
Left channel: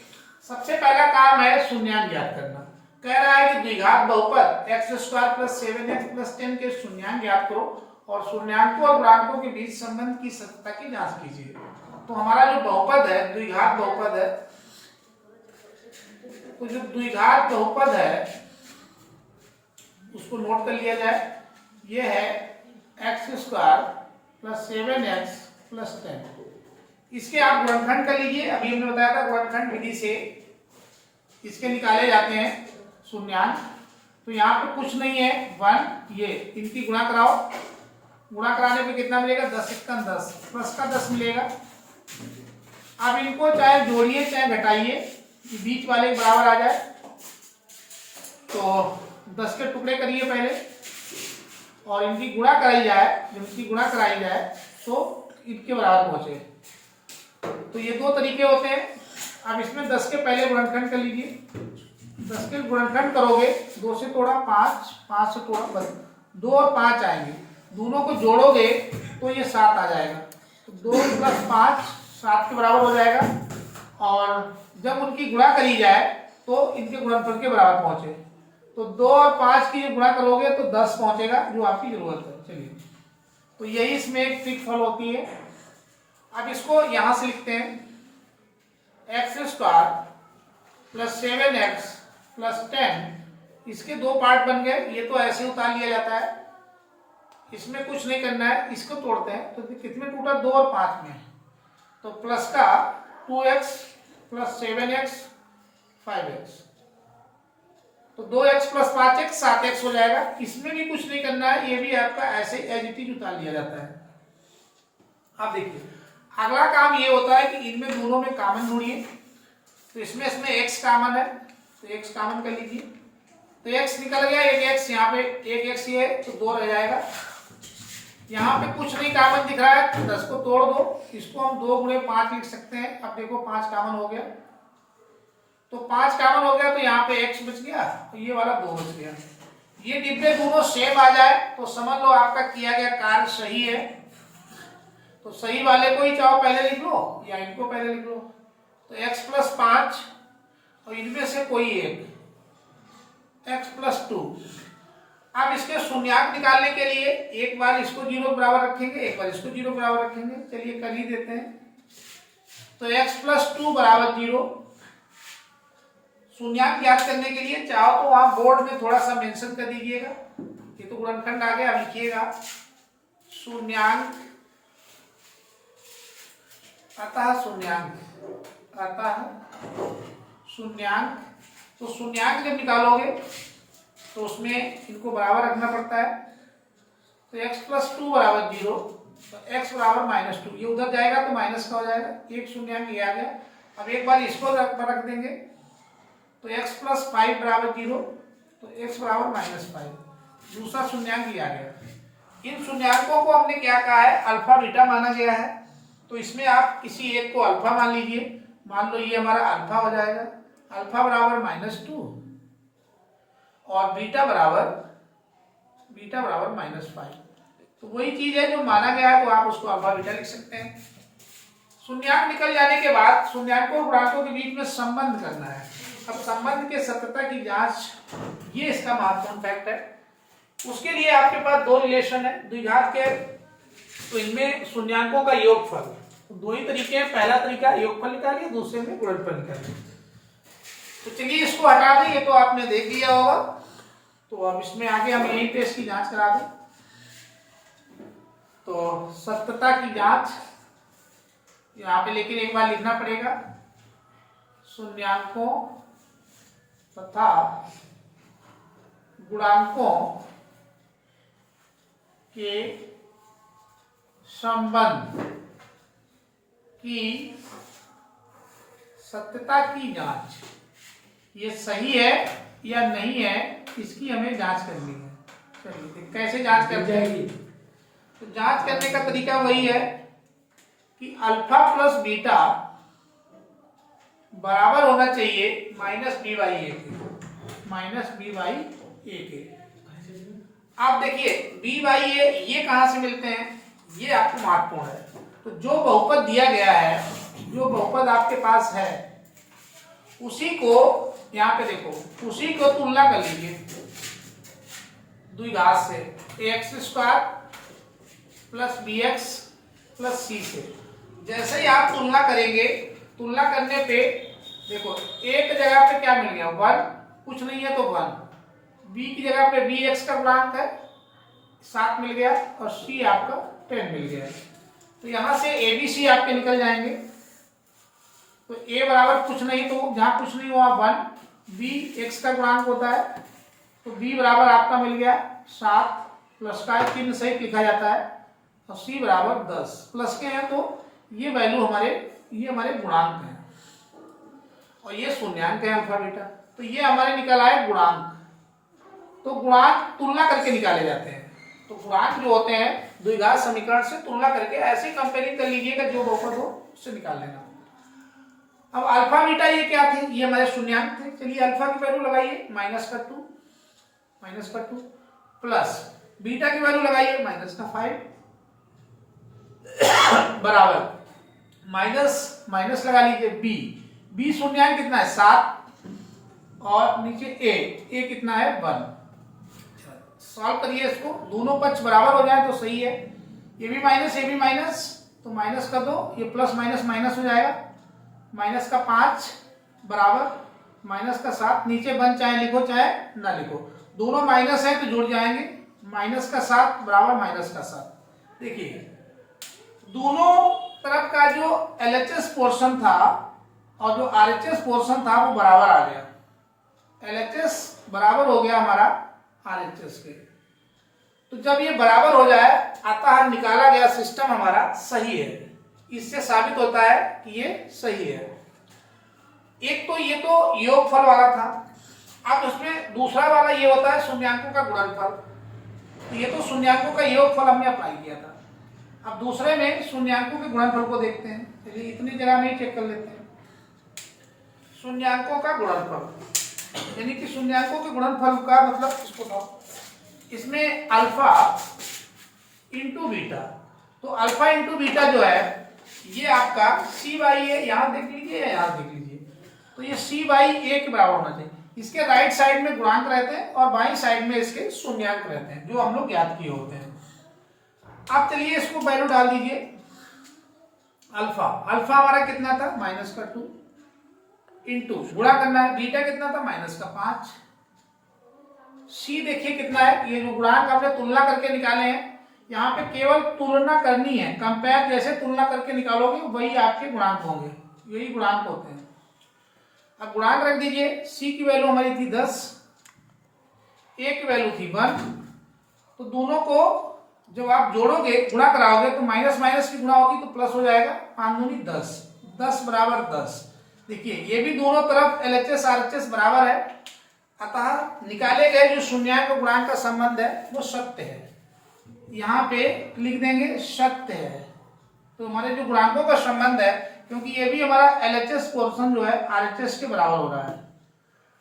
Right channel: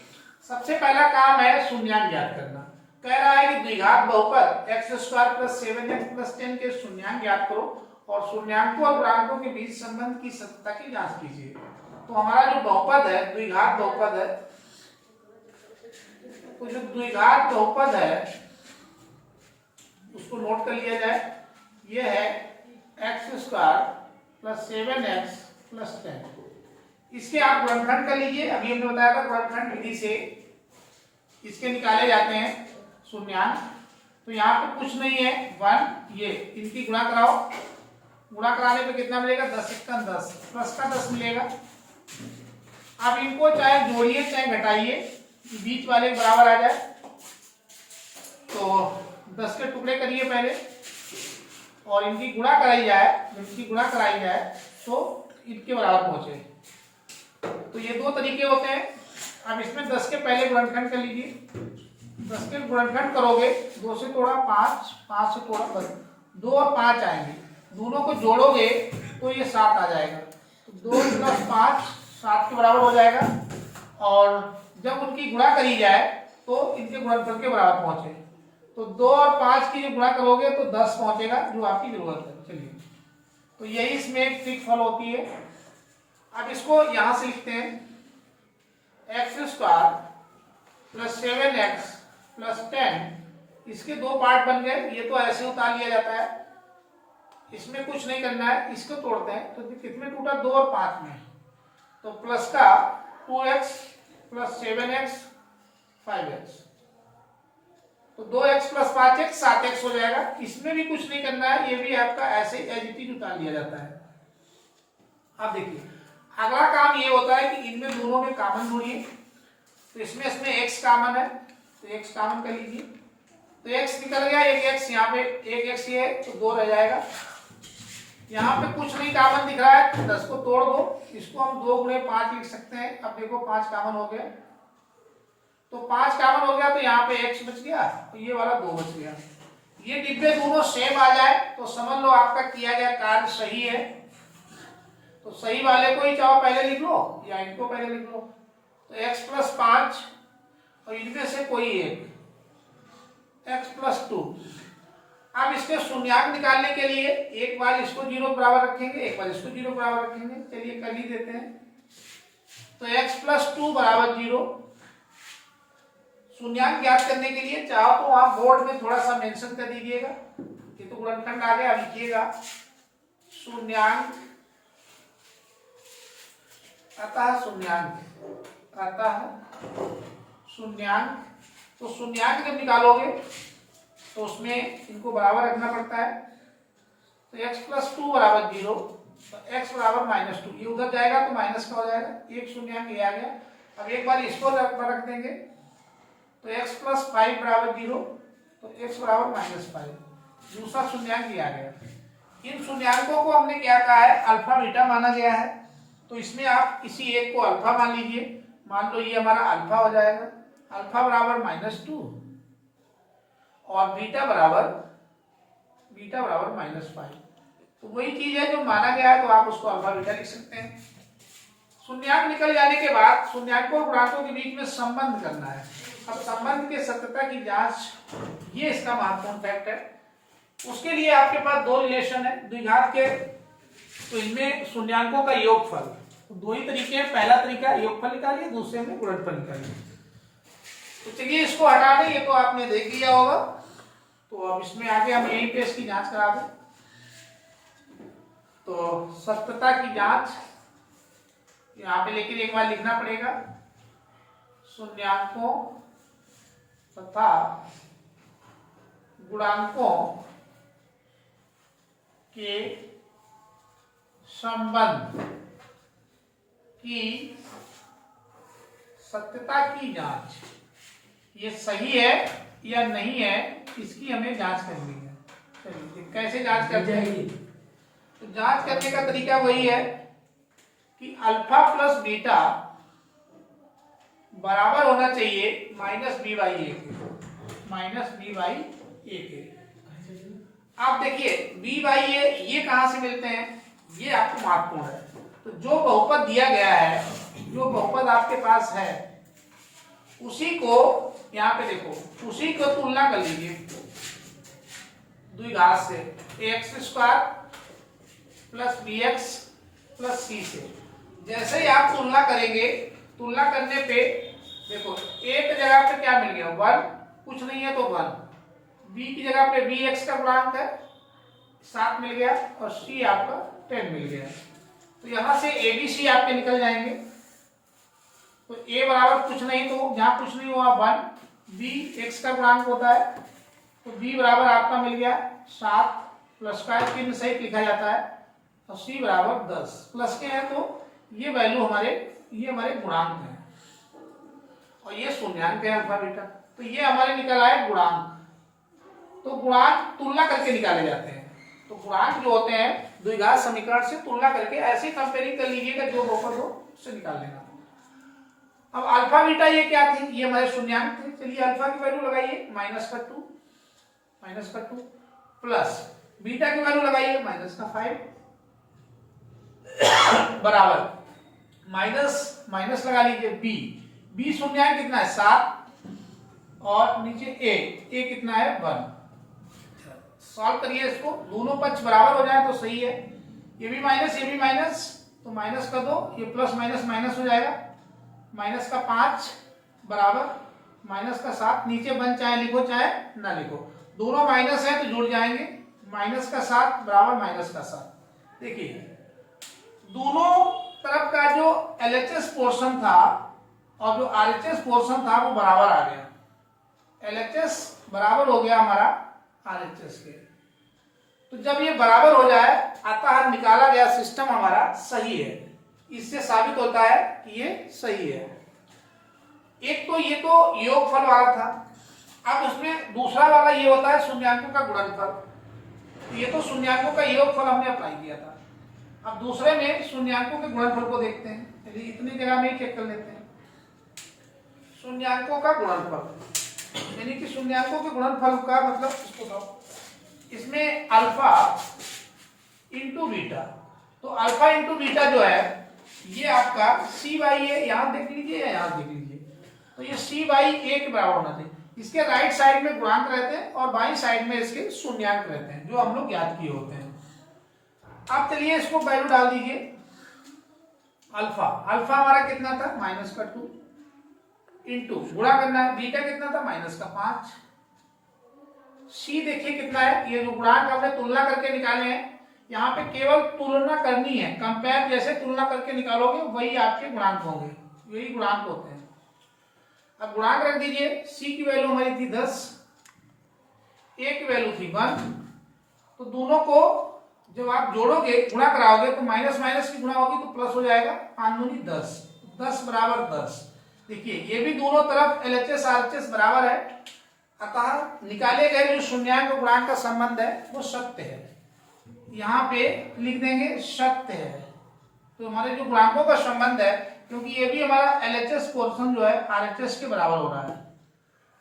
सबसे पहला काम है शून्यांक ज्ञात करना। कह रहा है कि द्विघात बहुपद x² + 7x + 10 के शून्यांक ज्ञात करो और शून्यांकों और गुणांकों के बीच संबंध की सत्यता की जांच कीजिए। तो हमारा जो बहुपद है, द्विघात बहुपद है, तो जो द्विघात बहुपद है उसको नोट कर लिया जाए। ये है x² + 7x + 10। इसके आप गुणनखंड कर लीजिए। अभी हमने बताया था गुणनखंड विधि से इसके निकाले जाते हैं शून्यांक। तो यहाँ पे कुछ नहीं है, 1, ये इनकी गुणा कराओ। गुणा कराने पे कितना मिलेगा, 10 × 10 प्लस का 10 मिलेगा। अब इनको चाहे जोड़िए चाहे घटाइए, बीच वाले बराबर आ जाए। तो 10 के टुकड़े करिए पहले और इनकी गुणा कराई जाए। जब इनकी गुणा कराई जाए तो इनके बराबर पहुंचे। तो ये दो तरीके होते हैं। अब इसमें 10 के पहले गुणनखंड कर लीजिए। 10 के गुणनखंड करोगे, 2 से तोड़ा 5, 5 से तोड़ा 10, 2 और 5 आएंगे। दोनों को जोड़ोगे तो ये 7 आ जाएगा। तो 2 + 5 7 के बराबर हो जाएगा। और जब उनकी गुणा करी जाए तो इनके गुणनफल के बराबर पहुंचे। तो 2 और 5 की गुणा करोगे तो 10 पहुंचेगा, जो आपकी जरूरत है। चलिए, तो यही इसमें एक ट्रिक फॉलो होती है। अब इसको यहां से लिखते हैं x² + 7x + 10। इसके दो पार्ट बन गए। ये तो ऐसे उतार लिया जाता है, इसमें कुछ नहीं करना है। इसको तोड़ते हैं तो कितने टूटा, 2 और 5 में। तो प्लस का 2x + 7x 5x, तो 2x + 5x 7x हो जाएगा। इसमें भी कुछ नहीं करना है, ये भी आपका ऐसे एज इट इज उतार लिया जाता है। अब देखिए अगला काम ये होता है कि इनमें दोनों में कॉमन ढूंढिए। तो इसमें x कॉमन है, तो x कॉमन कर लीजिए। तो x निकल गया, एक x यहाँ पे, एक x ये है, तो 2 रह जाएगा। यहाँ पे कुछ नहीं कॉमन दिख रहा है, 10 को तोड़ दो। इसको हम 2 × 5 लिख सकते हैं। अब देखो 5 कॉमन हो गया, तो 5 कॉमन हो गया, तो यहाँ पे x बच गया, तो ये वाला 2 बच गया। ये डिब्बे दोनों सेम आ जाए तो समझ लो आपका किया गया कार्य सही है। तो सही वाले को ही चाहो पहले लिख लो या इनको पहले लिख लो। तो x + 5 और इनमें से कोई एक, x + 2। अब इसके शून्यांक निकालने के लिए एक बार इसको 0 बराबर रखेंगे, एक बार इसको 0 बराबर रखेंगे। चलिए कर ही देते हैं। तो x + 2 = 0। शून्यांक ज्ञात करने के लिए चाहो तो आप बोर्ड में थोड़ा सा मेंशन कर दीजिएगा। ये तो गुणनखंड आ गया, लिखिएगा शून्यांक अतः शून्यांक। तो शून्यांक जब निकालोगे तो उसमें इनको बराबर रखना पड़ता है। तो x + 2 = 0, तो x = -2। ये उधर जाएगा तो माइनस का हो जाएगा। एक शून्यांक ये आ गया। अब एक बार इसको रख देंगे, तो x + 5 = 0, तो x = -5। दूसरा शून्यांक ये आ गया। इन शून्यांकों को हमने क्या कहा है, अल्फा बीटा माना गया है। तो इसमें आप इसी एक को अल्फा मान लीजिए। मान लो ये हमारा अल्फा हो जाएगा। अल्फा = -2 और बीटा बराबर -5। तो वही चीज है जो माना गया है, तो आप उसको अल्फा बीटा लिख सकते हैं। शून्यांक निकल जाने के बाद शून्यांकों और गुणांकों के बीच में संबंध करना है। अब संबंध के सत्यता की जांच, ये इसका महत्वपूर्ण फैक्ट है। उसके लिए आपके पास 2 रिलेशन है द्विघात के। तो इनमें शून्यांकों का योगफल, तो 2 ही तरीके हैं। पहला तरीका योगफल निकालिए, दूसरे में गुणनफल निकालिए। तो चलिए इसको हटा दें, ये तो आपने देख लिया होगा। तो अब इसमें आगे हम यहीं पे इसकी जांच करा दें। तो सत्यता की जांच यहाँ पे लेकिन एक बार लिखना पड़ेगा, शून्यांकों तथा गुणांकों के संबंध की सत्यता की जांच, ये सही है या नहीं है, इसकी हमें जांच करनी है। चलिए कैसे जांच करते हैं? तो जांच करने का तरीका वही है कि अल्फा प्लस बीटा बराबर होना चाहिए माइनस बी बाई ए के, माइनस बी बाई ए के। आप देखिए बी बाई ए ये कहां से मिलते हैं, ये आपको महत्वपूर्ण है। तो जो बहुपद दिया गया है, जो बहुपद आपके पास है, उसी को यहाँ पे देखो, उसी को तुलना कर लीजिए द्विघात से, x square plus b x plus c से। जैसे ही आप तुलना करेंगे, तुलना करने पे देखो एक जगह पे क्या मिल गया, 1, कुछ नहीं है तो 1, बी की जगह पे बी एक्स का गुणांक है 7 मिल गया, और सी आपका 10 मिल गया। तो यहां से ए बी सी आपके निकल जाएंगे। तो ए बराबर कुछ नहीं, तो जहां कुछ नहीं हुआ 1, बी एक्स का गुणांक होता है, तो बी बराबर आपका मिल गया 7, प्लस का चिन्ह सहित लिखा जाता है, और सी बराबर 10 प्लस के हैं, तो ये वैल्यू ये हमारे गुणांक हैं, और ये शून्यांक है अल्फा बीटा। तो ये हमारे निकल आए गुणांक। तो गुणांक तुलना करके निकाले जाते हैं। तो गुणांक जो होते हैं द्विघात समीकरण से तुलना करके ऐसे कंपेयरिंग कर लीजिएगा, जो बहुपद हो उससे निकाल लेना। अब अल्फा बीटा ये क्या थी, ये हमारे शून्यांक थे। चलिए अल्फा की वैल्यू लगाइए -2 प्लस बीटा की वैल्यू लगाइए -5 बराबर माइनस लगा लीजिए बी शून्यांक कितना है 7, और नीचे ए कितना है 1। सॉल्व करिए इसको, दोनों पक्ष बराबर हो जाए तो सही है। ये भी माइनस, तो माइनस कर दो, ये प्लस माइनस हो जाएगा, माइनस का 5 बराबर माइनस का 7, नीचे 1 चाहे लिखो चाहे ना लिखो, दोनों माइनस है तो जुड़ जाएंगे, माइनस का 7 बराबर माइनस का 7। देखिए दोनों तरफ का जो LHS पोर्शन था और जो RHS पोर्शन था वो बराबर आ गया, LHS बराबर हो गया हमारा RHS के। तो जब ये बराबर हो जाए, अतः निकाला गया सिस्टम हमारा सही है। इससे साबित होता है कि ये सही है। एक तो ये तो योगफल वाला था, अब उसमें दूसरा वाला ये होता है शून्यांकों का गुणनफल। तो ये तो शून्यांकों का योगफल हमने अप्लाई किया था, अब दूसरे में शून्यांकों के गुणनफल को देखते हैं। चलिए इतनी जगह नहीं चेक कर लेते हैं। शून्यांकों का गुणनफल यानी कि शून्यांकों के गुणनफल का मतलब इसको बताओ, इसमें अल्फा इंटू बीटा, तो अल्फा इंटू बीटा जो है ये आपका सी बाई ए, यहां देख लीजिए यहां देख लीजिए, तो ये सी बाई ए के बराबर होना चाहिए। इसके राइट साइड में गुणांक रहते हैं और बाई साइड में इसके शून्यांक रहते हैं, जो हम लोग ज्ञात किए होते हैं। आप चलिए इसको वैल्यू डाल दीजिए। अल्फा हमारा कितना था -2 इंटू गुणा करना है, बीटा कितना था -5, सी देखिए कितना है, ये जो गुणांक हमने तुलना करके निकाले हैं, यहाँ पे केवल तुलना करनी है, कंपेयर जैसे तुलना करके निकालोगे वही आपके गुणांक होंगे, यही गुणांक होते हैं। अब गुणांक रख दीजिए, सी की वैल्यू हमारी थी 10, ए की वैल्यू थी 1, तो दोनों को जब आप जोड़ोगे गुणा कराओगे तो माइनस की गुणा होगी तो प्लस हो जाएगा, 5 दूनी 10 बराबर 10। देखिए ये भी दोनों तरफ LHS RHS बराबर है, अतः निकाले गए जो शून्यांक और गुणांक का संबंध है वो सत्य है। यहाँ पे लिख देंगे सत्य है, तो हमारे जो गुणांकों का संबंध है, क्योंकि ये भी हमारा LHS पोर्शन जो है RHS के बराबर हो रहा है।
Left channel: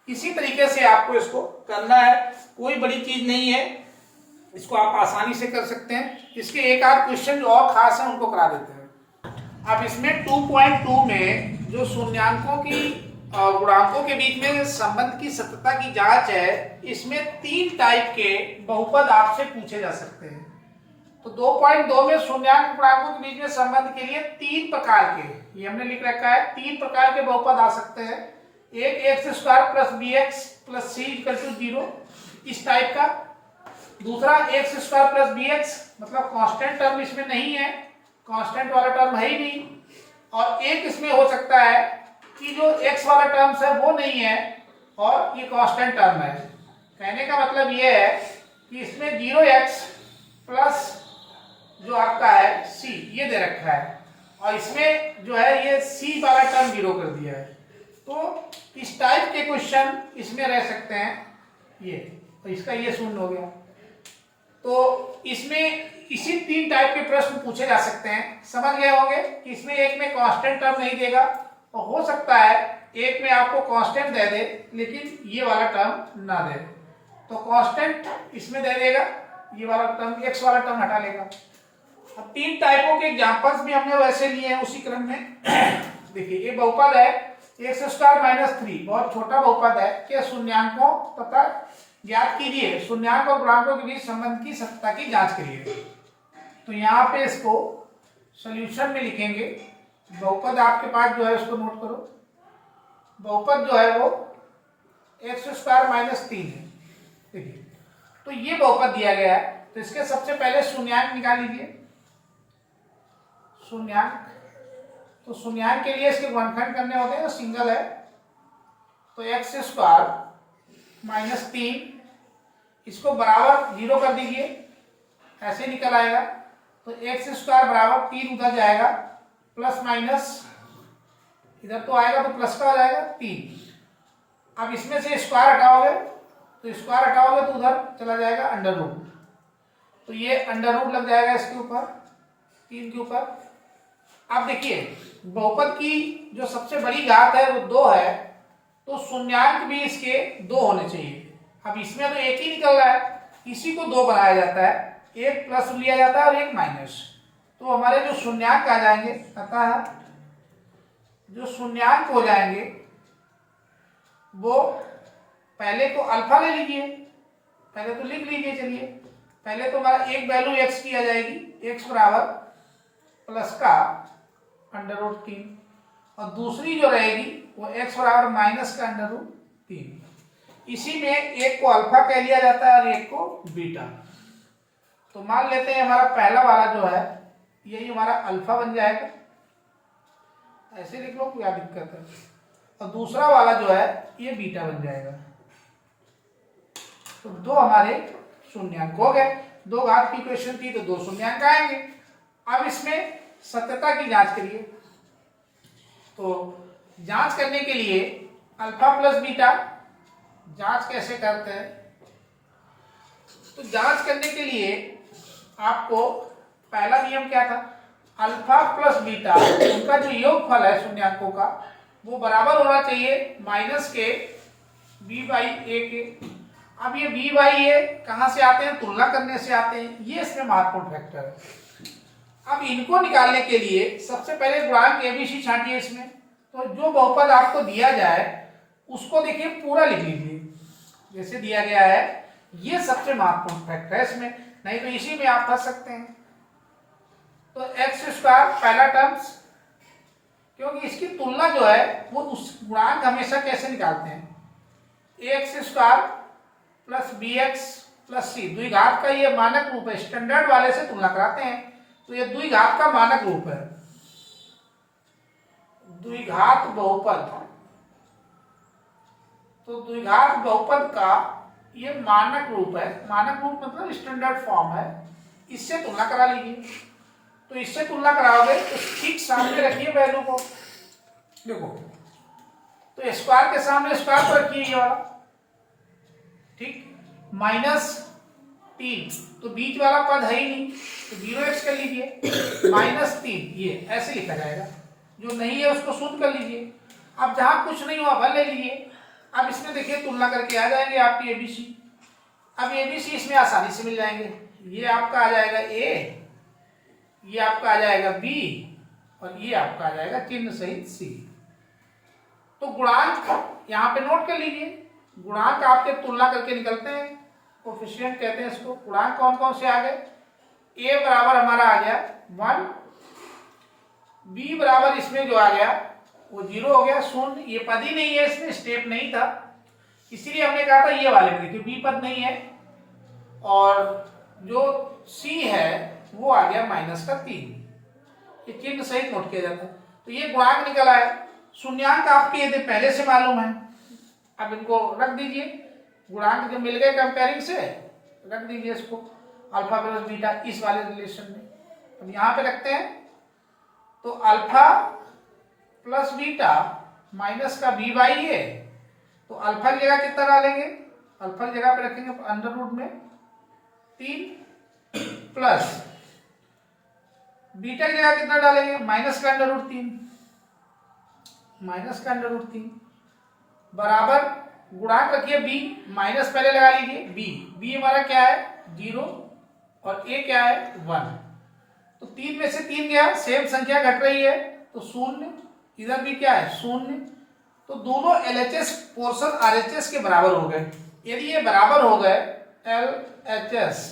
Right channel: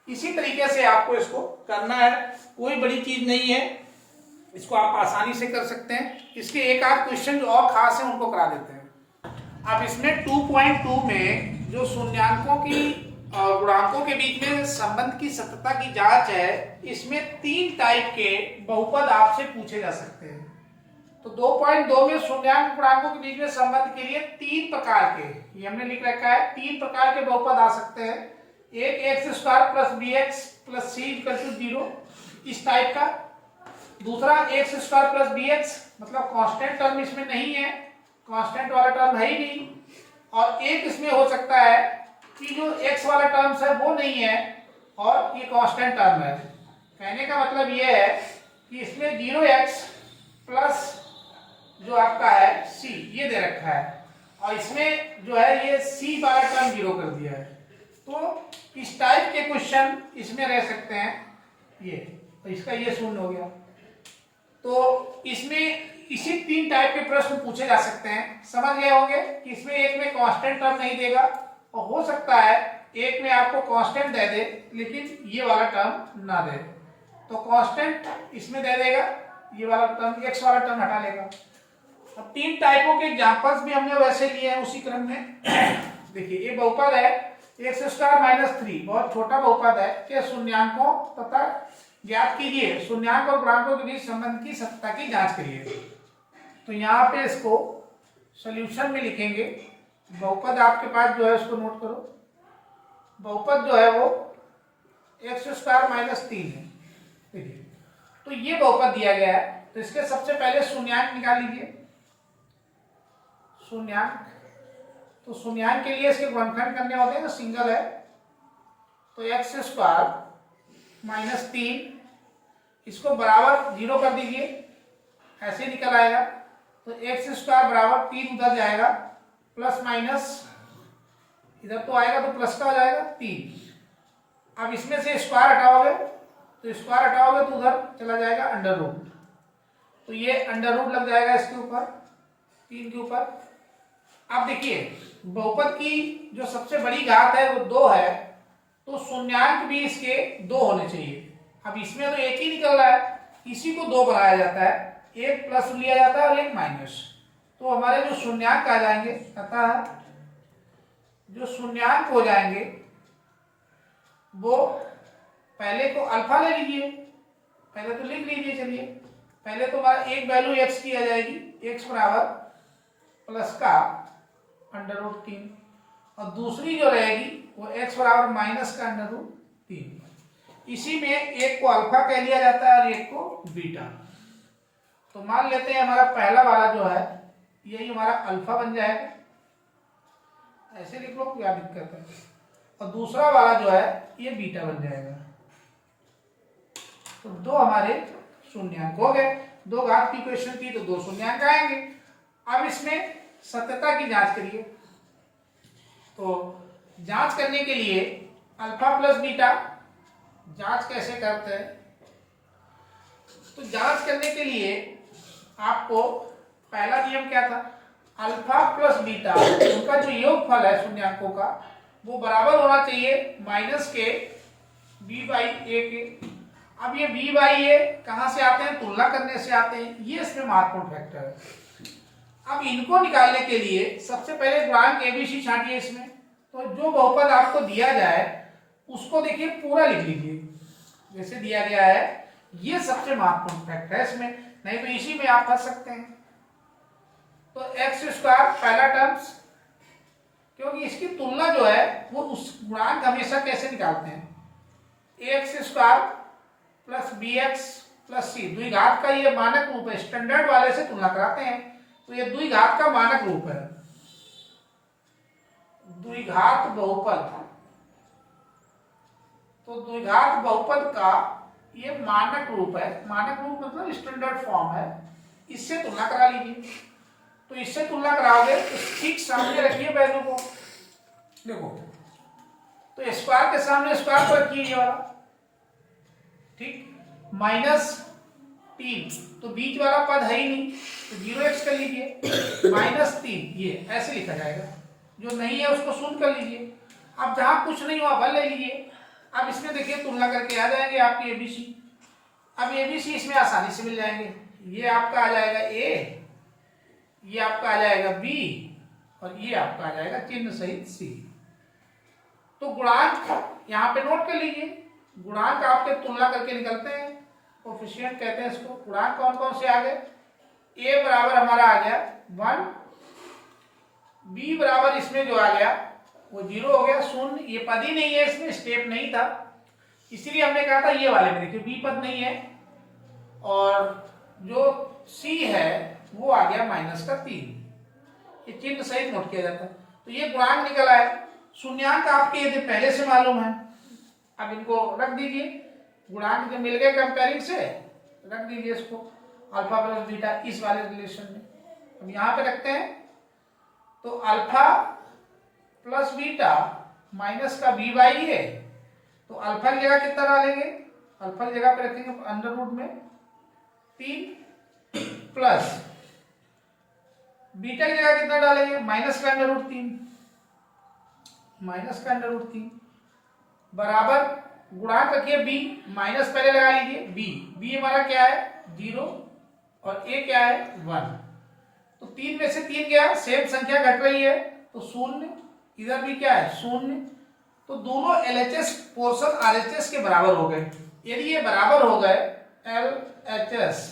इसी तरीके से आपको इसको करना है, कोई बड़ी चीज नहीं है, इसको आप आसानी से कर सकते हैं। इसके एक आध क्वेश्चन जो और खास है उनको करा देते हैं। अब इसमें 2.2 में जो शून्यांकों की गुणांकों के बीच में संबंध की सत्यता की जांच है, इसमें 3 टाइप के बहुपद आपसे पूछे जा सकते हैं। तो 2.2 में शून्यांक गुणांकों के बीच में संबंध के लिए 3 प्रकार के, ये हमने लिख रखा है, 3 प्रकार के बहुपद आ सकते हैं। एक x square plus b x plus c equal to 0 इस टाइप का। दूसरा x square plus b x मतलब कांस्टेंट टर्म इसमें नहीं है, कांस्टेंट वाला टर्म है ही नहीं। और एक इसमें हो सकता है कि जो एक्स वाला टर्म्स है वो नहीं है और ये कांस्टेंट टर्म है। कहने का मतलब ये है कि इसमें 0x प्लस जो आपका है c ये दे रखा है और इसमें जो है ये c वाला टर्म 0 कर दिया है। तो इस टाइप के क्वेश्चन इसमें रह सकते हैं ये, तो इसका ये शून्य हो गया। तो इसमें इसी 3 टाइप के प्रश्न पूछे जा सकते हैं। समझ गए होंगे कि इसमें एक में कांस्टेंट टर्म नहीं देगा और हो सकता है एक में आपको कांस्टेंट दे दे लेकिन ये वाला टर्म ना दे, तो कांस्टेंट इसमें दे देगा, ये वाला टर्म एक्स वाला टर्म हटा लेगा। अब 3 टाइपों के एग्जांपल्स भी हमने वैसे लिए हैं उसी क्रम में। देखिए ये बहुपद है एक्स स्क्वायर माइनस 3, बहुत छोटा बहुपद है के शून्यांकों तथा ज्ञात कीजिए शून्यांक और गुणांकों के बीच संबंध की सत्यता की जांच करिए। तो यहाँ पे इसको सॉल्यूशन में लिखेंगे। बहुपद आपके पास जो है उसको नोट करो। बहुपद जो है वो एक्स स्क्वायर माइनस 3 है। देखिए तो ये बहुपद दिया गया है, तो इसके सबसे पहले शून्यांक निकाल लीजिए। शून्यांक, तो शून्यांक के लिए इसके गुणनखंड करने होते हैं, तो सिंगल है, तो एक्स स्क्वायर माइनस 3 इसको बराबर 0 कर दीजिए, ऐसे निकल आएगा। तो एक्स स्क्वायर बराबर 3 उधर जाएगा, प्लस माइनस इधर तो आएगा तो प्लस का हो जाएगा 3। अब इसमें से स्क्वायर हटाओगे तो स्क्वायर हटाओगे तो उधर चला जाएगा अंडर रूट, तो ये अंडर रूट लग जाएगा इसके ऊपर 3 के ऊपर। अब देखिए बहुपद की जो सबसे बड़ी घात है वो 2 है, तो शून्यांक भी इसके 2 होने चाहिए। अब इसमें तो एक ही निकल रहा है, इसी को 2 बनाया जाता है, एक प्लस लिया जाता है और एक माइनस। तो हमारे जो शून्यांक आ जाएंगे, अतः जो शून्यांक हो जाएंगे वो पहले तो अल्फा ले लीजिए, पहले तो लिख लीजिए। चलिए पहले तो हमारा एक वैल्यू एक्स की आ जाएगी, एक्स बराबर प्लस का अंडर रूट 3, और दूसरी जो रहेगी वो एक्स बराबर माइनस का अंडर रूट 3। इसी में एक को अल्फा कह लिया जाता है और एक को बीटा। तो मान लेते हैं हमारा पहला वाला जो है यही हमारा अल्फा बन जाएगा, ऐसे लिख लो क्या दिक्कत है, और दूसरा वाला जो है ये बीटा बन जाएगा। तो 2 हमारे शून्यांक हो गए। 2 घात की इक्वेशन थी तो 2 शून्यांक आएंगे। अब इसमें सत्यता की जांच करिए। तो जांच करने के लिए अल्फा प्लस बीटा जांच कैसे करते हैं, तो जांच करने के लिए आपको पहला नियम क्या था, अल्फा प्लस बीटा उनका जो योगफल है शून्यांकों का वो बराबर होना चाहिए माइनस के बी बाई ए के। अब ये बी बाई ए कहां से आते हैं, तुलना करने से आते हैं, ये इसमें महत्वपूर्ण फैक्टर है। अब इनको निकालने के लिए सबसे पहले गुणांक एबीसी छांटिए इसमें। तो जो बहुपद आपको दिया जाए उसको देखिए पूरा लिख लीजिए जैसे दिया गया है, ये सबसे महत्वपूर्ण फैक्टर है इसमें, नहीं तो इसी में आप फंस सकते हैं। तो एक्स स्क्वायर पहला टर्म्स, क्योंकि इसकी तुलना जो है वो उस गुणांक हमेशा कैसे निकालते हैं, x square plus b x plus c, द्विघात का ये मानक रूप है, स्टैंडर्ड वाले से तुलना कराते हैं। तो ये द्विघात का मानक रूप है, द्विघात बहुपद। तो द्विघात बहुपद का ये मानक रूप है, मानक रूप मतलब स्टैंडर्ड फॉर्म है, इससे तुलना करा लीजिए। तो इससे तुलना कराओगे तो ठीक सामने रखिए वैल्यू को, देखो तो स्क्वायर के सामने स्क्वायर पर रखिए ये वाला, ठीक, माइनस 3, तो बीच वाला पद है ही नहीं तो 0x कर लीजिए, माइनस 3 ये ऐसे लिखा जाएगा, जो नहीं है उसको शून्य कर लीजिए। अब जहां कुछ नहीं हुआ भर ले लीजिए। अब इसमें देखिए तुलना करके आ जाएंगे आपकी एबीसी। अब एबीसी इसमें आसानी से मिल जाएंगे, ये आपका आ जाएगा ए, ये आपका आ जाएगा बी, और ये आपका आ जाएगा चिन्ह सहित सी। तो गुणांक यहाँ पे नोट कर लीजिए, गुणांक आपके तुलना करके निकलते हैं, कोफिशिएंट कहते हैं इसको। गुणांक कौन कौन से आ गए, ए बराबर हमारा आ गया 1, बी बराबर इसमें जो आ गया वो 0 हो गया, शून्य, ये पद ही नहीं है, इसमें स्टेप नहीं था, इसीलिए हमने कहा था ये वाले में देखिए बी पद नहीं है, और जो सी है वो आ गया -3, ये चिन्ह सहित नोट किया जाता है। तो ये गुणांक निकल आए। शून्यांक आपके यदि पहले से मालूम है, अब इनको रख दीजिए, गुणांक जो मिल गए कंपेयरिंग से, रख दीजिए इसको अल्फा प्लस बीटा इस वाले रिलेशन में। अब यहां पे रखते हैं, तो अल्फा प्लस बीटा माइनस का बी बाई ए, तो अल्फा की जगह कितना डालेंगे, अल्फा की जगह पे रखेंगे अंडर रूट में 3 प्लस बीटा की जगह कितना डालेंगे, माइनस का अंडर रूट 3, माइनस का अंडर रूट 3 बराबर गुणांक रखिए बी, माइनस पहले लगा लीजिए, बी हमारा क्या है 0 और ए क्या है 1, तो 3 में से 3 क्या है, सेम संख्या घट रही है तो शून्य, इधर भी क्या है शून्य, तो दोनों एलएचएस पोर्शन आरएचएस के बराबर हो गए। यदि ये बराबर हो गए, एलएचएस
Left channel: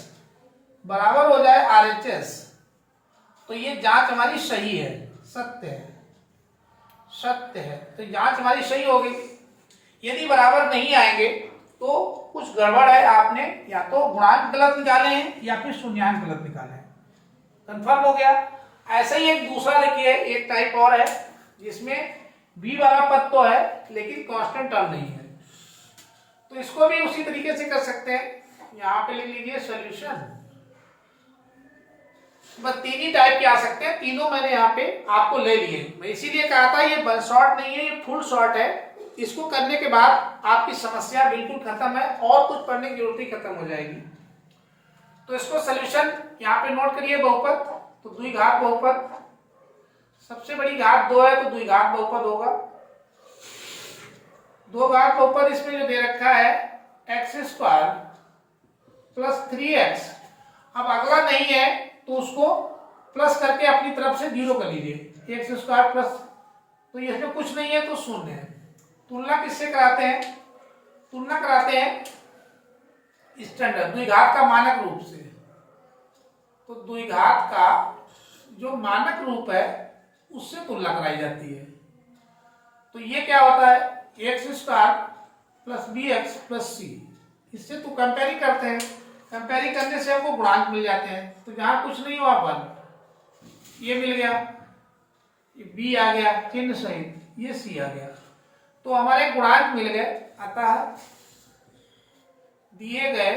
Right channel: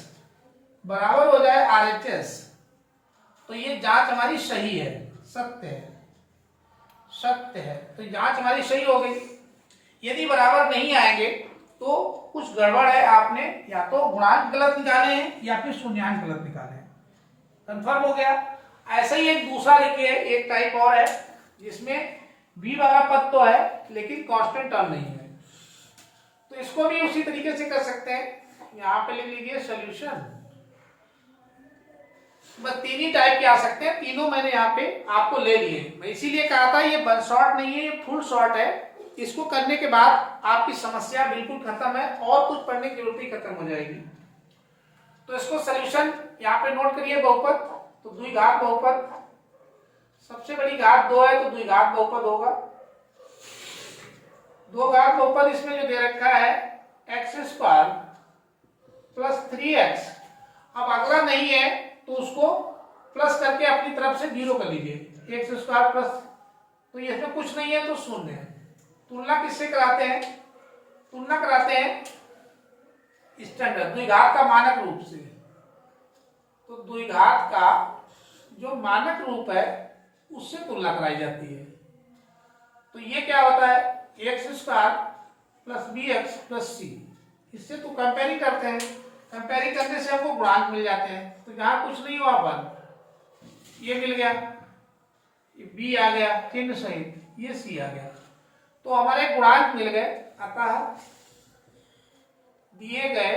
बराबर हो जाए आरएचएस, तो ये जांच हमारी सही है, सत्य है, सत्य है, तो जांच हमारी सही हो गई। यदि बराबर नहीं आएंगे तो कुछ गड़बड़ है, आपने या तो गुणांक गलत निकाले हैं या फिर शून्यांक गलत निकाले हैं, कंफर्म हो गया। ऐसा ही एक दूसरा देखिए, एक टाइप और है जिसमें बी वाला पद तो है लेकिन कांस्टेंट टर्म नहीं है, तो इसको भी उसी तरीके से कर सकते हैं। यहां पे लिख लीजिए सॉल्यूशन, बस 3 ही टाइप के आ सकते हैं, तीनों मैंने यहाँ पे आपको ले लिए। मैं इसीलिए कहा था ये वन शॉट नहीं है, ये फुल शॉट है। इसको करने के बाद आपकी समस्या बिल्कुल खत्म है और कुछ पढ़ने की जरूरत ही खत्म हो जाएगी। तो इसको सॉल्यूशन यहाँ पे नोट करिए, बहुपद तो द्विघात बहुपद, सबसे बड़ी घात 2 है तो द्विघात बहुपद होगा। 2 घात बहुपद इसमें जो दे रखा है x² प्लस 3x, अब अगला नहीं है तो उसको प्लस करके अपनी तरफ से 0 कर लीजिए, x² प्लस, तो इसमें कुछ नहीं है तो शून्य है। तुलना किससे कराते हैं, तुलना कराते हैं स्टैंडर्ड द्विघात का मानक रूप से, तो द्विघात का जो मानक रूप है उससे तुलना कराई जाती है। तो ये क्या होता है x² plus bx plus c, इससे तो कंपेयरिंग करते हैं, कंपेयरिंग करने से हमको गुणांक मिल जाते हैं। तो जहां कुछ नहीं हुआ 1, ये मिल गया, ये b आ गया चिन्ह सहित, ये c आ गया, तो हमारे गुणांक मिल गए। अतः दिए गए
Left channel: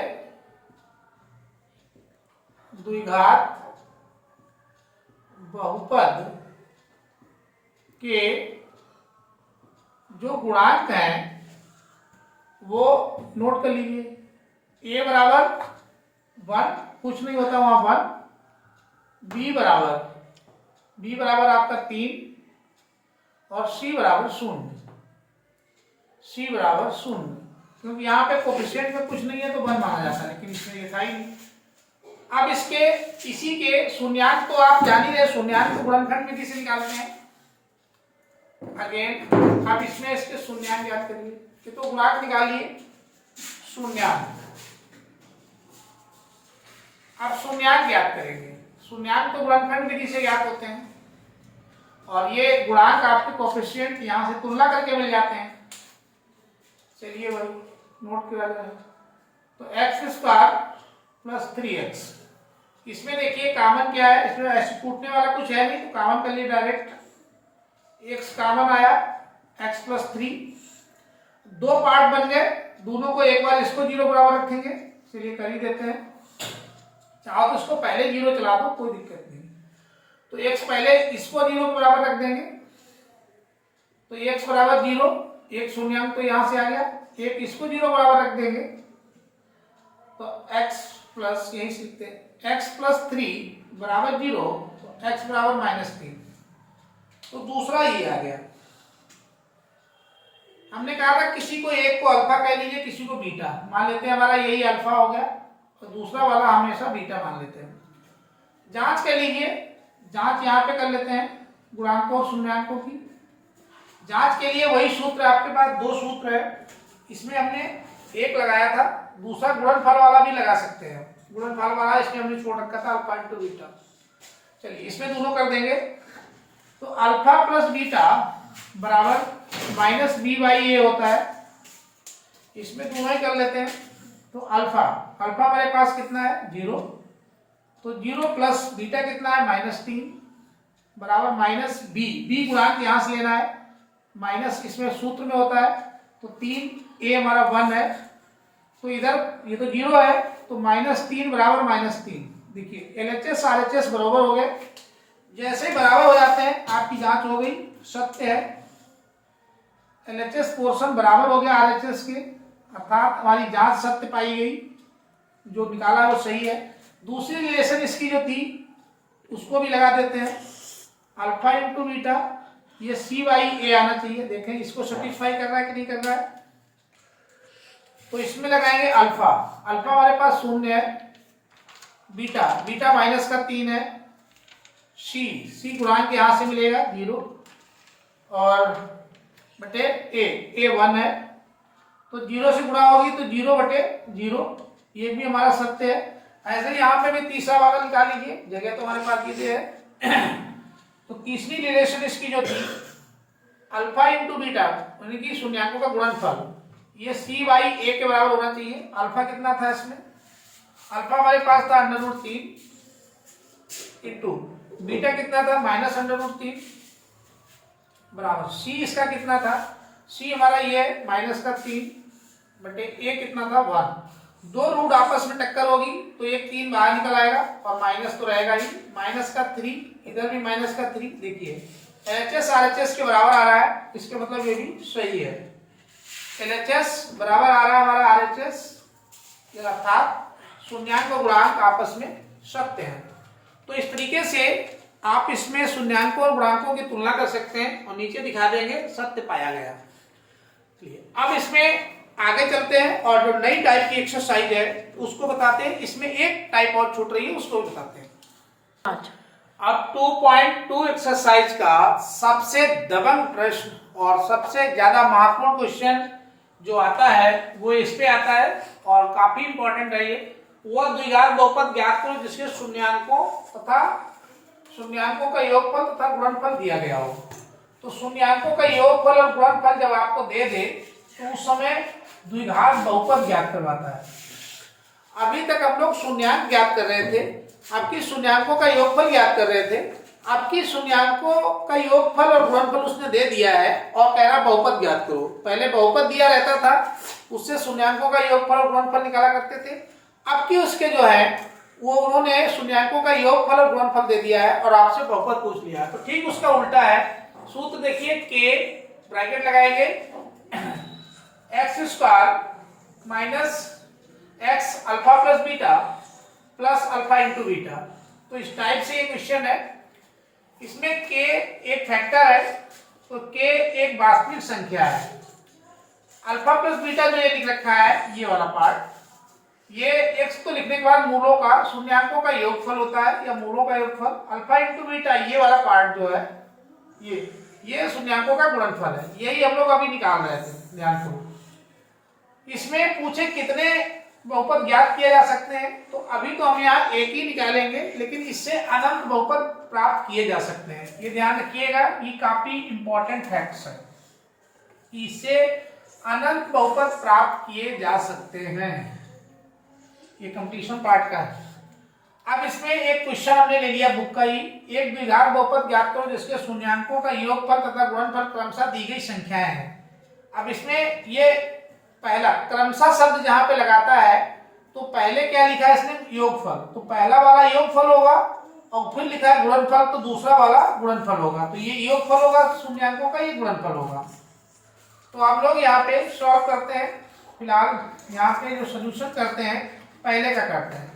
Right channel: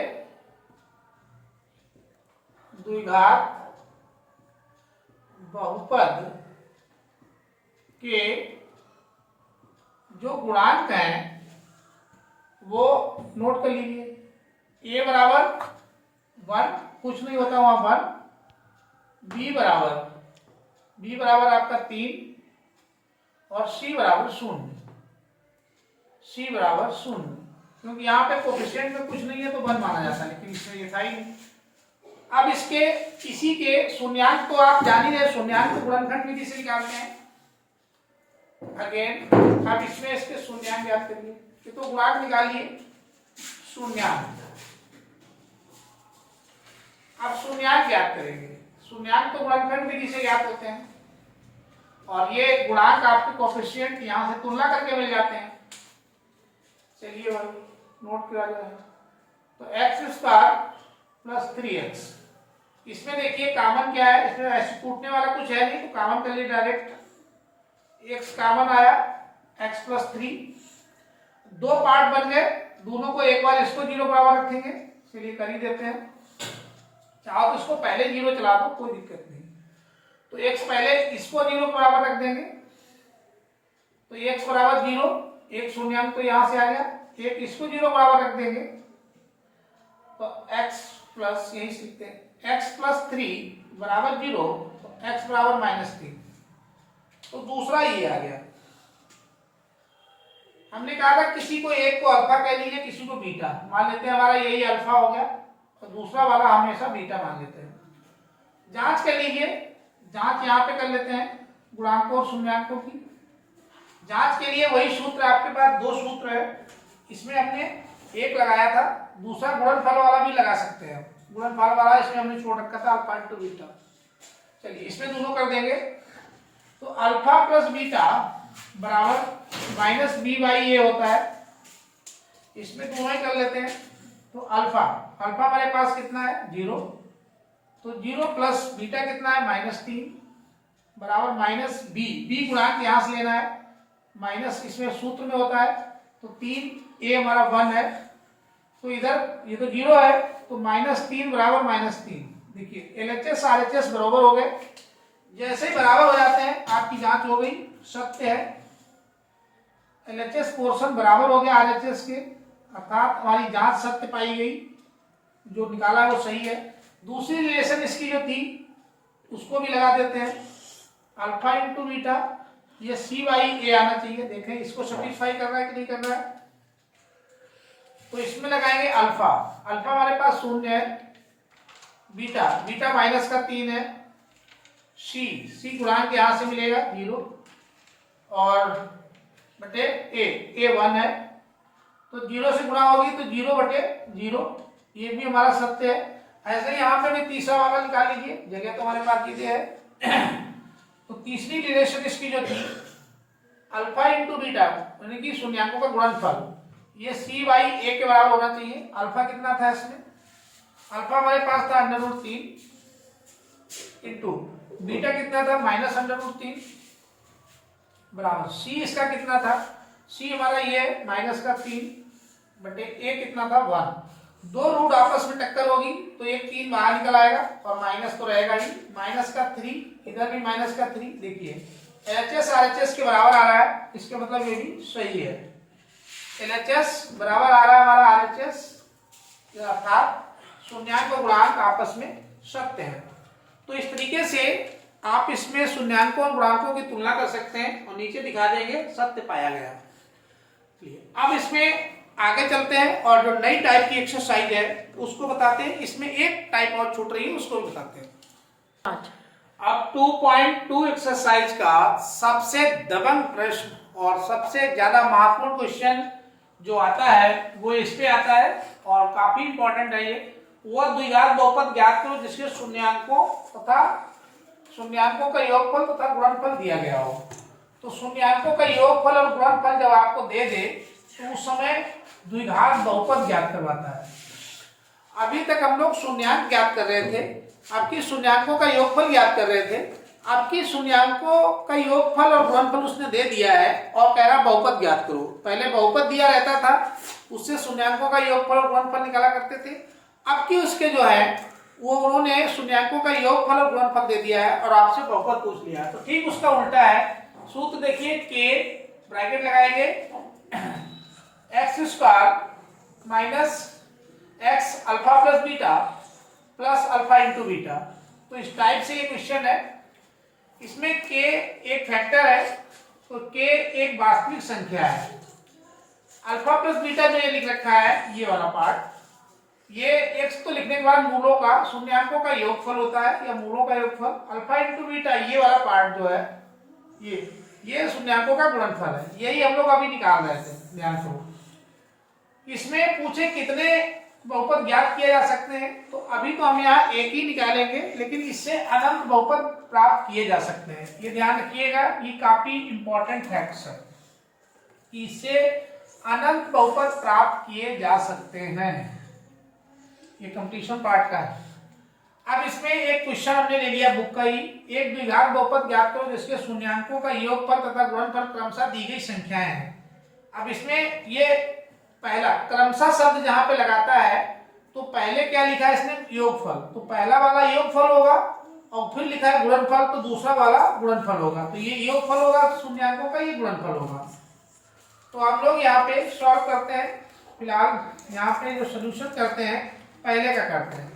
द्विघात बहुपद के जो गुणांक हैं वो नोट कर लीजिए। a बराबर 1, कुछ नहीं होता वहां 1, b बराबर आपका 3 और c बराबर 0, c बराबर 0, क्योंकि यहाँ पे कोफिशिएंट में कुछ नहीं है तो 1 माना जाता है, लेकिन इसमें लिखा ही नहीं। अब इसके इसी के शून्यांक तो आप जान ही रहे, शून्यांक को गुणनखंड विधि से निकालते हैं। अगेन अब इसमें इसके शून्यांक याद करिए, कि तो गुणांक निकालिए शून्यांक। अब शून्यांक याद करेंगे, शून्यांक तो गुणनखंड विधि से याद होते हैं, और ये गुणांक आपके कोफिशिएंट यहां से तुलना करके मिल जाते हैं। चलिए भाई नोट किया गया है, तो x² प्लस 3x, इसमें देखिए कॉमन क्या है, इसमें ऐसे टूटने वाला कुछ है नहीं तो कॉमन कर लिए डायरेक्ट, x कॉमन आया, x प्लस 3, 2 पार्ट बन गए, दोनों को एक बार इसको 0 बराबर रखेंगे, चलिए कर ही देते हैं। चाहो तो इसको पहले 0 चला दो, कोई दिक्कत नहीं, तो x पहले इसको 0 बराबर रख देंगे, तो x बराबर 0, एक शून्यांक तो यहां से आ गया, एक इसको 0 बराबर रख देंगे, तो x प्लस यही सीखते हैं, x प्लस 3 बराबर 0, तो x बराबर -3, तो दूसरा ये आ गया। हमने कहा था किसी को एक को अल्फा कह लीजिए, किसी को बीटा मान लेते हैं, हमारा यही अल्फा हो गया और दूसरा वाला हमेशा बीटा मान लेते हैं। जांच कर लीजिए, जांच यहाँ पे कर लेते हैं गुणांकों और शून्यांकों की। जांच के लिए वही सूत्र आपके पास, 2 सूत्र है, इसमें हमने एक लगाया था, दूसरा गुणनफल वाला भी लगा सकते हैं, गुणनफल वाला इसमें हमने छोड़ रखा था अल्फा इंटू बीटा। चलिए इसमें दोनों कर देंगे, तो अल्फा प्लस बीटा बराबर माइनस बी बाई ए होता है। इसमें दोनों ही कर लेते हैं। तो अल्फा अल्फा हमारे पास कितना है 0, तो 0 प्लस बीटा कितना है -3 बराबर माइनस बी, बी गुणांक यहां से लेना है, माइनस इसमें सूत्र में होता है तो 3, ए हमारा 1 है, तो इधर ये तो 0 है तो -3 बराबर -3। देखिए एलएचएस आरएचएस बराबर हो गए। जैसे ही बराबर हो जाते हैं आपकी जांच हो गई, सत्य है। एलएचएस पोर्शन बराबर हो गया आरएचएस के, अर्थात हमारी जांच सत्य पाई गई, जो निकाला वो सही है। दूसरी रिलेशन इसकी जो थी उसको भी लगा देते हैं, अल्फा इंटू बीटा, ये सी बाई ए आना चाहिए। देखें इसको सेटिस्फाई कर रहा है कि नहीं कर रहा है। तो इसमें लगाएंगे अल्फा, अल्फा हमारे पास 0 है, बीटा बीटा माइनस का 3 है, सी सी गुणांक यहां से मिलेगा 0 और बटे ए 1 है, तो 0 से गुणा होगी तो 0 बटे 0, ये भी हमारा सत्य है। ऐसे ही यहाँ पे भी तीसरा वाला निकाल लीजिए, जगह तो हमारे पास ये है। तो तीसरी रिलेशन इसकी जो थी अल्फा इंटू बीटा यानी कि शून्यांकों का गुणनफल, ये सी बाई ए के बराबर होना चाहिए। अल्फा कितना था इसमें, अल्फा हमारे पास था √3 इंटू बीटा कितना था -√3 बराबर सी इसका कितना था, सी हमारा ये -3 बटे ए कितना था 1। दो रूट आपस में टक्कर होगी तो एक 3 बाहर निकल आएगा और माइनस तो रहेगा ही, -3 इधर भी -3। देखिए एलएचएस आरएचएस के बराबर आ रहा है, इसका मतलब ये भी सही है। एलएचएस बराबर आ रहा है हमारा आरएचएस, अर्थात शून्यांक और गुणांक आपस में सत्य है। तो इस तरीके से आप इसमें शून्यांकों और गुणांकों की तुलना कर सकते हैं और नीचे दिखा देंगे सत्य पाया गया। अब इसमें आगे चलते हैं और जो नई टाइप की एक्सरसाइज है उसको बताते हैं। इसमें एक टाइप और छूट रही है, उसको भी बताते हैं। अब 2.2 एक्सरसाइज का सबसे दबंग प्रश्न और सबसे ज्यादा महत्वपूर्ण क्वेश्चन जो आता है वो इस पे आता है और काफी इंपॉर्टेंट है ये। वो द्विघात बहुपद ज्ञात करो जिसके शून्यांकों तथा शून्यांकों का योगफल तथा गुणनफल दिया गया हो। तो शून्यांकों का योगफल और गुणनफल जब आपको दे दे तो उस समय द्विघात बहुपद ज्ञात करवाता है। अभी तक हम लोग शून्यांक ज्ञात कर रहे थे, आपकी शून्यांकों का योगफल ज्ञात कर रहे थे। आपकी शून्यांकों का योगफल और गुणनफल उसने दे दिया है और कह रहा बहुपद ज्ञात करो। पहले बहुपद दिया रहता था, उससे शून्यांकों का योगफल और गुणनफल निकाला करते थे। अब की उसके जो है वो उन्होंने शून्यांकों का योगफल और गुणनफल दे दिया है और आपसे बहुपद पूछ लिया। तो ठीक उसका उल्टा है। सूत्र देखिए, के ब्रैकेट लगाएंगे x² minus x alpha plus beta plus alpha into beta. तो इस टाइप से ये क्वेश्चन है। इसमें k एक फैक्टर है, तो k एक वास्तविक संख्या है। अल्फा प्लस बीटा जो ये लिख रखा है ये वाला पार्ट, ये x को लिखने के बाद मूलों का शून्यांकों का योगफल होता है या मूलों का योगफल। अल्फा इंटू बीटा ये वाला पार्ट जो है ये शून्यांकों का गुणनफल है। यही हम लोग अभी निकाल रहे थे, ध्यान करो। इसमें पूछे कितने बहुपद ज्ञात किए जा सकते हैं, तो अभी तो हम यहाँ एक ही निकालेंगे, लेकिन इससे अनंत बहुपद प्राप्त किए जा सकते हैं। ये ध्यान रखिएगा, ये काफी इंपॉर्टेंट फैक्ट्स है। इससे अनंत बहुपद प्राप्त किए जा सकते हैं, ये कंप्लीशन पार्ट का है। अब इसमें एक क्वेश्चन हमने ले लिया बुक का ही, एक द्विघात बहुपद ज्ञात करो जिसके शून्यांकों का योगफल तथा गुणनफल क्रमशः दी गई संख्याएं हैं। अब इसमें ये पहला क्रमशः शब्द जहां पे लगाता है तो पहले क्या लिखा है इसने, योगफल, तो पहला वाला योगफल होगा और फिर लिखा है गुणनफल तो दूसरा वाला गुणनफल होगा। तो ये योगफल होगा शून्यांकों का, ये गुणनफल होगा। तो हम लोग यहाँ पे सॉल्व करते हैं। फिलहाल यहाँ पे जो सोल्यूशन करते हैं पहले का करते हैं।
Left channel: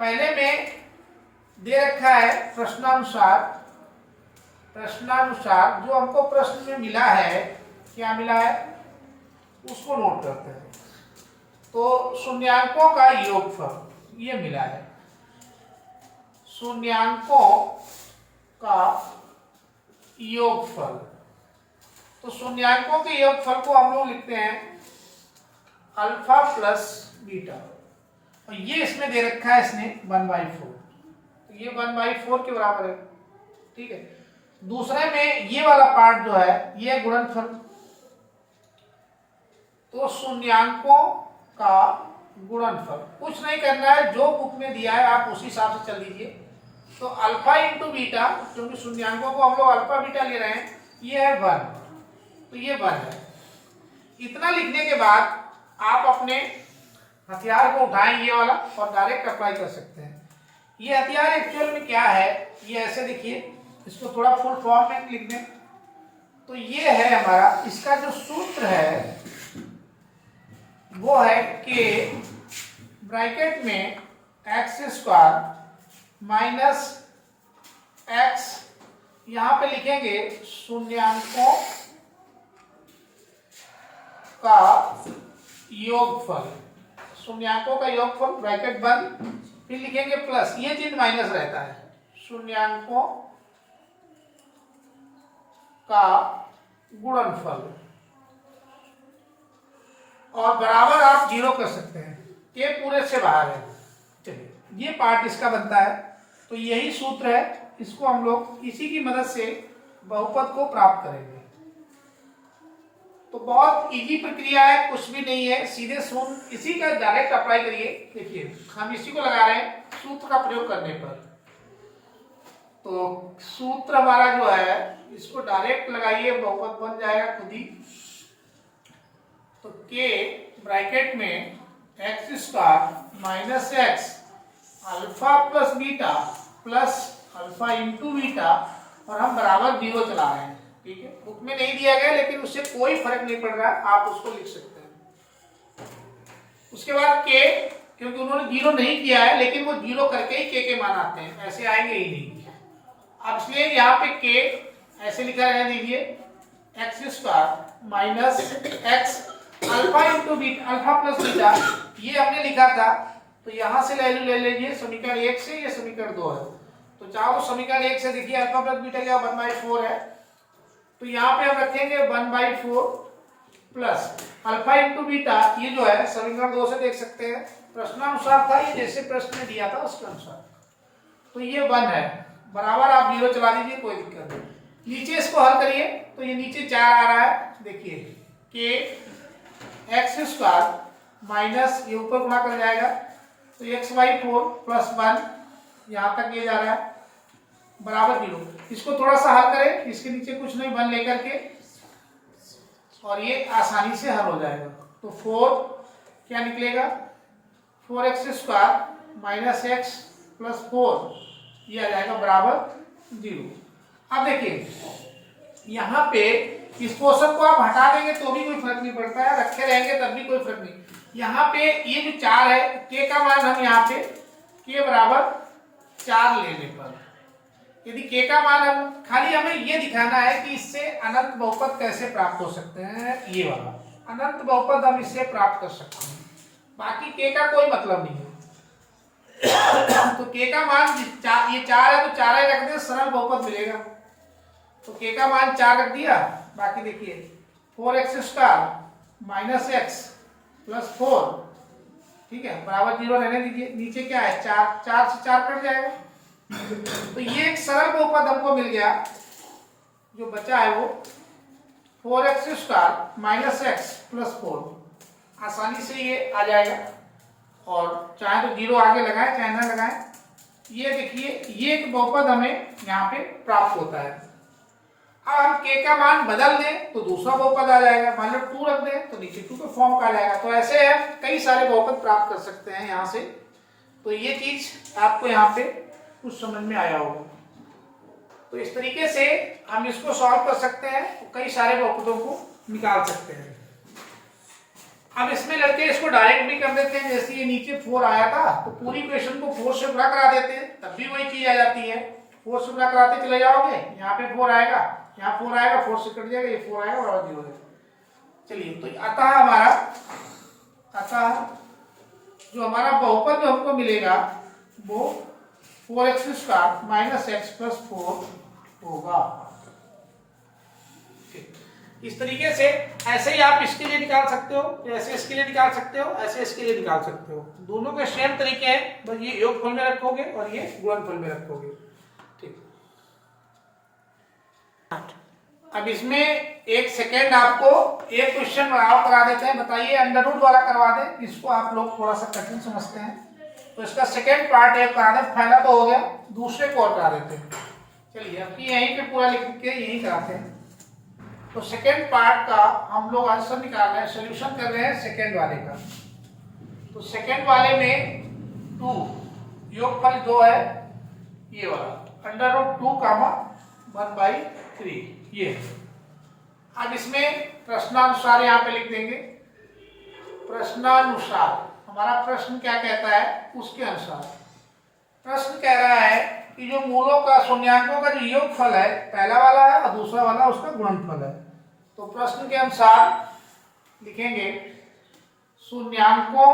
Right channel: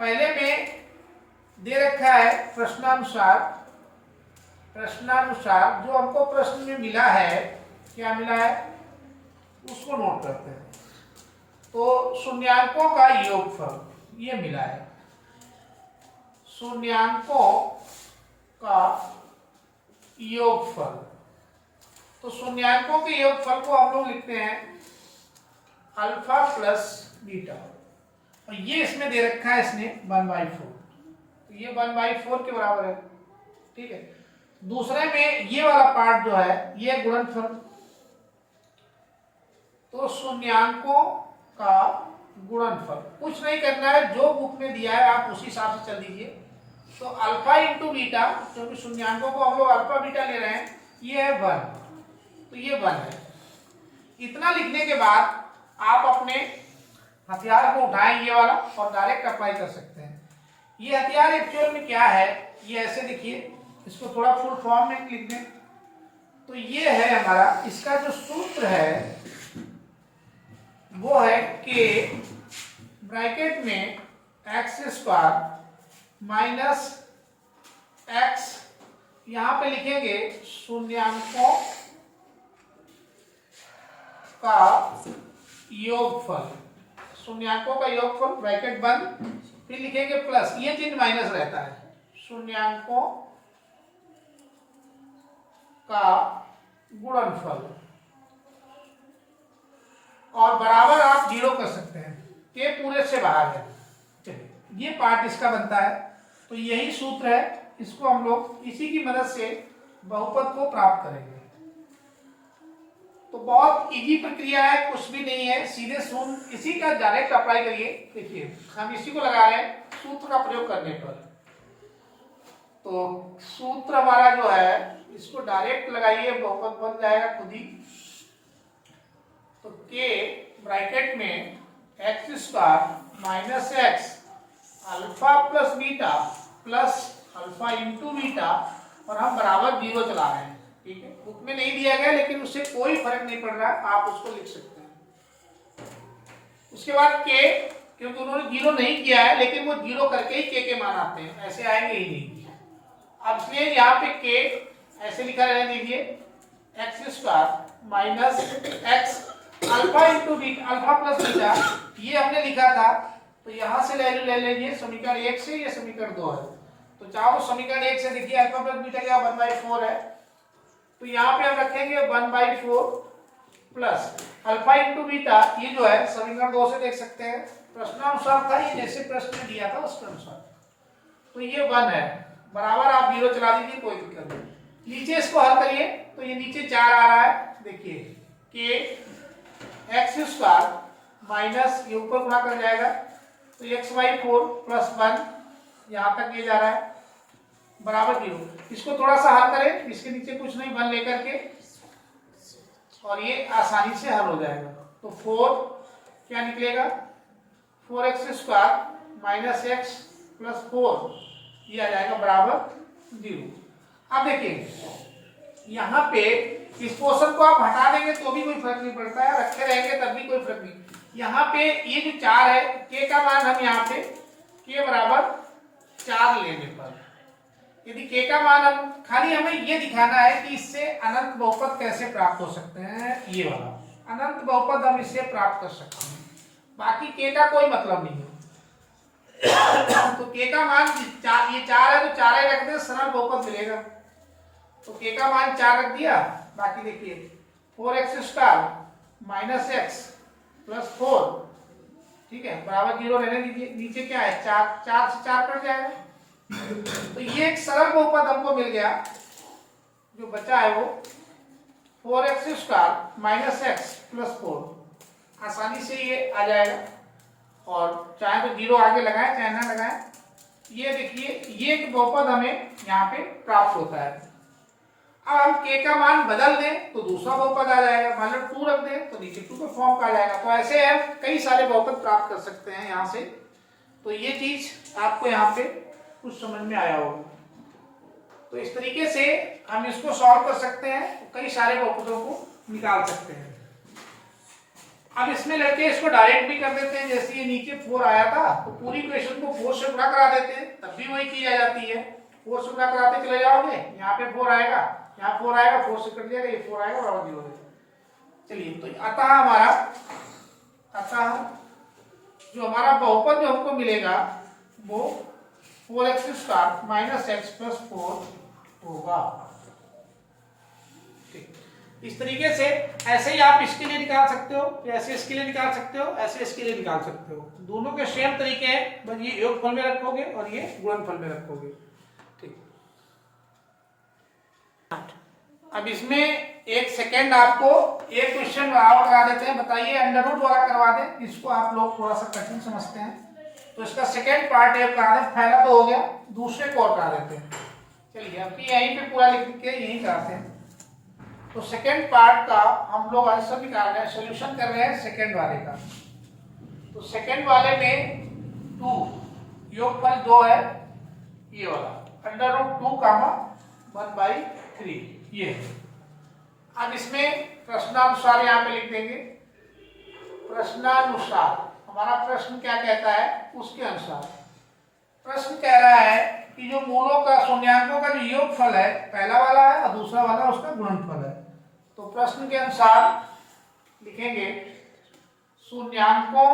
पहले में दे रखा है प्रश्नानुसार जो हमको प्रश्न में मिला है, क्या मिला है उसको नोट करते हैं। तो शून्यांकों का योगफल ये मिला है, शून्यांकों का योगफल। तो शून्यांकों के योगफल को हम लोग लिखते हैं अल्फा प्लस बीटा, और ये इसमें दे रखा है इसने 1/4, तो ये 1/4 के बराबर है। ठीक है, दूसरे में ये वाला पार्ट जो है ये गुणनफल, तो शून्यांकों का गुणनफल। कुछ नहीं करना है, जो बुक में दिया है आप उसी हिसाब से चल दीजिए। तो अल्फा इंटू बीटा, क्योंकि शून्यांकों को हम लोग अल्फा बीटा ले रहे हैं, ये है 1, तो ये 1 है। इतना लिखने के बाद आप अपने हथियार को उठाएं ये वाला और डायरेक्ट अप्लाई कर सकते हैं। ये हथियार एक्चुअल में क्या है, ये ऐसे देखिए, इसको थोड़ा फुल फॉर्म में लिख दें। तो ये है हमारा, इसका जो सूत्र है वो है कि ब्रैकेट में x² माइनस x, यहां पे लिखेंगे शून्यांकों का योगफल, शून्यांकों का योगफल ब्रैकेट बंद, फिर लिखेंगे प्लस, ये चिन्ह माइनस रहता है, शून्यांकों का गुणनफल, और बराबर आप 0 कर सकते हैं, के पूरे से बाहर है। चलिए ये पार्ट इसका बनता है। तो यही सूत्र है, इसको हम लोग इसी की मदद से बहुपद को प्राप्त करेंगे। तो बहुत इजी प्रक्रिया है, कुछ भी नहीं है, सीधे शून्य इसी का डायरेक्ट अप्लाई करिए। देखिए हम इसी को लगा रहे हैं सूत्र का प्रयोग करने पर। तो सूत्र हमारा जो है इसको डायरेक्ट लगाइए, बहुपद बन जाएगा खुद ही। तो k ब्रैकेट में x² minus x alpha plus beta plus alpha into beta, और हम बराबर 0 चला रहे हैं। ठीक है, बुक में नहीं दिया गया लेकिन उससे कोई फर्क नहीं पड़ रहा, आप उसको लिख सकते हैं। उसके बाद k, क्योंकि उन्होंने 0 नहीं किया है लेकिन वो 0 करके ही k के मान आते हैं, ऐसे आएंगे ही नहीं। अब इसलिए यहाँ पे k ऐसे लिखा रहने दीजिए, x² minus x alpha into beta, alpha plus beta, ये हमने लिखा था। तो यहां से वैल्यू ले लीजिए समीकरण 1 से, ये समीकरण 2 है। तो चाहो समीकरण 1 से देखिए अल्फा प्लस बीटा क्या 1/4 है, तो यहाँ पे हम रखेंगे 1/4 प्लस अल्फा इंटू बीटा, ये जो है समीकरण 2 से देख सकते हैं, प्रश्नानुसार था ये, जैसे प्रश्न में दिया था उसके अनुसार। तो ये 1 है, बराबर आप 0 चला दीजिए, कोई दिक्कत नहीं। नीचे इसको हल करिए तो ये नीचे 4 आ रहा है, देखिए कि x² माइनस, ये ऊपर गुणा कर जाएगा तो x/4 प्लस 1, यहां तक ये जा रहा है, बराबर 0। इसको थोड़ा सा हल करें, इसके नीचे कुछ नहीं 1 लेकर के, और ये आसानी से हल हो जाएगा। तो 4 क्या निकलेगा, 4x² माइनस x प्लस 4, ये आ जाएगा बराबर 0। अब देखिए यहाँ पे इस पोर्शन को आप हटा देंगे तो भी कोई फर्क नहीं पड़ता है, रखे रहेंगे तब भी कोई फर्क नहीं। यहाँ पे ये जो 4 है, k का मान हम यहाँ पे k बराबर 4 लेने पर, यदि k का मान हम, खाली हमें ये दिखाना है कि इससे अनंत बहुपद कैसे प्राप्त हो सकते हैं, ये वाला अनंत बहुपद हम इससे प्राप्त कर सकते हैं, बाकी k का कोई मतलब नहीं है। तो k का मान ये 4 है तो 4 ही रख दे, सरल बहुपद मिलेगा। तो k का मान 4 रख दिया, बाकी देखिए 4x² माइनस x प्लस 4, ठीक है, बराबर 0 रहने दीजिए। नीचे क्या है 4 से 4 कट जाएगा, तो ये एक सरल बहुपद हमको मिल गया। जो बचा है वो 4x² माइनस x प्लस 4, आसानी से ये आ जाएगा, और चाहे तो 0 आगे लगाए चाहे ना लगाए। ये देखिए ये एक बहुपद हमें यहाँ पे प्राप्त होता है। अब हम k का मान बदल दें तो दूसरा बहुपद आ जाएगा, मान लो 2 रख दें तो नीचे 2 के फॉर्म का आ जाएगा। तो ऐसे हम कई सारे बहुपद प्राप्त कर सकते हैं यहाँ से। तो ये चीज आपको यहाँ पे कुछ समझ में आया होगा। तो इस तरीके से हम इसको सॉल्व कर सकते हैं, तो कई सारे बहुपदों को निकाल सकते हैं। अब इसमें लड़के इसको डायरेक्ट भी कर देते हैं, जैसे ये नीचे 4 आया था तो पूरी इक्वेशन को 4 से गुणा करा देते हैं, तब भी वही चीज आ जाती है। 4 से गुणा कराते चले जाओगे, यहाँ पे 4 आएगा, यहाँ 4 आएगा, 4 से कट जाएगा, ये 4 आएगा और 0 है। चलिए, तो अतः हमारा जो हमारा बहुपद जो हमको मिलेगा वो 4x² माइनस x प्लस 4 होगा। इस तरीके से ऐसे ही आप इसके लिए निकाल सकते हो, ऐसे इसके लिए निकाल सकते हो, ऐसे इसके लिए निकाल सकते हो। दोनों के सेम तरीके हैं, बस ये योगफल में रखोगे और ये गुणनफल में रखोगे। ठीक। अब इसमें एक सेकेंड आपको एक क्वेश्चन और करा देते हैं, बताइए अंडर रूट वाला करवा दें, इसको आप लोग थोड़ा सा कठिन समझते हैं, तो इसका सेकेंड पार्ट एक करा दें, पहला तो हो गया, दूसरे को और करा देते हैं। चलिए अभी यहीं पे पूरा लिख के यहीं कराते हैं। तो सेकेंड पार्ट का हम लोग आंसर निकाल रहे हैं, सोल्यूशन कर रहे हैं सेकेंड वाले का। तो सेकेंड वाले में 2 योगफल 2 है, ये वाला अंडर रूट 2 कामा 1/3 ये। अब इसमें प्रश्नानुसार यहाँ पे लिख देंगे, प्रश्नानुसार हमारा प्रश्न क्या कहता है उसके अनुसार। प्रश्न कह रहा है कि जो मूलों का शून्यांकों का जो योगफल है, पहला वाला है और दूसरा वाला उसका गुणनफल है। तो प्रश्न के अनुसार लिखेंगे शून्यांकों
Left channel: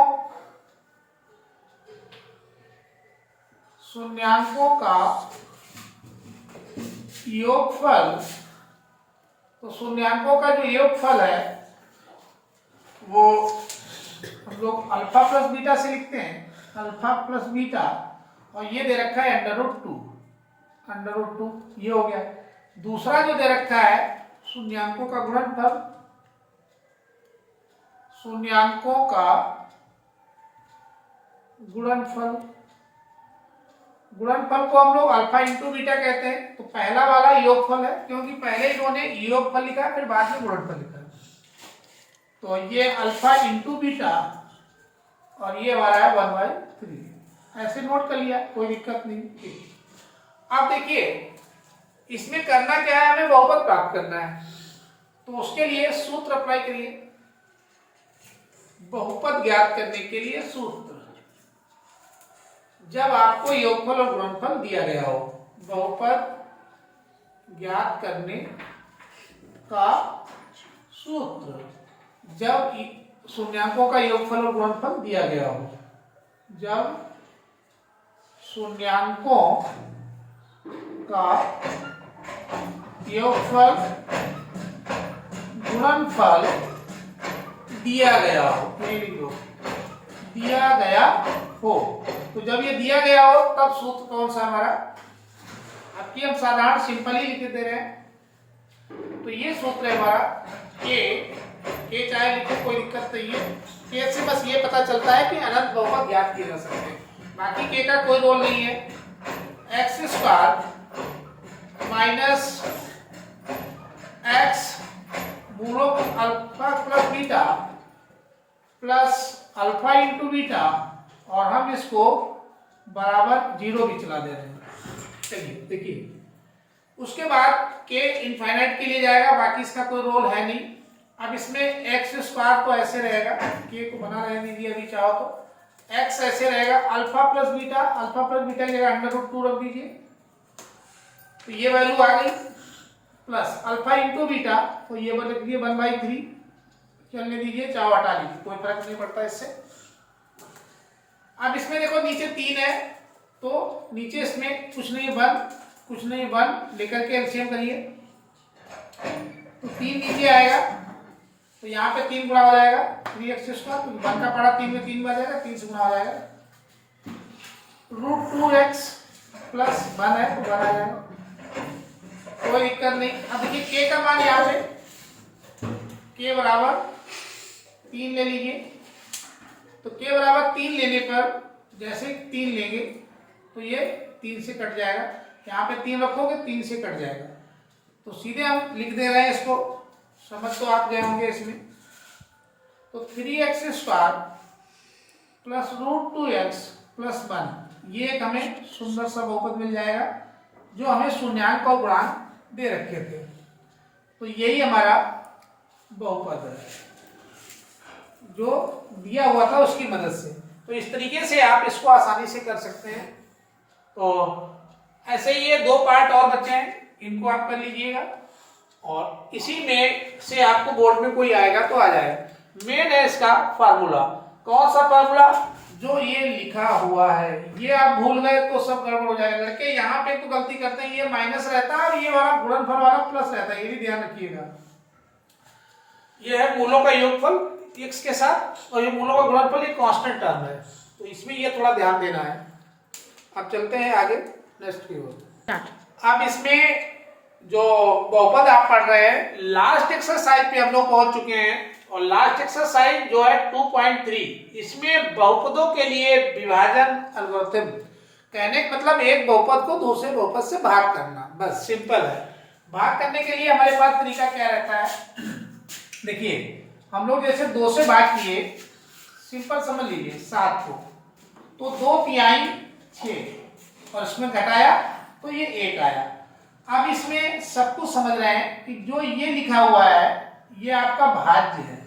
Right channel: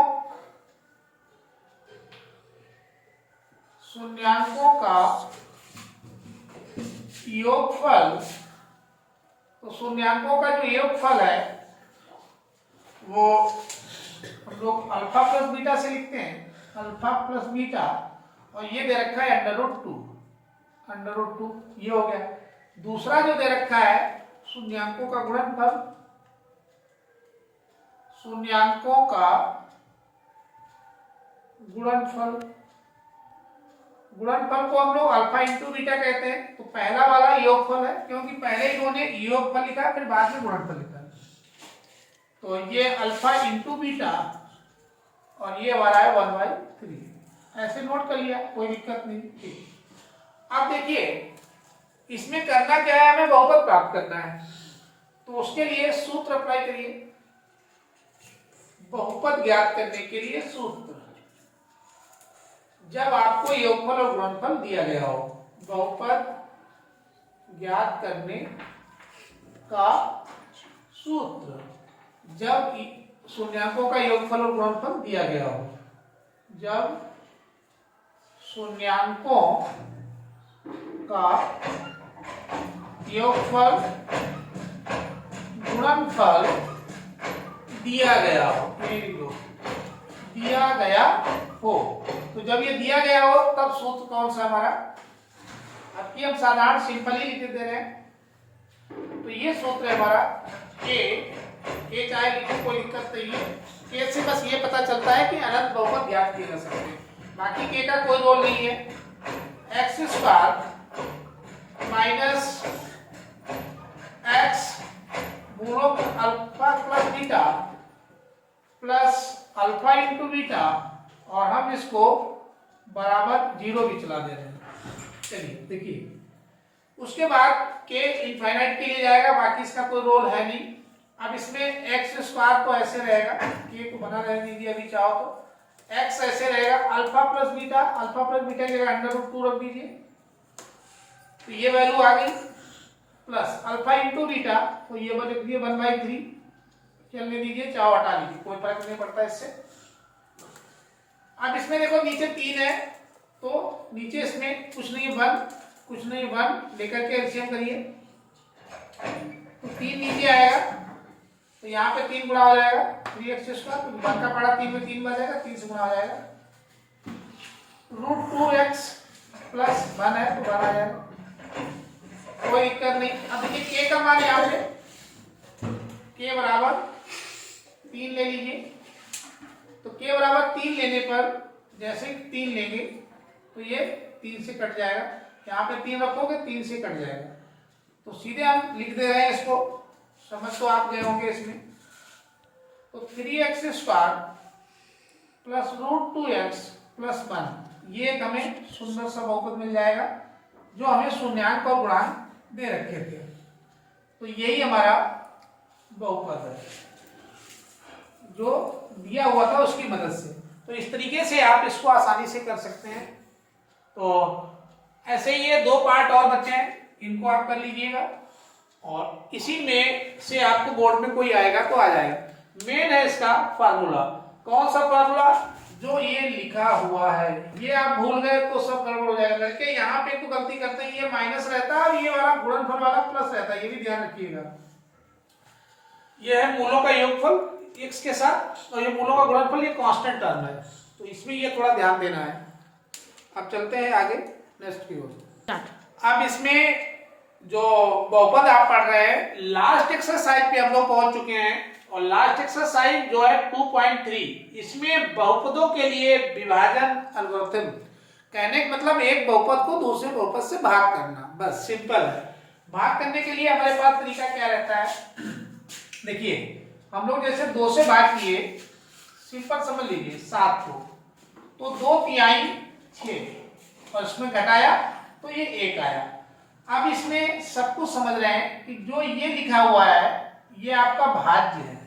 का योगफल। तो शून्यांकों का जो योगफल है वो हम लोग अल्फा प्लस बीटा से लिखते हैं, अल्फा प्लस बीटा, और ये दे रखा है अंडर रूट टू, ये हो गया। दूसरा जो दे रखा है शून्यांकों का गुणनफल, शून्यांकों का गुणनफल को हम लोग अल्फा इंटू बीटा कहते हैं। तो पहला वाला योगफल है, क्योंकि पहले इन्होंने योगफल लिखा फिर बाद में गुणनफल लिखा, तो ये अल्फा इंटू बीटा और ये वाला है 1/3। ऐसे नोट कर लिया, कोई दिक्कत नहीं। ठीक, अब देखिए इसमें करना क्या है, हमें बहुपद प्राप्त करना है। तो उसके लिए सूत्र अप्लाई करिए, बहुपद ज्ञात करने के लिए सूत्र, जब आपको योगफल और गुणनफल दिया गया हो, बहुपद ज्ञात करने का सूत्र, जब शून्यांकों का योगफल और गुणनफल दिया गया हो, जब शून्यांकों का योगफल गुणनफल दिया गया हो, दिया गया हो। तो जब ये दिया गया हो तब सूत्र कौन सा हमारा, आपकी हम साधारण सिंपल ही लिख दे रहे हैं। तो ये सूत्र है हमारा के चाहे लिखे कोई दिक्कत नहीं है, के से बस ये पता चलता है कि अनंत बहुपद ज्ञात किए जा सकते हैं, बाकी के का कोई रोल नहीं है। एक्स स्क्वायर माइनस एक्स मूलों alpha plus beta plus alpha into beta, और हम इसको बराबर 0 भी चला दे रहे हैं। चलिए देखिए, उसके बाद के इनफाइनाइट के लिए जाएगा, बाकी इसका कोई रोल है नहीं। अब इसमें एक्स स्क्वायर तो ऐसे रहेगा, के को बना रहने दीजिए अभी चाहो तो, एक्स ऐसे रहेगा, अल्फा प्लस बीटा की जगह अंडर रूट 2 रख दीजिए, तो ये वैल्यू आ गई, प्लस अल्फा इंटू बीटा, तो ये लिख दिए 1/3, चलने दीजिए, चाहो हटा लीजिए, कोई फर्क नहीं पड़ता इससे। अब इसमें देखो नीचे 3 है, तो नीचे इसमें कुछ नहीं 1 लेकर के एलसीएम करिए, तो 3 नीचे आएगा, तो यहाँ पे 3 गुणा हो जाएगा 3x स्क्वायर, तो 1 का पड़ा 3 में 3 बार जाएगा, 3 से गुणा हो जाएगा, √2x प्लस 1 है तो 1 आ जाएगा, कोई दिक्कत नहीं। अब देखिए के का मान यहाँ पे के बराबर 3 ले लीजिए, तो के बराबर 3 लेने पर जैसे 3 लेंगे तो ये 3 से कट जाएगा, यहाँ पे 3 रखोगे 3 से कट जाएगा, तो सीधे हम लिख दे रहे हैं इसको, समझ तो आप गए होंगे इसमें। तो 3x square plus √2x plus 1, ये एक हमें सुंदर सा बहुपद मिल जाएगा जो हमें शून्यांक और गुणांक दे रखे थे। तो यही हमारा बहुपद है जो दिया हुआ था उसकी मदद से। तो इस तरीके से आप इसको आसानी से कर सकते हैं। तो ऐसे ही ये 2 पार्ट और बचे हैं, इनको आप कर लीजिएगा, और इसी में से आपको बोर्ड में कोई आएगा तो आ जाएगा। मेन है इसका फार्मूला, कौन सा फार्मूला, जो ये लिखा हुआ है, ये आप भूल गए तो सब गड़बड़ हो जाएगा लड़के। यहाँ पे तो गलती करते हैं, ये माइनस रहता है और ये वाला गुणनफल वाला प्लस रहता है, ये भी ध्यान रखिएगा। ये है मूलों का योगफल x के साथ, और ये मूलों का गुणनफल ये कांस्टेंट टर्म है, तो इसमें ये थोड़ा ध्यान देना है। अब चलते हैं आगे नेक्स्ट की ओर। अब इसमें जो बहुपद आप पढ़ रहे हैं, लास्ट एक्सरसाइज पे हम लोग पहुंच चुके हैं। और लास्ट एक्सरसाइज जो है 2.3, इसमें बहुपदों के लिए विभाजन एल्गोरिथम, कहने का मतलब एक बहुपद को दूसरे बहुपद से भाग करना, बस सिंपल है। भाग करने के लिए हमारे पास तरीका क्या रहता है, देखिए हम लोग जैसे 2 से भाग किए, सिंपल समझ लीजिए 7 को, तो 2/3 6 और इसमें घटाया तो ये 1 आया। अब इसमें सब कुछ समझ रहे हैं कि जो ये लिखा हुआ है ये आपका भाज्य है,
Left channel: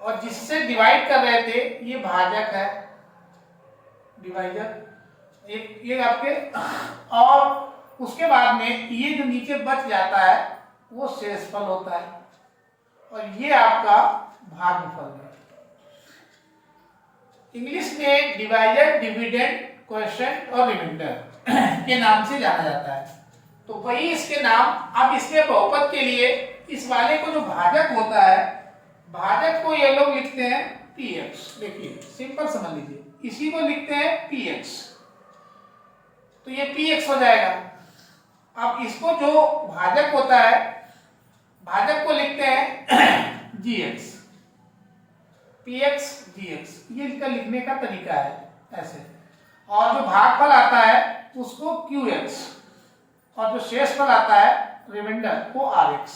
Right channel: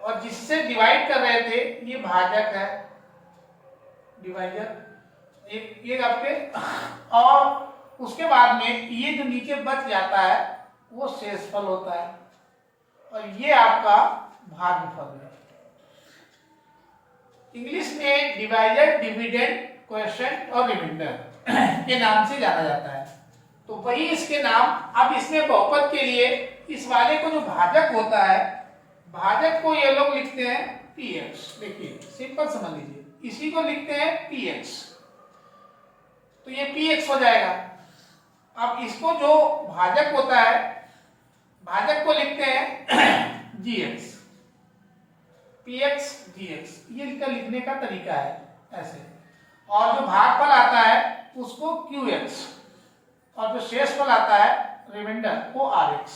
और जिससे डिवाइड कर रहे थे ये भाजक है, डिवाइजर एक ये आपके, और उसके बाद में ये जो नीचे बच जाता है वो शेषफल होता है, और ये आपका भागफल है। इंग्लिश में डिवाइजर, डिविडेंड, क्वोशिएंट और रिमाइंडर के नाम से जाना जाता है, तो वही इसके नाम। अब इसमें बहुपद के लिए इस वाले को जो भाजक होता है, भाजक को ये लोग लिखते हैं px, देखिए सिंपल समझ लीजिए, इसी को लिखते हैं px, तो ये px हो जाएगा। अब इसको जो भाजक होता है, भाजक को लिखते हैं gx, px gx, ये इनका लिखने का तरीका है ऐसे। और जो भागफल आता है उसको qx, और जो शेषफल आता है रिमाइंडर को rx,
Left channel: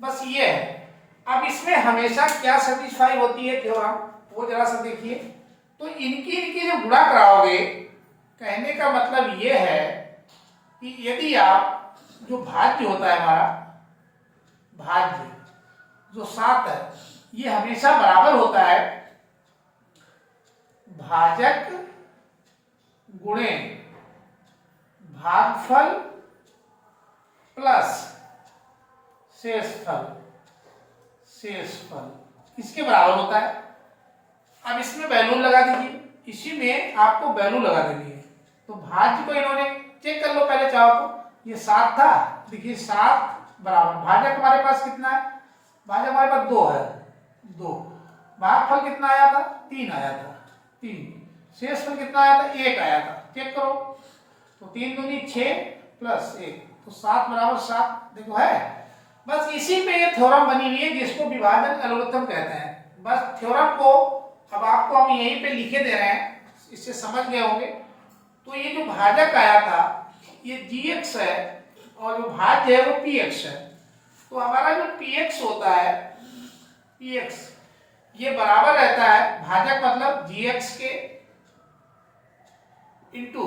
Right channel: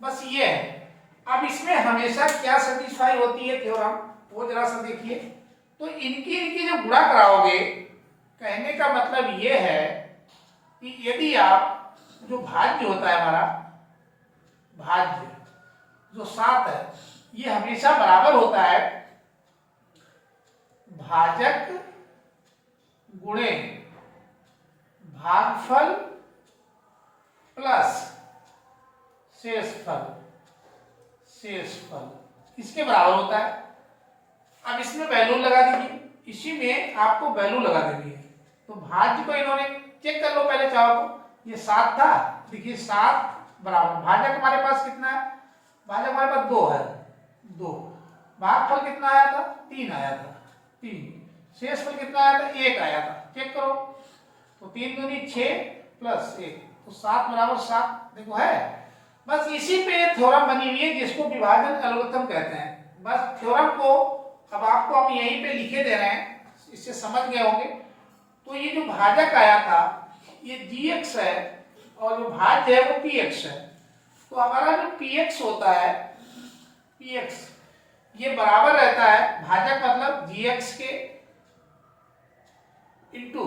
बस ये है। अब इसमें हमेशा क्या सेटिस्फाई होती है थ्योरम, वो जरा सा देखिए। तो इनकी जो गुणा कराओगे, कहने का मतलब ये है कि यदि आप जो भाज्य होता है हमारा, भाज्य जो 7 है, ये हमेशा बराबर होता है भाजक गुणे भागफल प्लस शेषफल, शेषफल इसके बराबर होता है। अब इसमें वैल्यू लगा दीजिए, इसी में आपको वैल्यू लगा देनी है। तो भाज्य को इन्होंने चेक कर लो पहले चाहो तो, ये 7 था, देखिए 7 बराबर भाजक हमारे पास कितना है, भाजक हमारे पास 2 है, 2, भागफल कितना आया था, 3 आया था, 3, शेषफल कितना आया था, 1 आया था, चेक करो। तो 3 दूनी 6 प्लस 1, तो 7 बराबर 7, देखो है। बस इसी पे थ्योरम बनी हुई है जिसको विभाजन एल्गोरिथम कहते हैं। बस थ्योरम को अब आपको हम यहीं पे लिखे दे रहे हैं, इससे समझ गए होंगे। तो ये जो भाजक आया था ये gx है, और जो भाज्य है वो px है। तो हमारा जो px होता है, px ये बराबर रहता है, भाजक मतलब gx के इंटू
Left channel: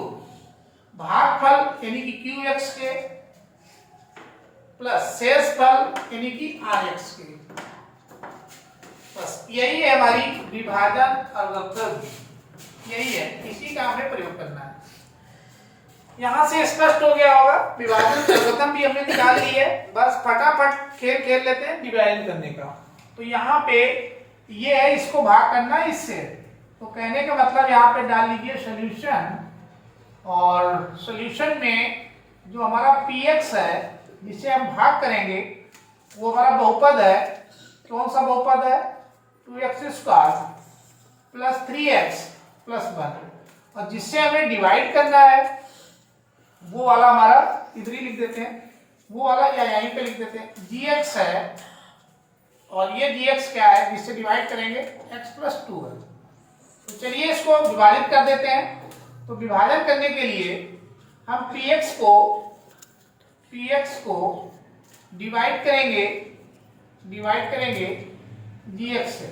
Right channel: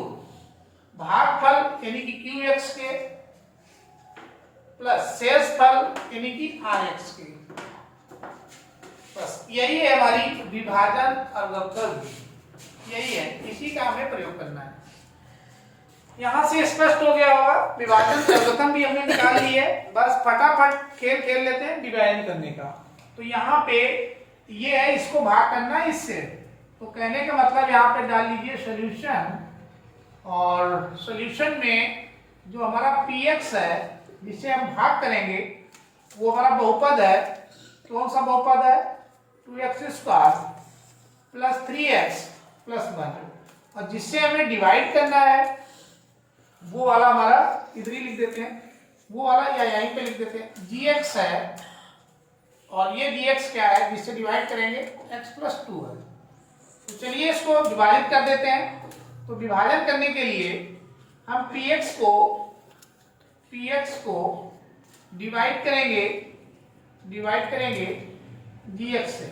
भागफल यानी कि qx के प्लस शेषफल यानी कि rx के। बस यही है हमारी विभाजन एल्गोरिथम, यही है, इसी का हमें प्रयोग करना है। यहां से स्पष्ट हो गया होगा, विभाजन एल्गोरिथम भी हमने निकाल ली है। बस फटाफट खेल खेल लेते हैं विभाजन करने का। तो यहाँ पे ये है, इसको भाग करना है इससे, तो कहने का मतलब यहाँ पे डाल लीजिए सॉल्यूशन, और सॉल्यूशन में जो हमारा px है जिसे हम भाग करेंगे वो हमारा बहुपद है। कौन सा बहुपद है, 2x² प्लस 3x प्लस 1, और जिससे हमें डिवाइड करना है वो वाला हमारा इधर ही लिख देते हैं, वो वाला या यहीं पे लिख देते हैं, gx है, और ये gx क्या है जिससे डिवाइड करेंगे, x प्लस 2 है। तो चलिए इसको विभाजित कर देते हैं। तो विभाजन करने के लिए हम px को डिवाइड करेंगे gx से।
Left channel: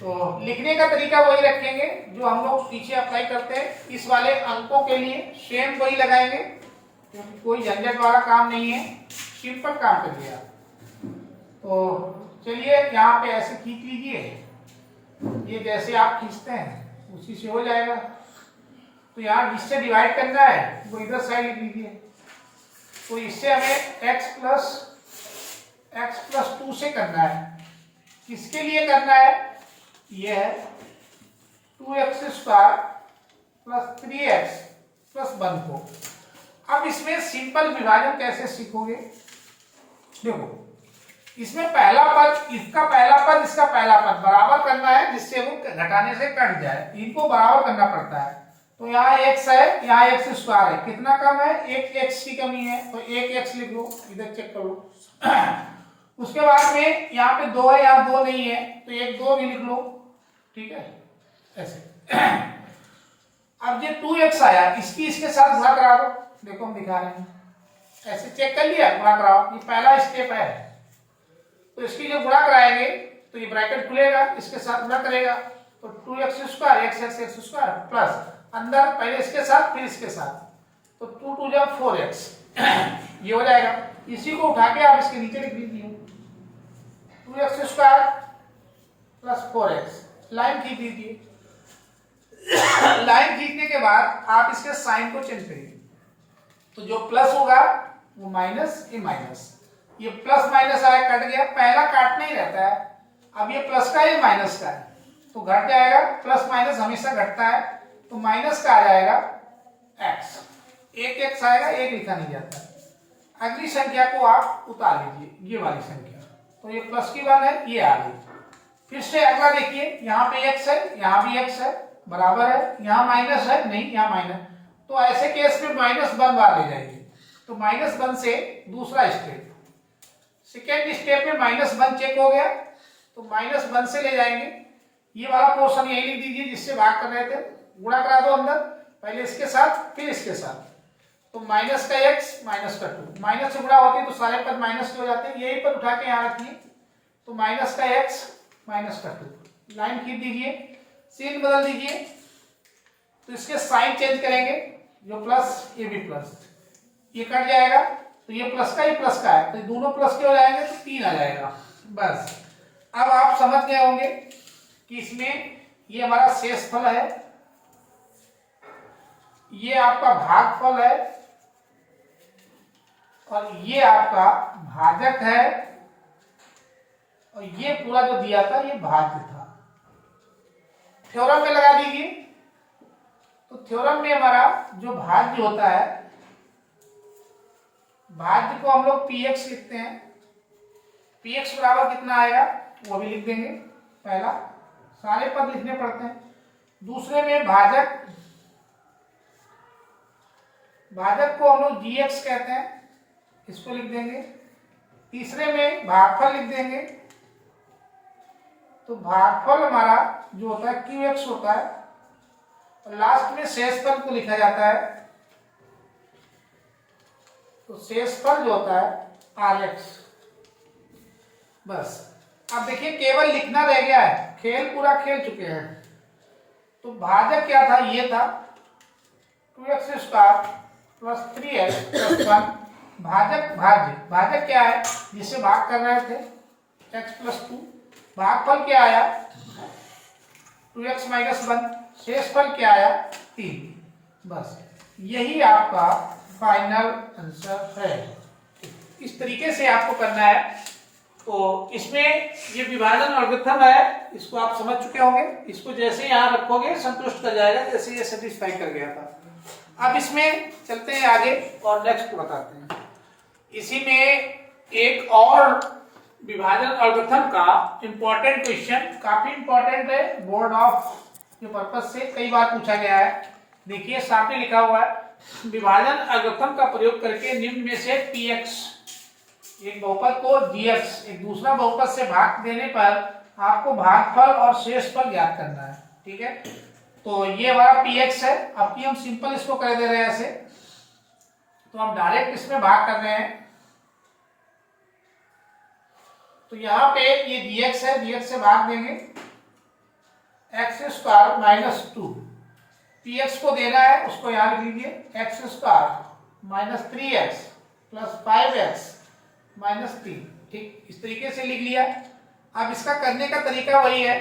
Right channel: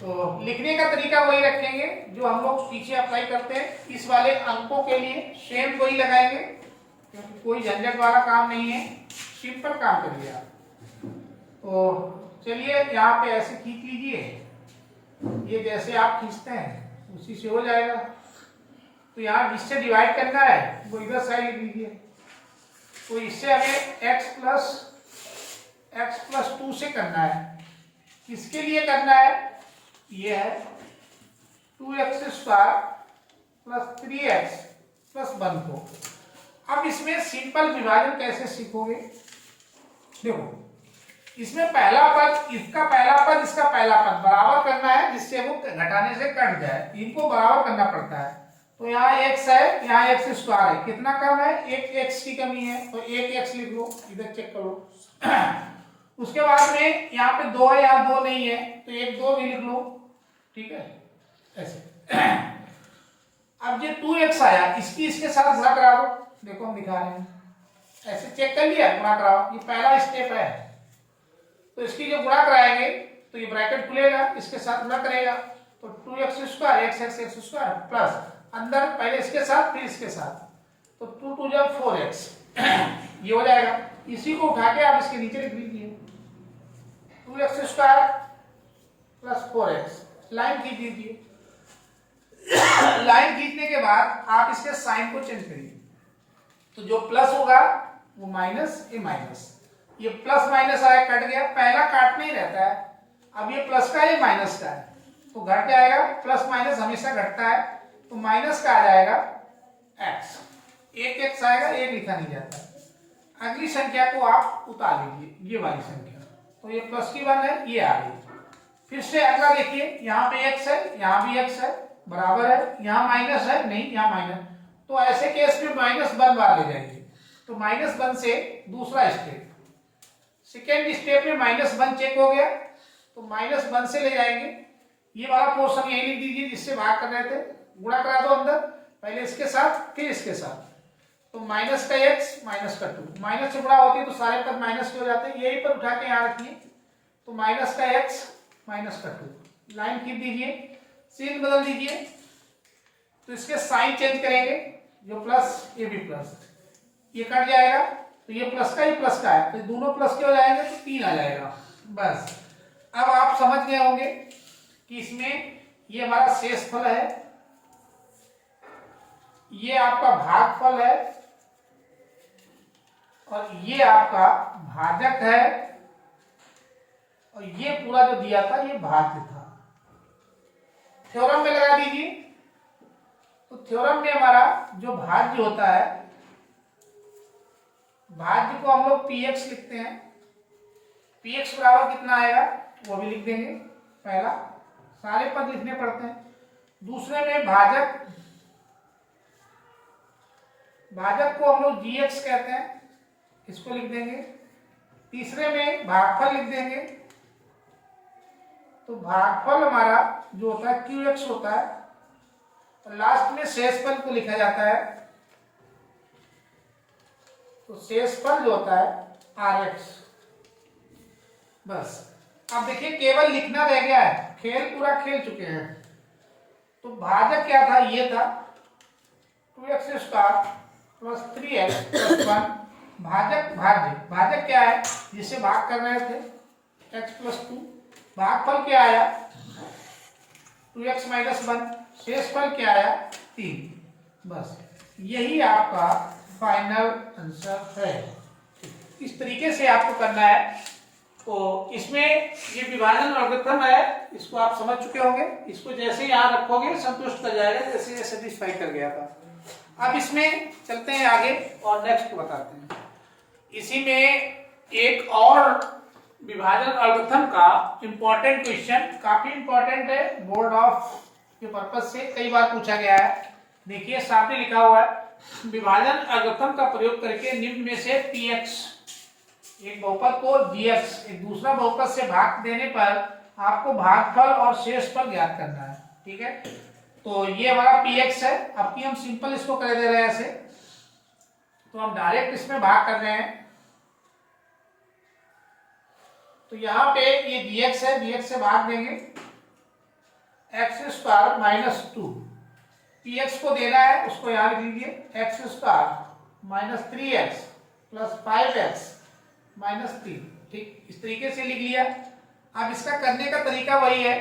तो लिखने का तरीका वही रखेंगे जो हम लोग पीछे अप्लाई करते हैं। इस वाले अंकों के लिए सेम वही लगाएंगे, क्योंकि कोई झंझट वाला काम नहीं है, सिंपल काम कर दिया। तो चलिए यहाँ पे ऐसे खींच लीजिए, ये जैसे आप खींचते हैं उसी से हो जाएगा। तो यहाँ जिससे डिवाइड करना है वो इधर साइड लिख लीजिए। तो इससे हमें x प्लस 2 से करना है। किसके लिए करना है, ये है 2x² प्लस 3x प्लस 1 को। अब इसमें सिंपल विभाजन कैसे सीखोगे, देखो इसमें पहला पद, इसका पहला पद, इसका पहला पद बराबर करना है, जिससे वो घटाने से कट जाए, इनको बराबर करना पड़ता है। तो यहाँ x है, यहाँ x स्क्वायर है, कितना कम है, एक x की कमी है, तो एक x लिख लो, इधर चेक करो। उसके बाद में यहाँ पे 2 है, यहाँ 2 नहीं है, तो एक 2 भी लिख लो, ठीक है, ऐसे। अब ये 2x आया, इसकी इसके साथ गुणा करा दो, देखो हम दिखा रहे हैं, ऐसे चेक कर लिया, गुणा कराओ, ये पहला स्टेप है। तो इसकी जब गुणा कराएंगे तो ये ब्रैकेट खुलेगा, इसके साथ गुणा करेगा, तो 2x square x square plus अंदर पहले इसके साथ फिर इसके साथ, तो 2 2 जा 4x ये हो जाएगा। इसी को उठा के आप इसके नीचे लिख दीजिए, 2x square plus 4x, line खींच दीजिए। लाइन खींचने के बाद आप इसके साइन को चेंज करिए, तो जो प्लस होगा वो माइनस, ये माइनस, ये प्लस माइनस आया, कट गया, पहला काटना ही रहता है। अब ये प्लस का है, माइनस का है, तो घट जाएगा, प्लस माइनस हमेशा घटता है, तो माइनस का आ जाएगा x, एक x आएगा, एक लिखा नहीं जाता। अगली संख्या को आप उतार लीजिए, ये वाली संख्या, तो ये प्लस की 1 है, ये आ गई। फिर से अगला देखिए, यहाँ पे x है, यहाँ भी x है, बराबर है, यहाँ माइनस है, नहीं यहाँ माइनस, तो ऐसे केस में -1 बार ले जाएंगे, तो -1 से दूसरा स्टेप, सेकेंड स्टेप में -1 चेक हो गया, तो -1 से ले जाएंगे, ये वाला पोर्शन यही लिख दीजिए जिससे भाग कर रहे थे, गुणा करा दो अंदर, पहले इसके साथ फिर इसके साथ, तो माइनस का x माइनस का 2, माइनस से गुणा होती है तो सारे पद माइनस के हो जाते हैं, यही पर उठा के यहाँ रखिए, तो माइनस का x माइनस का 2, लाइन खींच दीजिए, सीन बदल दीजिए, तो इसके साइन चेंज करेंगे, जो प्लस ये भी प्लस, ये कट जाएगा, तो ये प्लस का ही प्लस का है, तो दोनों प्लस के हो जाएंगे, तो 3 आ जाएगा। बस अब आप समझ गए होंगे कि इसमें ये हमारा शेषफल है, ये आपका भागफल है, और ये आपका भाजक है, और ये पूरा जो दिया था ये भाज्य था। थ्योरम में लगा दीजिए, तो थ्योरम में हमारा जो भाज्य होता है, भाज्य को हम लोग px लिखते हैं, px बराबर कितना आएगा वो भी लिख देंगे, पहला सारे पद लिखने पड़ते हैं। दूसरे में भाजक, भाजक को हम लोग gx कहते हैं, इसको लिख देंगे। तीसरे में भागफल लिख देंगे, तो भागफल हमारा जो होता है qx होता है, और लास्ट में शेषफल को लिखा जाता है, तो शेषफल जो होता है rx। बस अब देखिए केवल लिखना रह गया है, खेल पूरा खेल चुके हैं। तो भाजक क्या था, ये था 2x square plus 3x plus 1, भाजक भाज्य, भाजक क्या है जिससे भाग कर रहे थे, x प्लस 2, भागफल क्या आया 2x माइनस 1, शेषफल क्या आया 3। बस यही आपका फाइनल आंसर है। इस तरीके से आपको करना है। तो इसमें ये विभाजन लॉगरिथम है, इसको आप समझ चुके होंगे, इसको जैसे यहाँ रखोगे संतुष्ट कर जाएगा, जैसे ये सेटिस्फाई कर गया था। अब इसमें चलते हैं आगे और नेक्स्ट बताते हैं। इसी में एक और विभाजन लॉगरिथम का इंपॉर्टेंट क्वेश्चन, काफी इंपॉर्टेंट है, बोर्ड ऑफ के पर्पज से कई बार पूछा गया है। देखिए सामने लिखा हुआ है, विभाजन लॉगरिथम का प्रयोग करके निम्न में से px, एक बहुपद को gx एक दूसरा बहुपद से भाग देने पर आपको भागफल और शेषफल ज्ञात करना है। ठीक है, तो ये हमारा px है। अब की हम सिंपल इसको कर दे रहे हैं ऐसे, तो हम डायरेक्ट इसमें भाग कर रहे हैं। तो यहाँ पे ये dx है, dx से भाग देंगे, x स्क्वायर माइनस 2, px को देना है उसको यहाँ लिख लीजिए, x square minus 3x plus 5x minus 3। ठीक, इस तरीके से लिख लिया। अब इसका करने का तरीका वही है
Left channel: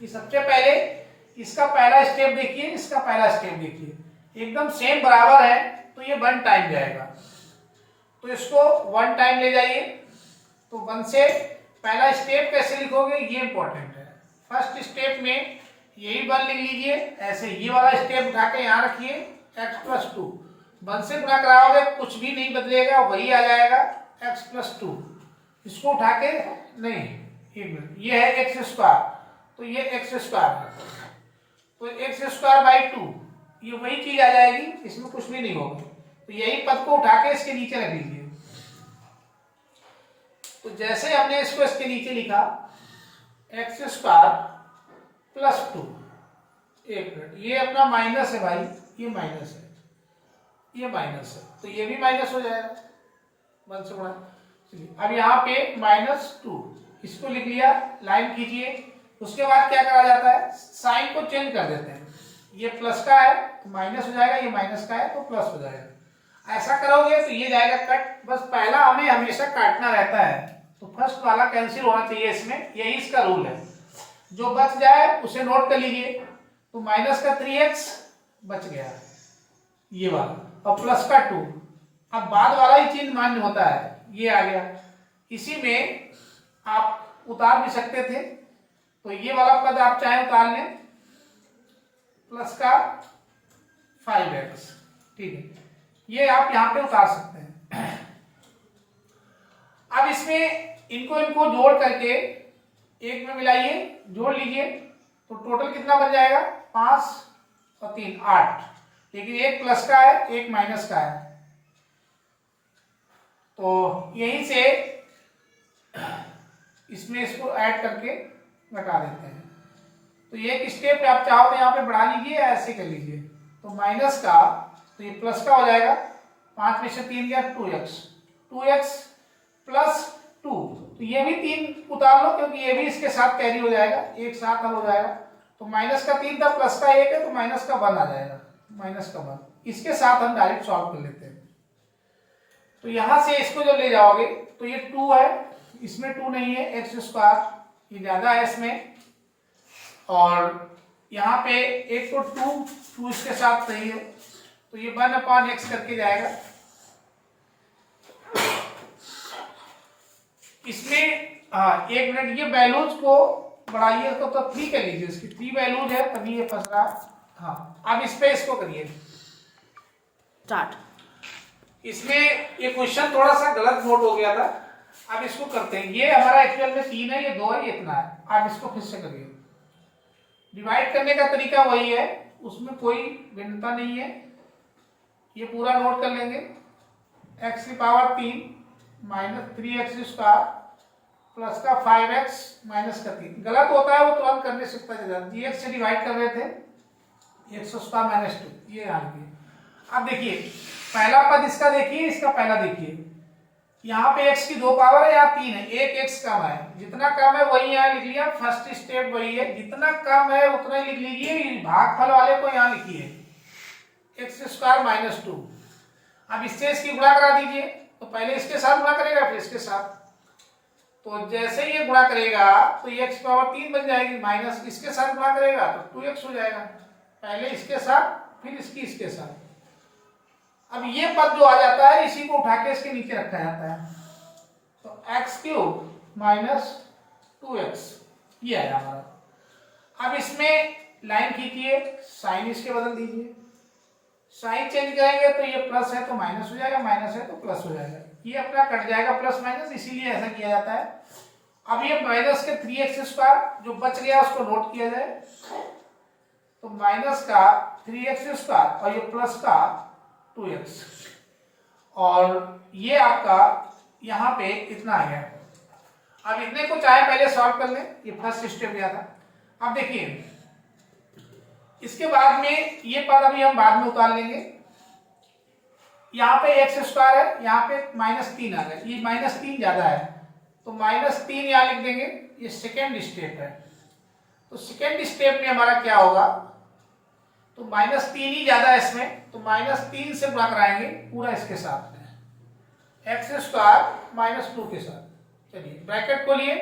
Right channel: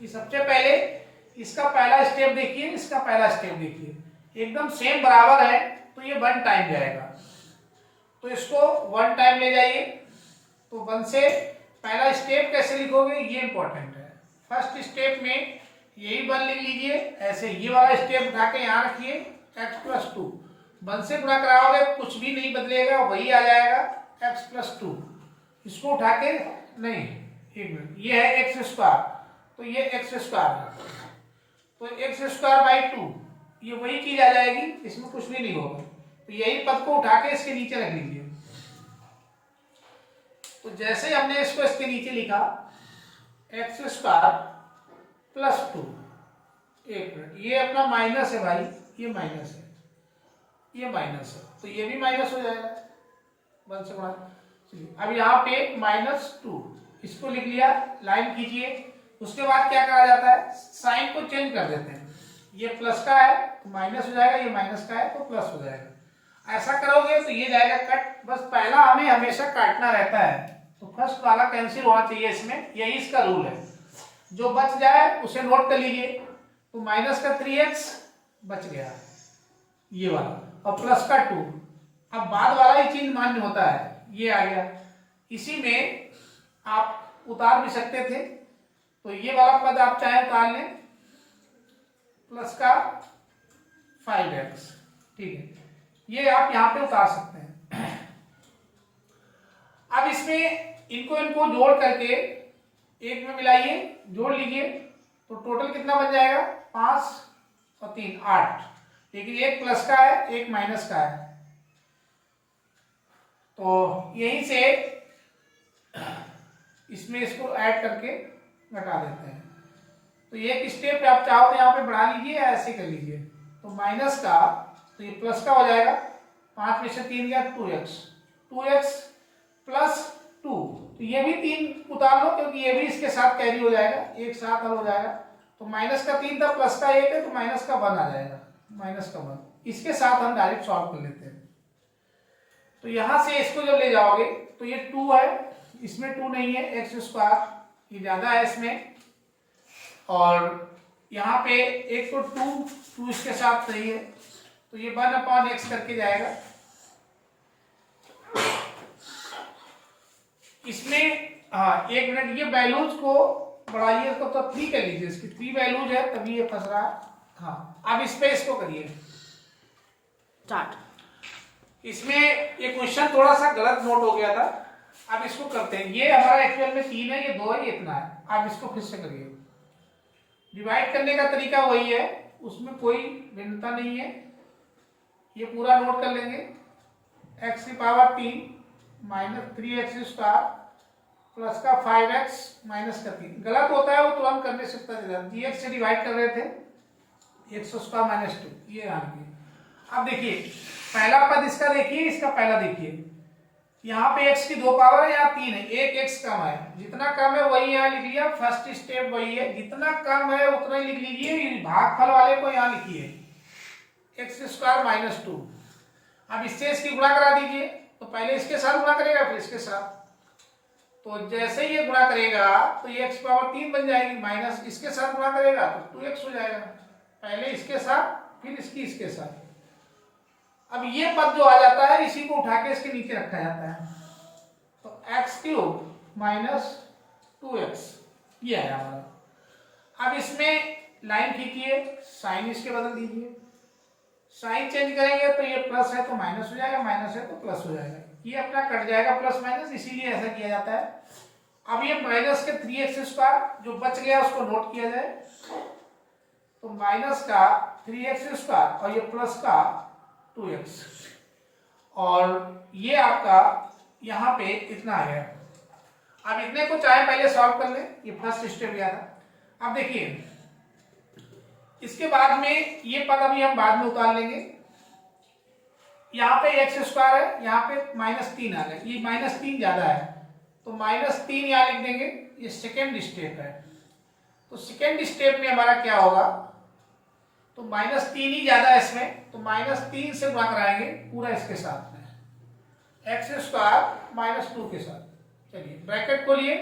कि सबसे पहले इसका पहला स्टेप देखिए, इसका पहला स्टेप देखिए, एकदम सेम बराबर है, तो ये 1 टाइम जाएगा, तो इसको 1 टाइम ले जाइए। तो 1 से पहला स्टेप कैसे लिखोगे ये इंपॉर्टेंट है। फर्स्ट स्टेप में यही 1 लिख लीजिए, ऐसे ये वाला स्टेप उठा के यहाँ रखिए, x प्लस 2, 1 से गुणा कराओगे कुछ भी नहीं बदलेगा, वही आ जाएगा x प्लस 2। इसको उठा के नहीं, ये है x स्क्वायर, तो ये x स्क्वायर है, तो x स्क्वायर बाई 2 ये वही चीज आ जाएगी, इसमें कुछ भी नहीं होगा। तो यही पद को उठा के इसके नीचे रख लीजिए। तो जैसे हमने इसको इसके नीचे लिखा एक्स स्क्वायर प्लस 2, एक मिनट, ये अपना माइनस है भाई, ये माइनस है, ये माइनस है, तो ये भी माइनस हो जाएगा 1 से बड़ा। चलिए अब यहाँ पे -2 इसको लिख लिया, लाइन खींचिए। उसके बाद क्या करा जाता है, साइन को चेंज कर देते हैं। ये प्लस का है तो माइनस हो जाएगा, ये माइनस का है तो प्लस हो जाएगा। ऐसा करोगे तो ये जाएगा कट। बस पहला हमें हमेशा काटना रहता है, तो फर्स्ट वाला कैंसिल होना चाहिए इसमें, यही इसका रूल है। जो बच जाए उसे नोट कर लीजिए। तो माइनस का 3x बच गया ये वाला, और प्लस का 2। अब बाद वाला ही चिन्ह मान्य होता है, ये आ गया। इसी में आप उतार भी सकते थे, तो ये वाला पद आप चाहे उतार लें, प्लस का 5x, ठीक है, ये आप यहां पे उतार सकते हैं। अब इसमें इनको जोड़ करके एक में मिलाइए, जोड़ लीजिए, तो टोटल कितना बन जाएगा, 5 और 3 8। देखिए एक प्लस का है, एक माइनस का है, तो यहीं से इसमें इसको ऐड करके घटा देते हैं। तो एक स्टेप आप चाहो तो यहाँ पे बढ़ा लीजिए या ऐसे कर लीजिए। तो माइनस का, तो ये प्लस का हो जाएगा, 5 में से 3 गया 2x प्लस 2। तो ये भी 3 उतार लो, क्योंकि ये भी इसके साथ कैरी हो जाएगा, एक साथ अब हो जाएगा। तो माइनस का 3 था, प्लस का 1 है, तो माइनस का 1 आ जाएगा, माइनस का 1। इसके साथ हम डायरेक्ट सॉल्व कर लेते हैं। तो यहां से इसको जब ले जाओगे तो ये 2 है, इसमें 2 नहीं है, एक्स स्क्वायर ये ज्यादा है इसमें, और यहाँ पे एक तो 2 इसके साथ सही है, तो ये 1/x करके जाएगा। इसमें हाँ एक मिनट, ये वैल्यूज को बढ़ाइए तो 3 कर लीजिए, इसकी 3 वैल्यूज है तभी ये फंस रहा। हाँ अब इस पे इसको करिए स्टार्ट। इसमें ये क्वेश्चन थोड़ा सा गलत नोट हो गया था, अब इसको करते हैं। ये हमारा एक्चुअल में 3 है, ये 2 है, ये इतना है। अब इसको फिर से करिए। डिवाइड करने का तरीका वही है, उसमें कोई भिन्नता नहीं है। ये पूरा नोट कर लेंगे, x की power 3 minus 3x square plus का 5x माइनस का 3। गलत होता है वो तुरंत करने से पता चला, gx से डिवाइड कर रहे थे, x स्क्वायर माइनस 2, ये यहाँ पे। अब देखिए पहला पद इसका देखिए, इसका पहला देखिए, यहाँ पे x की 2 पावर है, यहाँ 3 है, एक x कम है, जितना कम है वही यहाँ लिख लिया, फर्स्ट स्टेप वही है, जितना कम है उतना ही लिख लीजिए। भागफल वाले को यहाँ लिखिए, x स्क्वायर माइनस 2। अब इससे इसकी गुणा करा दीजिए, तो पहले इसके साथ गुणा करेगा फिर इसके साथ, तो जैसे ही ये गुणा करेगा तो ये x पावर 3 बन जाएगी, माइनस इसके साथ गुणा करेगा तो 2x हो जाएगा, पहले इसके साथ फिर इसके साथ। अब ये पद जो आ जाता है इसी को उठा के इसके नीचे रखा जाता है, तो x³ माइनस 2x ये आया हमारा। अब इसमें लाइन खींचिए, साइन इसके बदल दीजिए, साइन चेंज करेंगे तो ये प्लस है तो माइनस हो जाएगा, माइनस है तो प्लस हो जाएगा, ये अपना कट जाएगा प्लस माइनस, इसीलिए ऐसा किया जाता है। अब ये माइनस के 3x स्क्वायर जो बच गया उसको नोट किया जाए, तो माइनस का 3x स्क्वायर और ये प्लस का 2x, और ये आपका यहाँ पे इतना आ गया। अब इतने को चाहे पहले सॉल्व कर लें, ये फर्स्ट स्टेप गया था। अब देखिए इसके बाद में ये पद अभी हम बाद में उतार लेंगे। यहाँ पे x स्क्वायर है, यहाँ पे -3 आ गया, ये -3 ज्यादा है तो -3 यहाँ लिख देंगे, ये सेकेंड स्टेप है। तो सेकेंड स्टेप में हमारा क्या होगा, तो -3 ही ज्यादा है इसमें, तो -3 से गुणा कराएंगे पूरा इसके साथ में, x स्क्वायर -2 के साथ। चलिए ब्रैकेट खोलिए,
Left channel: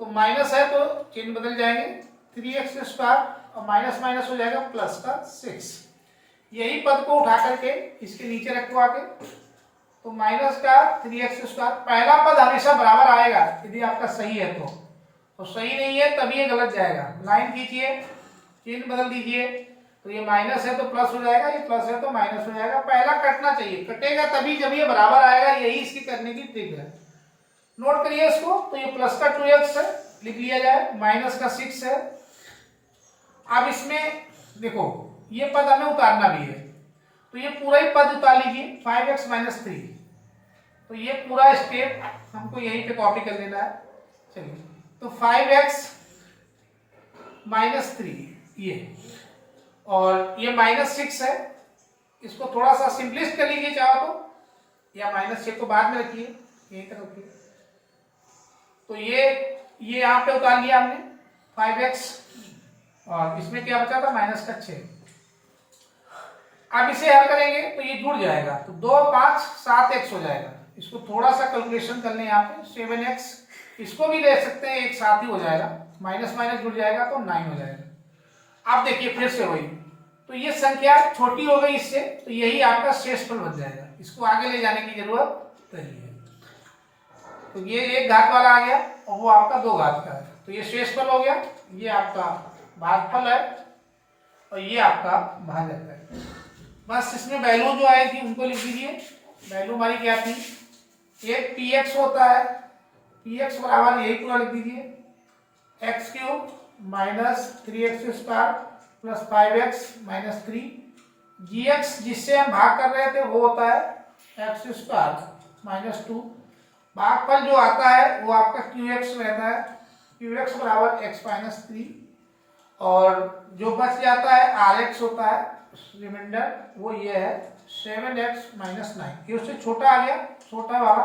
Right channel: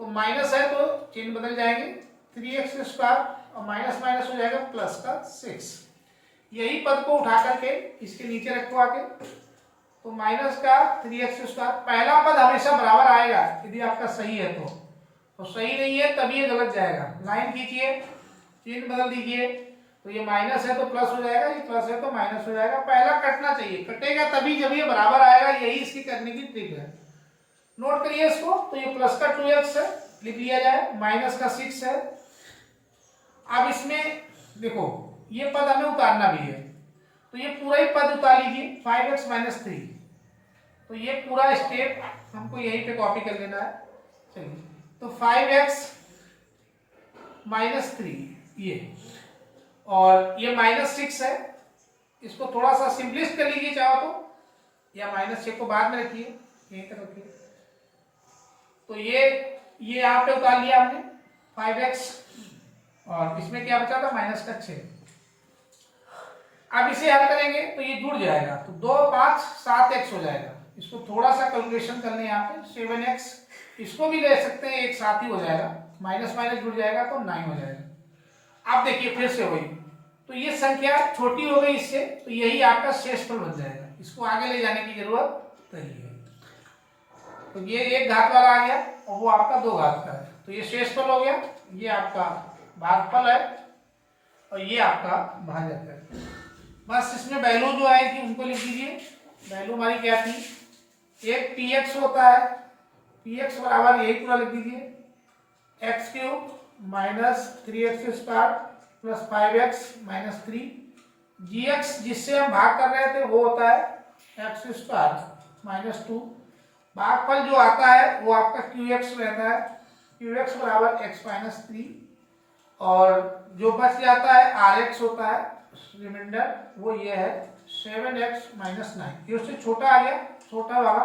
तो माइनस है तो चिन्ह बदल जाएंगे, 3x स्क्वायर और माइनस माइनस हो जाएगा प्लस का 6। यही पद को उठा करके इसके नीचे रखो आके, तो माइनस का 3x स्क्वायर, पहला पद हमेशा बराबर आएगा यदि आपका सही है तो सही नहीं है तभी ये गलत जाएगा। लाइन खींचिए, चिन्ह बदल दीजिए, तो ये माइनस है तो प्लस हो जाएगा, ये प्लस है तो माइनस हो जाएगा। पहला कटना चाहिए, कटेगा तभी जब ये बराबर आएगा, यही इसकी करने की ट्रिक है। नोट करिए इसको, तो ये प्लस का 2x है लिख लिया जाए, माइनस का 6 है। अब इसमें देखो ये पद हमें उतारना भी है, तो ये पूरा ही पद उतार लीजिए 5x माइनस 3। तो ये पूरा स्टेप हमको यहीं पे कॉपी कर लेना है। चलिए, तो 5x माइनस 3 ये, और ये -6 है, इसको थोड़ा सा सिंपलिस्ट कर लीजिए चाहो तो, या -6 को बाद में रखिए, यहीं तक रखिए। तो ये यहाँ पे उतार लिया हमने 5x, और इसमें क्या बचा था -6। अब इसे हल करेंगे तो ये जुड़ जाएगा, तो 2 5 7x हो जाएगा। इसको थोड़ा सा कैलकुलेशन कर लें यहाँ पे, 7x, इसको भी ले सकते हैं, एक साथ ही हो जाएगा, माइनस माइनस जुड़ जाएगा तो 9 हो जाएगा। अब देखिए फिर से वही, तो ये संख्या छोटी हो गई इससे, तो यही आपका शेषफल बन जाएगा, इसको आगे ले जाने की जरूरत नहीं है। तो ये 1 घात वाला आ गया और वो आपका 2 घात का है, तो ये शेषफल हो गया, ये आपका भागफल है और ये आपका भाजक है। बस इसमें वैल्यू जो आई थी उनको लिख दीजिए। वैल्यू हमारी क्या थी, एक px होता है, px बराबर यही पूरा लिख दीजिए, x³ minus 3x² plus 5x minus 3, gx जिससे हम भाग कर रहे थे वो होता है x² माइनस 2। भागफल जो आता है वो आपका qx रहता है, qx बराबर x माइनस 3, और जो बच जाता है rx होता है रिमाइंडर, वो ये है 7x माइनस 9। ये उससे छोटा आ गया, छोटा वाला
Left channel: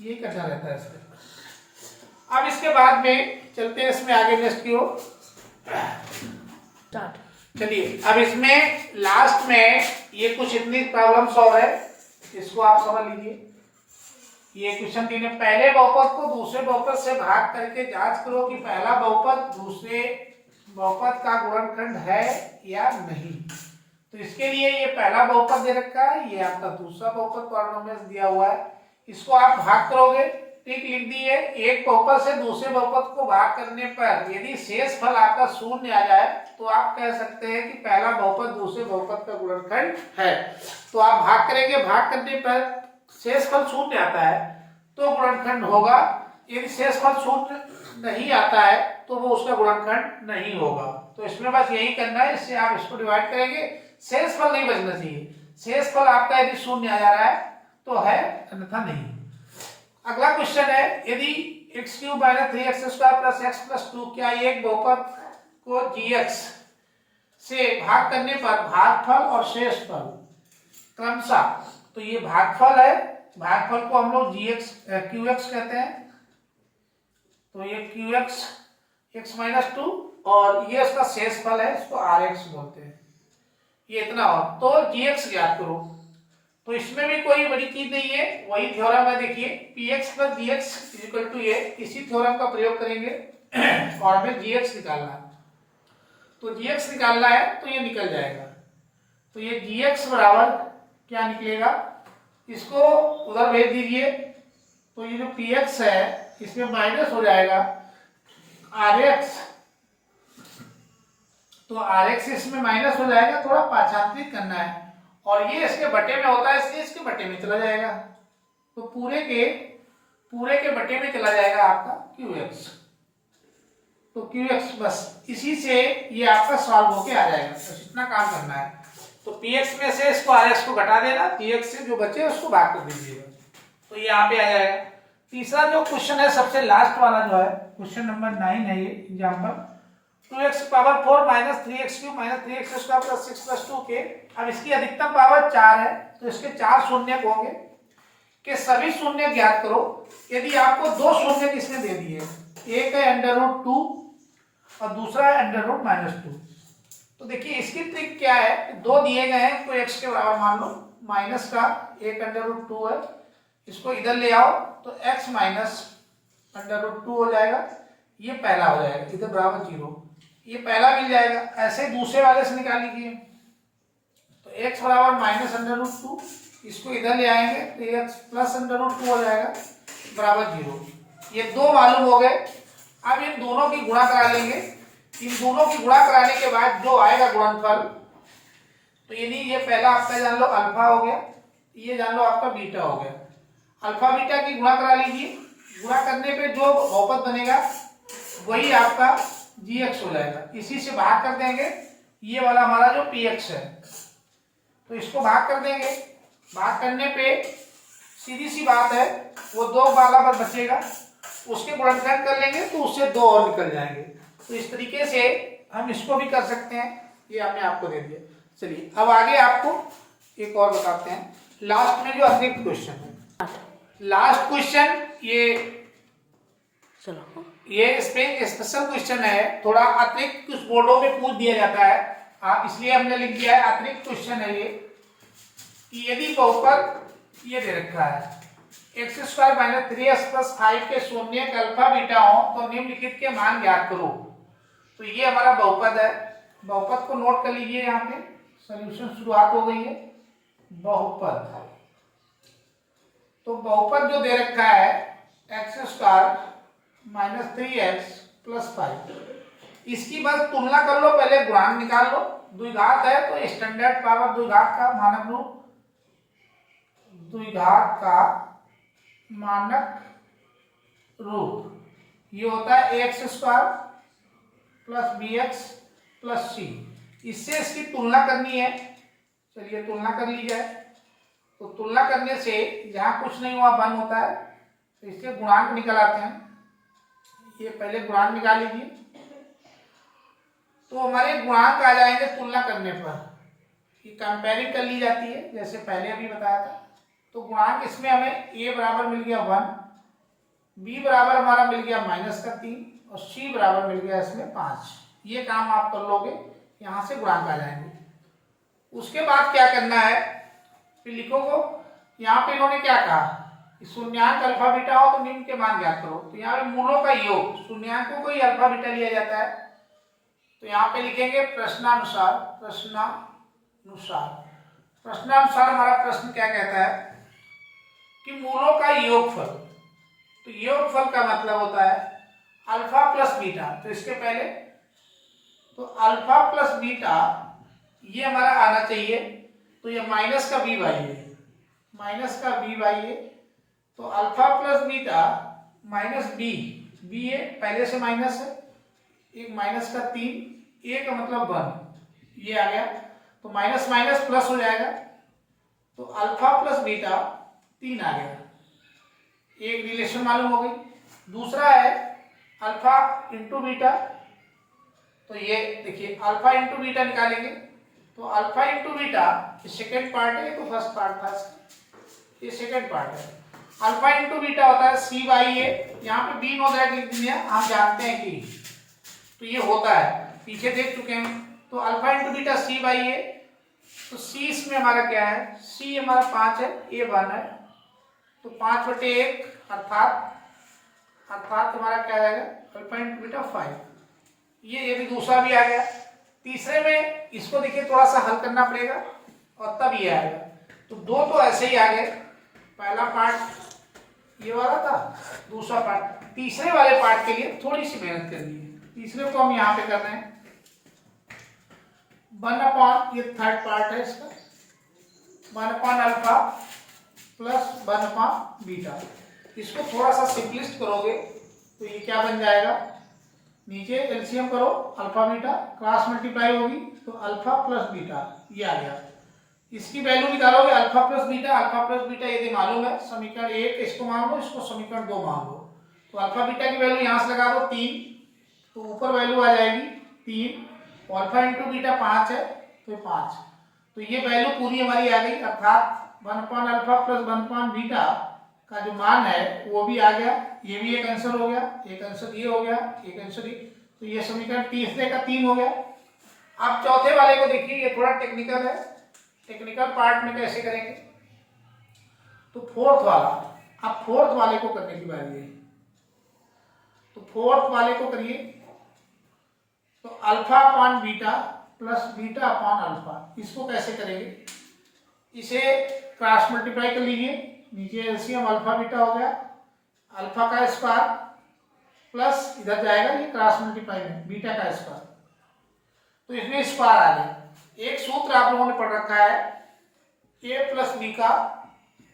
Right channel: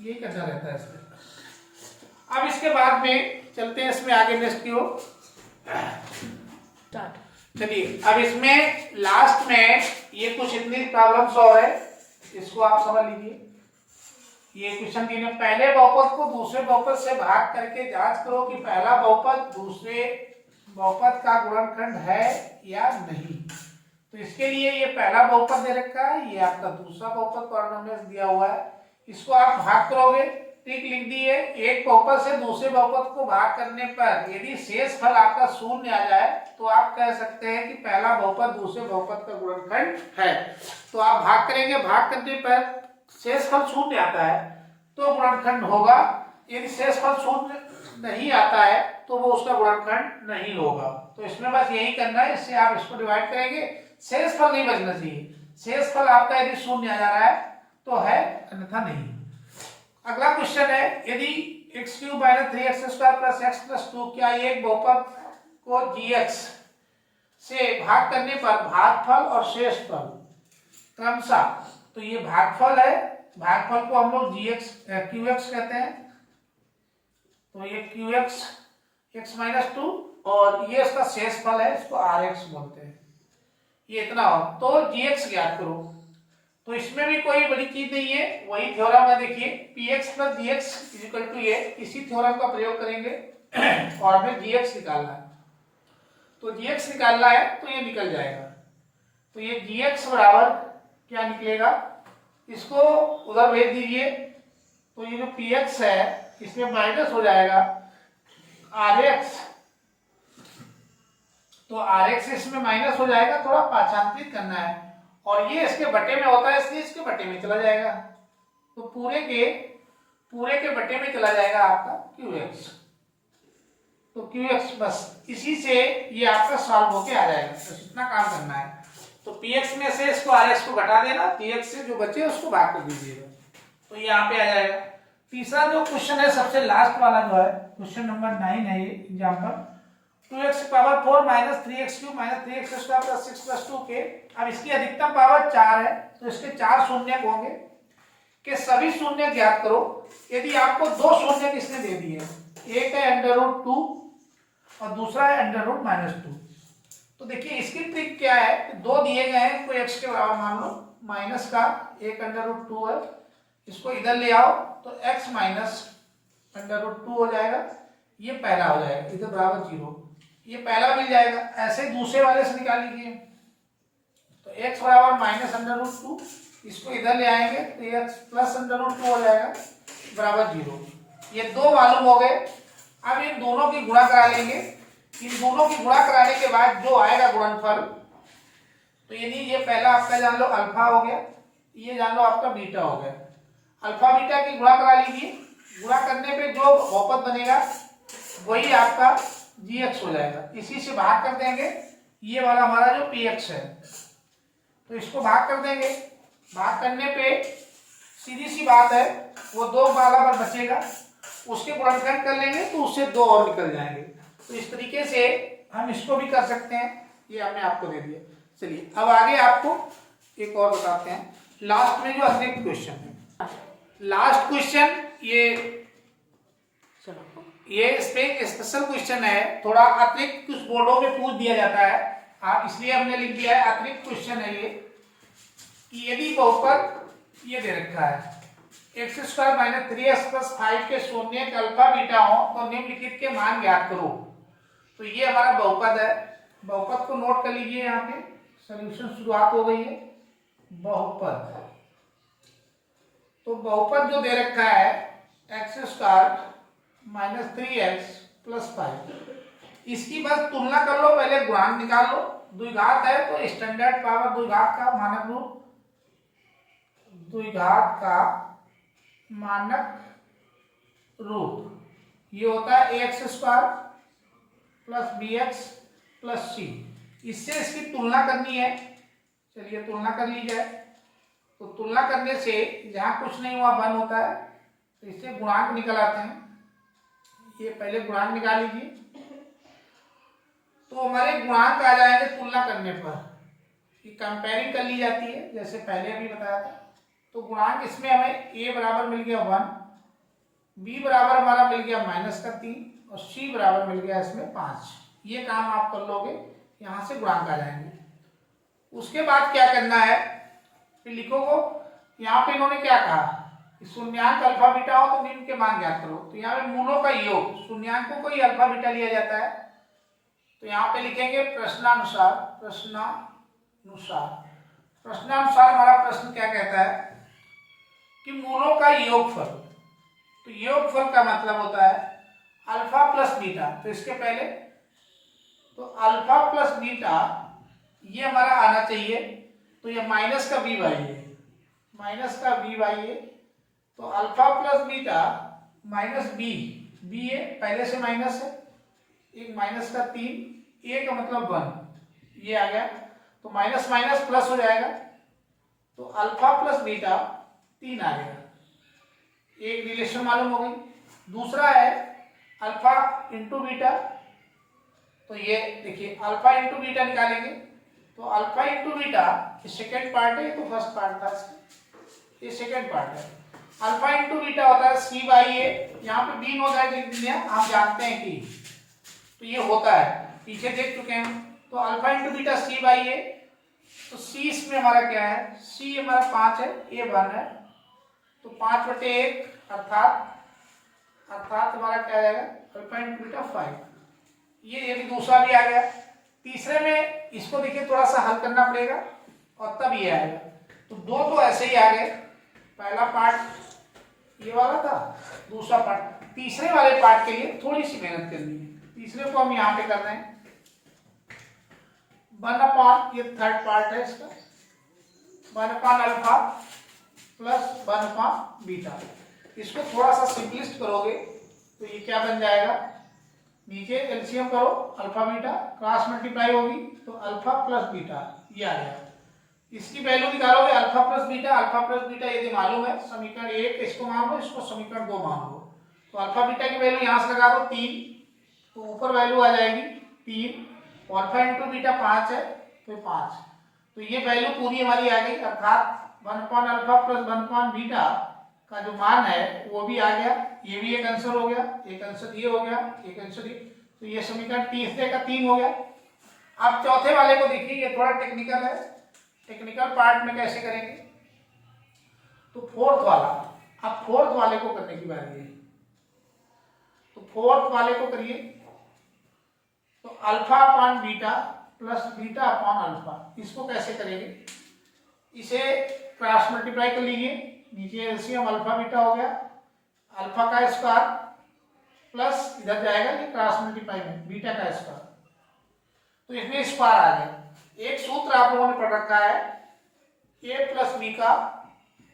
ये करना रहता है इसमें। अब इसके बाद में चलते हैं इसमें आगे नेक्स्ट की ओर। चलिए, अब इसमें लास्ट में ये कुछ इतनी प्रॉब्लम्स और है, इसको आप समझ लीजिए। ये क्वेश्चन दिए, पहले बहुपद को दूसरे बहुपद से भाग करके जांच करो कि पहला बहुपद दूसरे बहुपद का गुणनखंड है या नहीं। तो इसके लिए ये पहला बहुपद दे रखा है, ये आपका दूसरा बहुपद पॉलिनोमियल दिया हुआ है, इसको आप भाग करोगे, टिक लिख दिए। एक बहुपद से दूसरे बहुपद को भाग करने पर यदि शेषफल आपका 0 आ जाए तो आप कह सकते हैं कि पहला बहुपद दूसरे बहुपद का गुणनखंड है। तो आप भाग करेंगे, भाग करने पर शेषफल 0 आता है तो गुणनखंड होगा, यदि शेषफल 0 नहीं आता है तो वो उसका गुणनखंड नहीं होगा। तो इसमें बस यही करना है, इससे आप इसको डिवाइड करेंगे, शेषफल नहीं बचना चाहिए। शेषफल आपका यदि 0 आ जा रहा है तो है, अन्यथा नहीं। अगला क्वेश्चन है, यदि x³ minus 3x² plus x plus 2, क्या एक बहुपद को gx से भाग करने पर भागफल और शेषफल क्रमशः, तो ये भागफल है, भागफल को हम लोग qx कहते हैं, तो ये qx x माइनस 2, और ये उसका शेषफल है, इसको rx बोलते हैं। ये इतना हो तो gx ज्ञात करो। तो इसमें भी कोई बड़ी चीज नहीं है, वही थ्योरम है, देखिए px plus gx equal to ये, इसी थ्योरम का प्रयोग करेंगे और हमें gx निकालना है। तो gx निकालना है तो ये निकल जाएगा, तो ये gx बराबर क्या निकलेगा, इसको उधर भेज दीजिए, तो ये जो px है इसमें माइनस हो जाएगा rx, तो rx इसमें माइनस हो जाएगा, थोड़ा पाठांतरित करना है, और ये इसके बटे में होता है इसलिए इसके बटे में चला जाएगा, तो पूरे के बटे में चला जाएगा आपका qx। तो qx बस इसी से ये आपका सॉल्व होके आ जाएगा, बस इतना काम करना है। तो px में से इसको rx को घटा देना, px से जो बचे उसको भाग कर दीजिएगा, तो ये यहाँ पे आ जाएगा। तीसरा जो क्वेश्चन है सबसे लास्ट वाला जो है, क्वेश्चन नंबर 9 है ये example, 2x power 4 minus 3x³ minus 3x² plus 6 plus 2 के, अब इसकी अधिकतम पावर 4 है तो इसके 4 शून्यक होंगे, के सभी शून्य ज्ञात करो। यदि आपको 2 शून्य इसने दे दिए, एक है √2 और दूसरा है √-2, तो देखिए इसकी ट्रिक क्या है, 2 दिए गए हैं, कोई x के बराबर मान लो, माइनस का एक √2 है, इसको इधर ले आओ तो x माइनस √2 हो जाएगा, ये पहला हो जाएगा, इधर बराबर 0, ये पहला मिल जाएगा। ऐसे दूसरे वाले से निकाल लीजिए, तो x बराबर माइनस √2, इसको इधर ले आएंगे तो x प्लस √2 हो जाएगा बराबर 0, ये 2 मालूम हो गए। अब इन दोनों की गुणा करा लेंगे, इन दोनों की गुणा कराने के बाद जो आएगा गुणनफल, तो यानी ये पहला आपका जान लो अल्फा हो गया, ये जान लो आपका बीटा हो गया। अल्फा बीटा की गुणा करा लीजिए, गुणा करने पे जो बहुपद बनेगा वही आपका gx हो जाएगा, इसी से भाग कर देंगे ये वाला हमारा जो पी एक्स है, तो इसको भाग कर देंगे। भाग करने पे सीधी सी बात है, वो 2 वाला पर बचेगा, उसके गुणनखंड कर लेंगे तो उससे 2 और निकल जाएंगे। तो इस तरीके से हम इसको भी कर सकते हैं। ये हमने आपको दे दिया। चलिए अब आगे आपको एक और बताते हैं, लास्ट में जो अतिरिक्त क्वेश्चन है। लास्ट क्वेश्चन ये इस पे स्पेशल क्वेश्चन है, थोड़ा अतिरिक्त कुछ बोर्डों में पूछ दिया जाता है, आप इसलिए हमने लिख दिया है अतिरिक्त क्वेश्चन है ये, कि यदि बहुपद ये दे रखा है x² - 3x + 5 के शून्यक अल्फा बीटा हो तो निम्नलिखित के मान ज्ञात करो। तो ये हमारा बहुपद है। बहुपद को नोट कर लीजिए, यहाँ पे सॉल्यूशन शुरुआत हो गई है। बहुपद, तो बहुपद जो दे रखा है x² - 3x + 5, इसकी बस तुलना कर लो, पहले गुणांक निकाल लो। द्विघात है तो स्टैंडर्ड पावर द्विघात का मानक रूप, द्विघात का मानक रूप ये होता है ax² + bx + c। इससे इसकी तुलना करनी है। चलिए तुलना कर ली जाए। तो तुलना करने से जहां कुछ नहीं हुआ 1 होता है, तो इससे गुणांक निकल आते हैं। ये पहले गुणांक निकाल लीजिए, तो हमारे गुणांक आ जाएंगे तुलना करने पर। ये कंपेयरिंग कर ली जाती है, जैसे पहले अभी बताया था। तो गुणांक इसमें हमें a बराबर मिल गया 1, b बराबर हमारा मिल गया -3 और c बराबर मिल गया इसमें 5। ये काम आप कर लोगे, यहां से गुणांक आ जाएंगे। उसके बाद क्या करना है, फिर लिखोगे। यहाँ पे इन्होंने क्या कहा, शून्यांक अल्फा बीटा हो तो निम्न के मान ज्ञात करो। तो यहाँ पे मूलों का योग, शून्यांकों को ही अल्फा बीटा लिया जाता है। तो यहाँ पे लिखेंगे प्रश्नानुसार। प्रश्नानुसार हमारा प्रश्न क्या कहता है कि मूलों का योगफल। तो योगफल का मतलब होता है अल्फा प्लस बीटा। तो इसके पहले तो अल्फा प्लस बीटा ये हमारा आना चाहिए। तो ये माइनस का b बाई ए, तो alpha plus beta minus b है, पहले से माइनस है, एक -3, ए का मतलब 1, ये आ गया। तो माइनस माइनस प्लस हो जाएगा, तो अल्फा प्लस बीटा 3 आ गया। एक रिलेशन मालूम हो गई। दूसरा है अल्फा इंटू बीटा। तो ये देखिए अल्फा इंटू बीटा निकालेंगे, तो alpha into beta second part है, तो फर्स्ट पार्ट था, ये सेकेंड पार्ट है। अल्फा इंटू बीटा होता है c बाई ए, यहाँ पे b नो दैट लिख दिया, आप जानते हैं कि तो ये होता है, पीछे देख चुके हैं। तो alpha into beta c by a, तो c इसमें हमारा क्या है, c हमारा 5 है, a 1 है, तो 5/1 अर्थात हमारा क्या जाएगा अल्फा इंटू बीटा 5। ये भी दूसरा भी आ गया। तीसरे में इसको देखिए थोड़ा सा हल करना पड़ेगा और तब ये आएगा। तो 2 तो ऐसे ही आ गए, पहला पार्ट ये वाला था, दूसरा पार्ट। तीसरे वाले पार्ट के लिए थोड़ी सी मेहनत करनी है। तीसरे को हम यहाँ पे कर रहे हैं 1/, ये थर्ड पार्ट है इसका, 1/अल्फा प्लस 1/, बीटा। इसको थोड़ा सा सिंपलिस्ट करोगे तो ये क्या बन जाएगा, नीचे एलसीएम करो, अल्फा बीटा क्रॉस मल्टीप्लाई होगी तो अल्फा प्लस बीटा ये आ गया। इसकी वैल्यू निकालोगे अल्फा प्लस बीटा यदि मालूम है, समीकरण 1 इसको मान लो, इसको समीकरण 2 मान लो। तो अल्फा बीटा की वैल्यू यहां से लगा दो 3, तो ऊपर वैल्यू आ जाएगी 3, और अल्फा इंटू बीटा 5 है तो 5। तो ये वैल्यू पूरी हमारी आ गई, अर्थात 1/अल्फा प्लस 1/, बीटा का जो मान है वो भी आ गया। ये भी एक आंसर हो गया, एक आंसर ये हो गया, एक आंसर ये। तो ये समीकरण तीसरे का 3 हो गया। अब चौथे वाले को देखिए, ये थोड़ा टेक्निकल है, टेक्निकल पार्ट में कैसे करेंगे। तो फोर्थ वाला, अब फोर्थ वाले को करने की बारी है। तो फोर्थ वाले को करिए, तो alpha upon beta plus beta upon alpha, इसको कैसे करेंगे, इसे क्रॉस मल्टीप्लाई कर लीजिए, नीचे एलसीएम अल्फा बीटा हो गया, अल्फा का स्क्वायर प्लस इधर जाएगा ये क्रॉस मल्टीप्लाई में बीटा का स्क्वायर, तो इसमें स्क्वायर आ गया। एक सूत्र आप लोगों ने पढ़ रखा है a प्लस बी का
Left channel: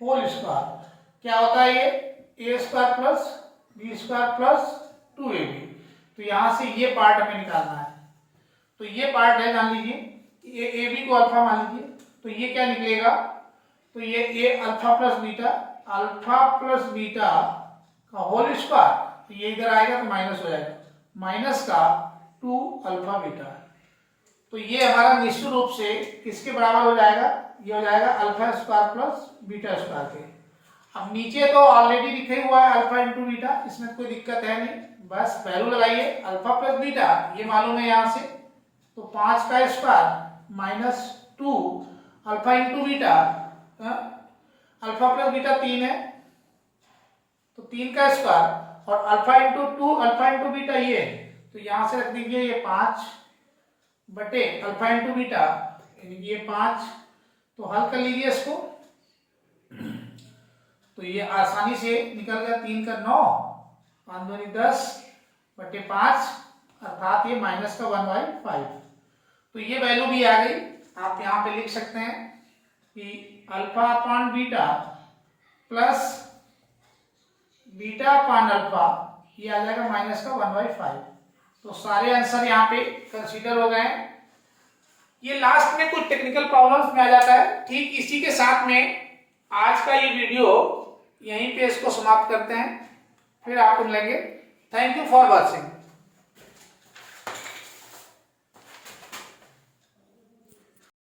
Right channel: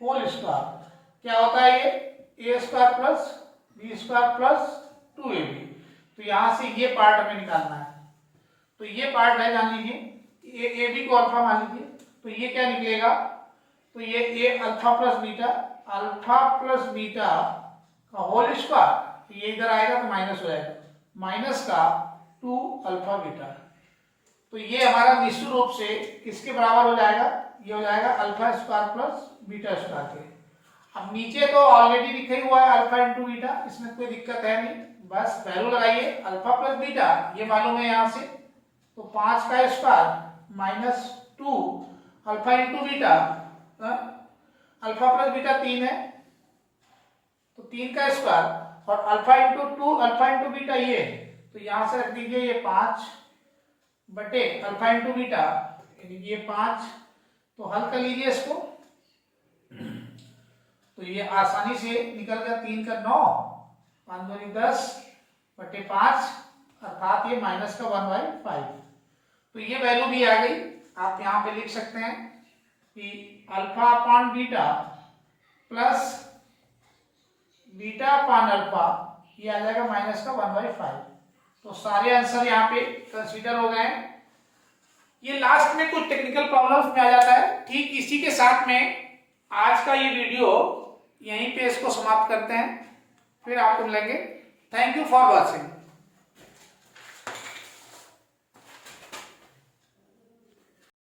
होल स्क्वायर, क्या होता है ये a square plus b square plus 2ab। तो यहां से ये पार्ट हमें निकालना है। तो ये पार्ट है, जान लीजिए ए बी को अल्फा मान लीजिए, तो ये क्या निकलेगा, तो ये ए अल्फा प्लस बीटा का होल स्क्वायर, तो ये इधर आएगा तो माइनस हो जाएगा, माइनस का 2 अल्फा बीटा। तो ये हमारा निश्चित रूप से किसके बराबर हो जाएगा, ये हो जाएगा alpha square plus beta square के। अब नीचे तो ऑलरेडी लिखा ही हुआ है अल्फा इंटू बीटा, इसमें कोई दिक्कत है नहीं, बस वैल्यू लगाइए अल्फा प्लस बीटा, ये मालूम है यहाँ से, तो 5 का square minus 2 alpha into beta, alpha plus beta 3 है तो 3 का स्क्वायर, और alpha into 2 alpha into beta ये है, तो यहां से रख दीजिए ये 5 बटे अल्फा इंटू बीटा, ये 5, तो हल कर लीजिए इसको, तो ये आसानी से निकल गया, 3 का 9, 5 दूनी 10 बटे 5, अर्थात ये माइनस का 1/5। तो ये वैल्यू भी आ गई, आप यहाँ पे लिख सकते हैं कि alpha upon beta plus beta upon alpha, ये आ जाएगा माइनस का 1/5। तो सारे आंसर यहाँ पे कंसीडर हो गए। ये लास्ट में कुछ टेक्निकल प्रॉब्लम्स में आ जाता है। ठीक इसी के साथ में आज का ये वीडियो यहीं पे इसको समाप्त करते हैं, फिर आपको मिलेंगे। Thank you for watching.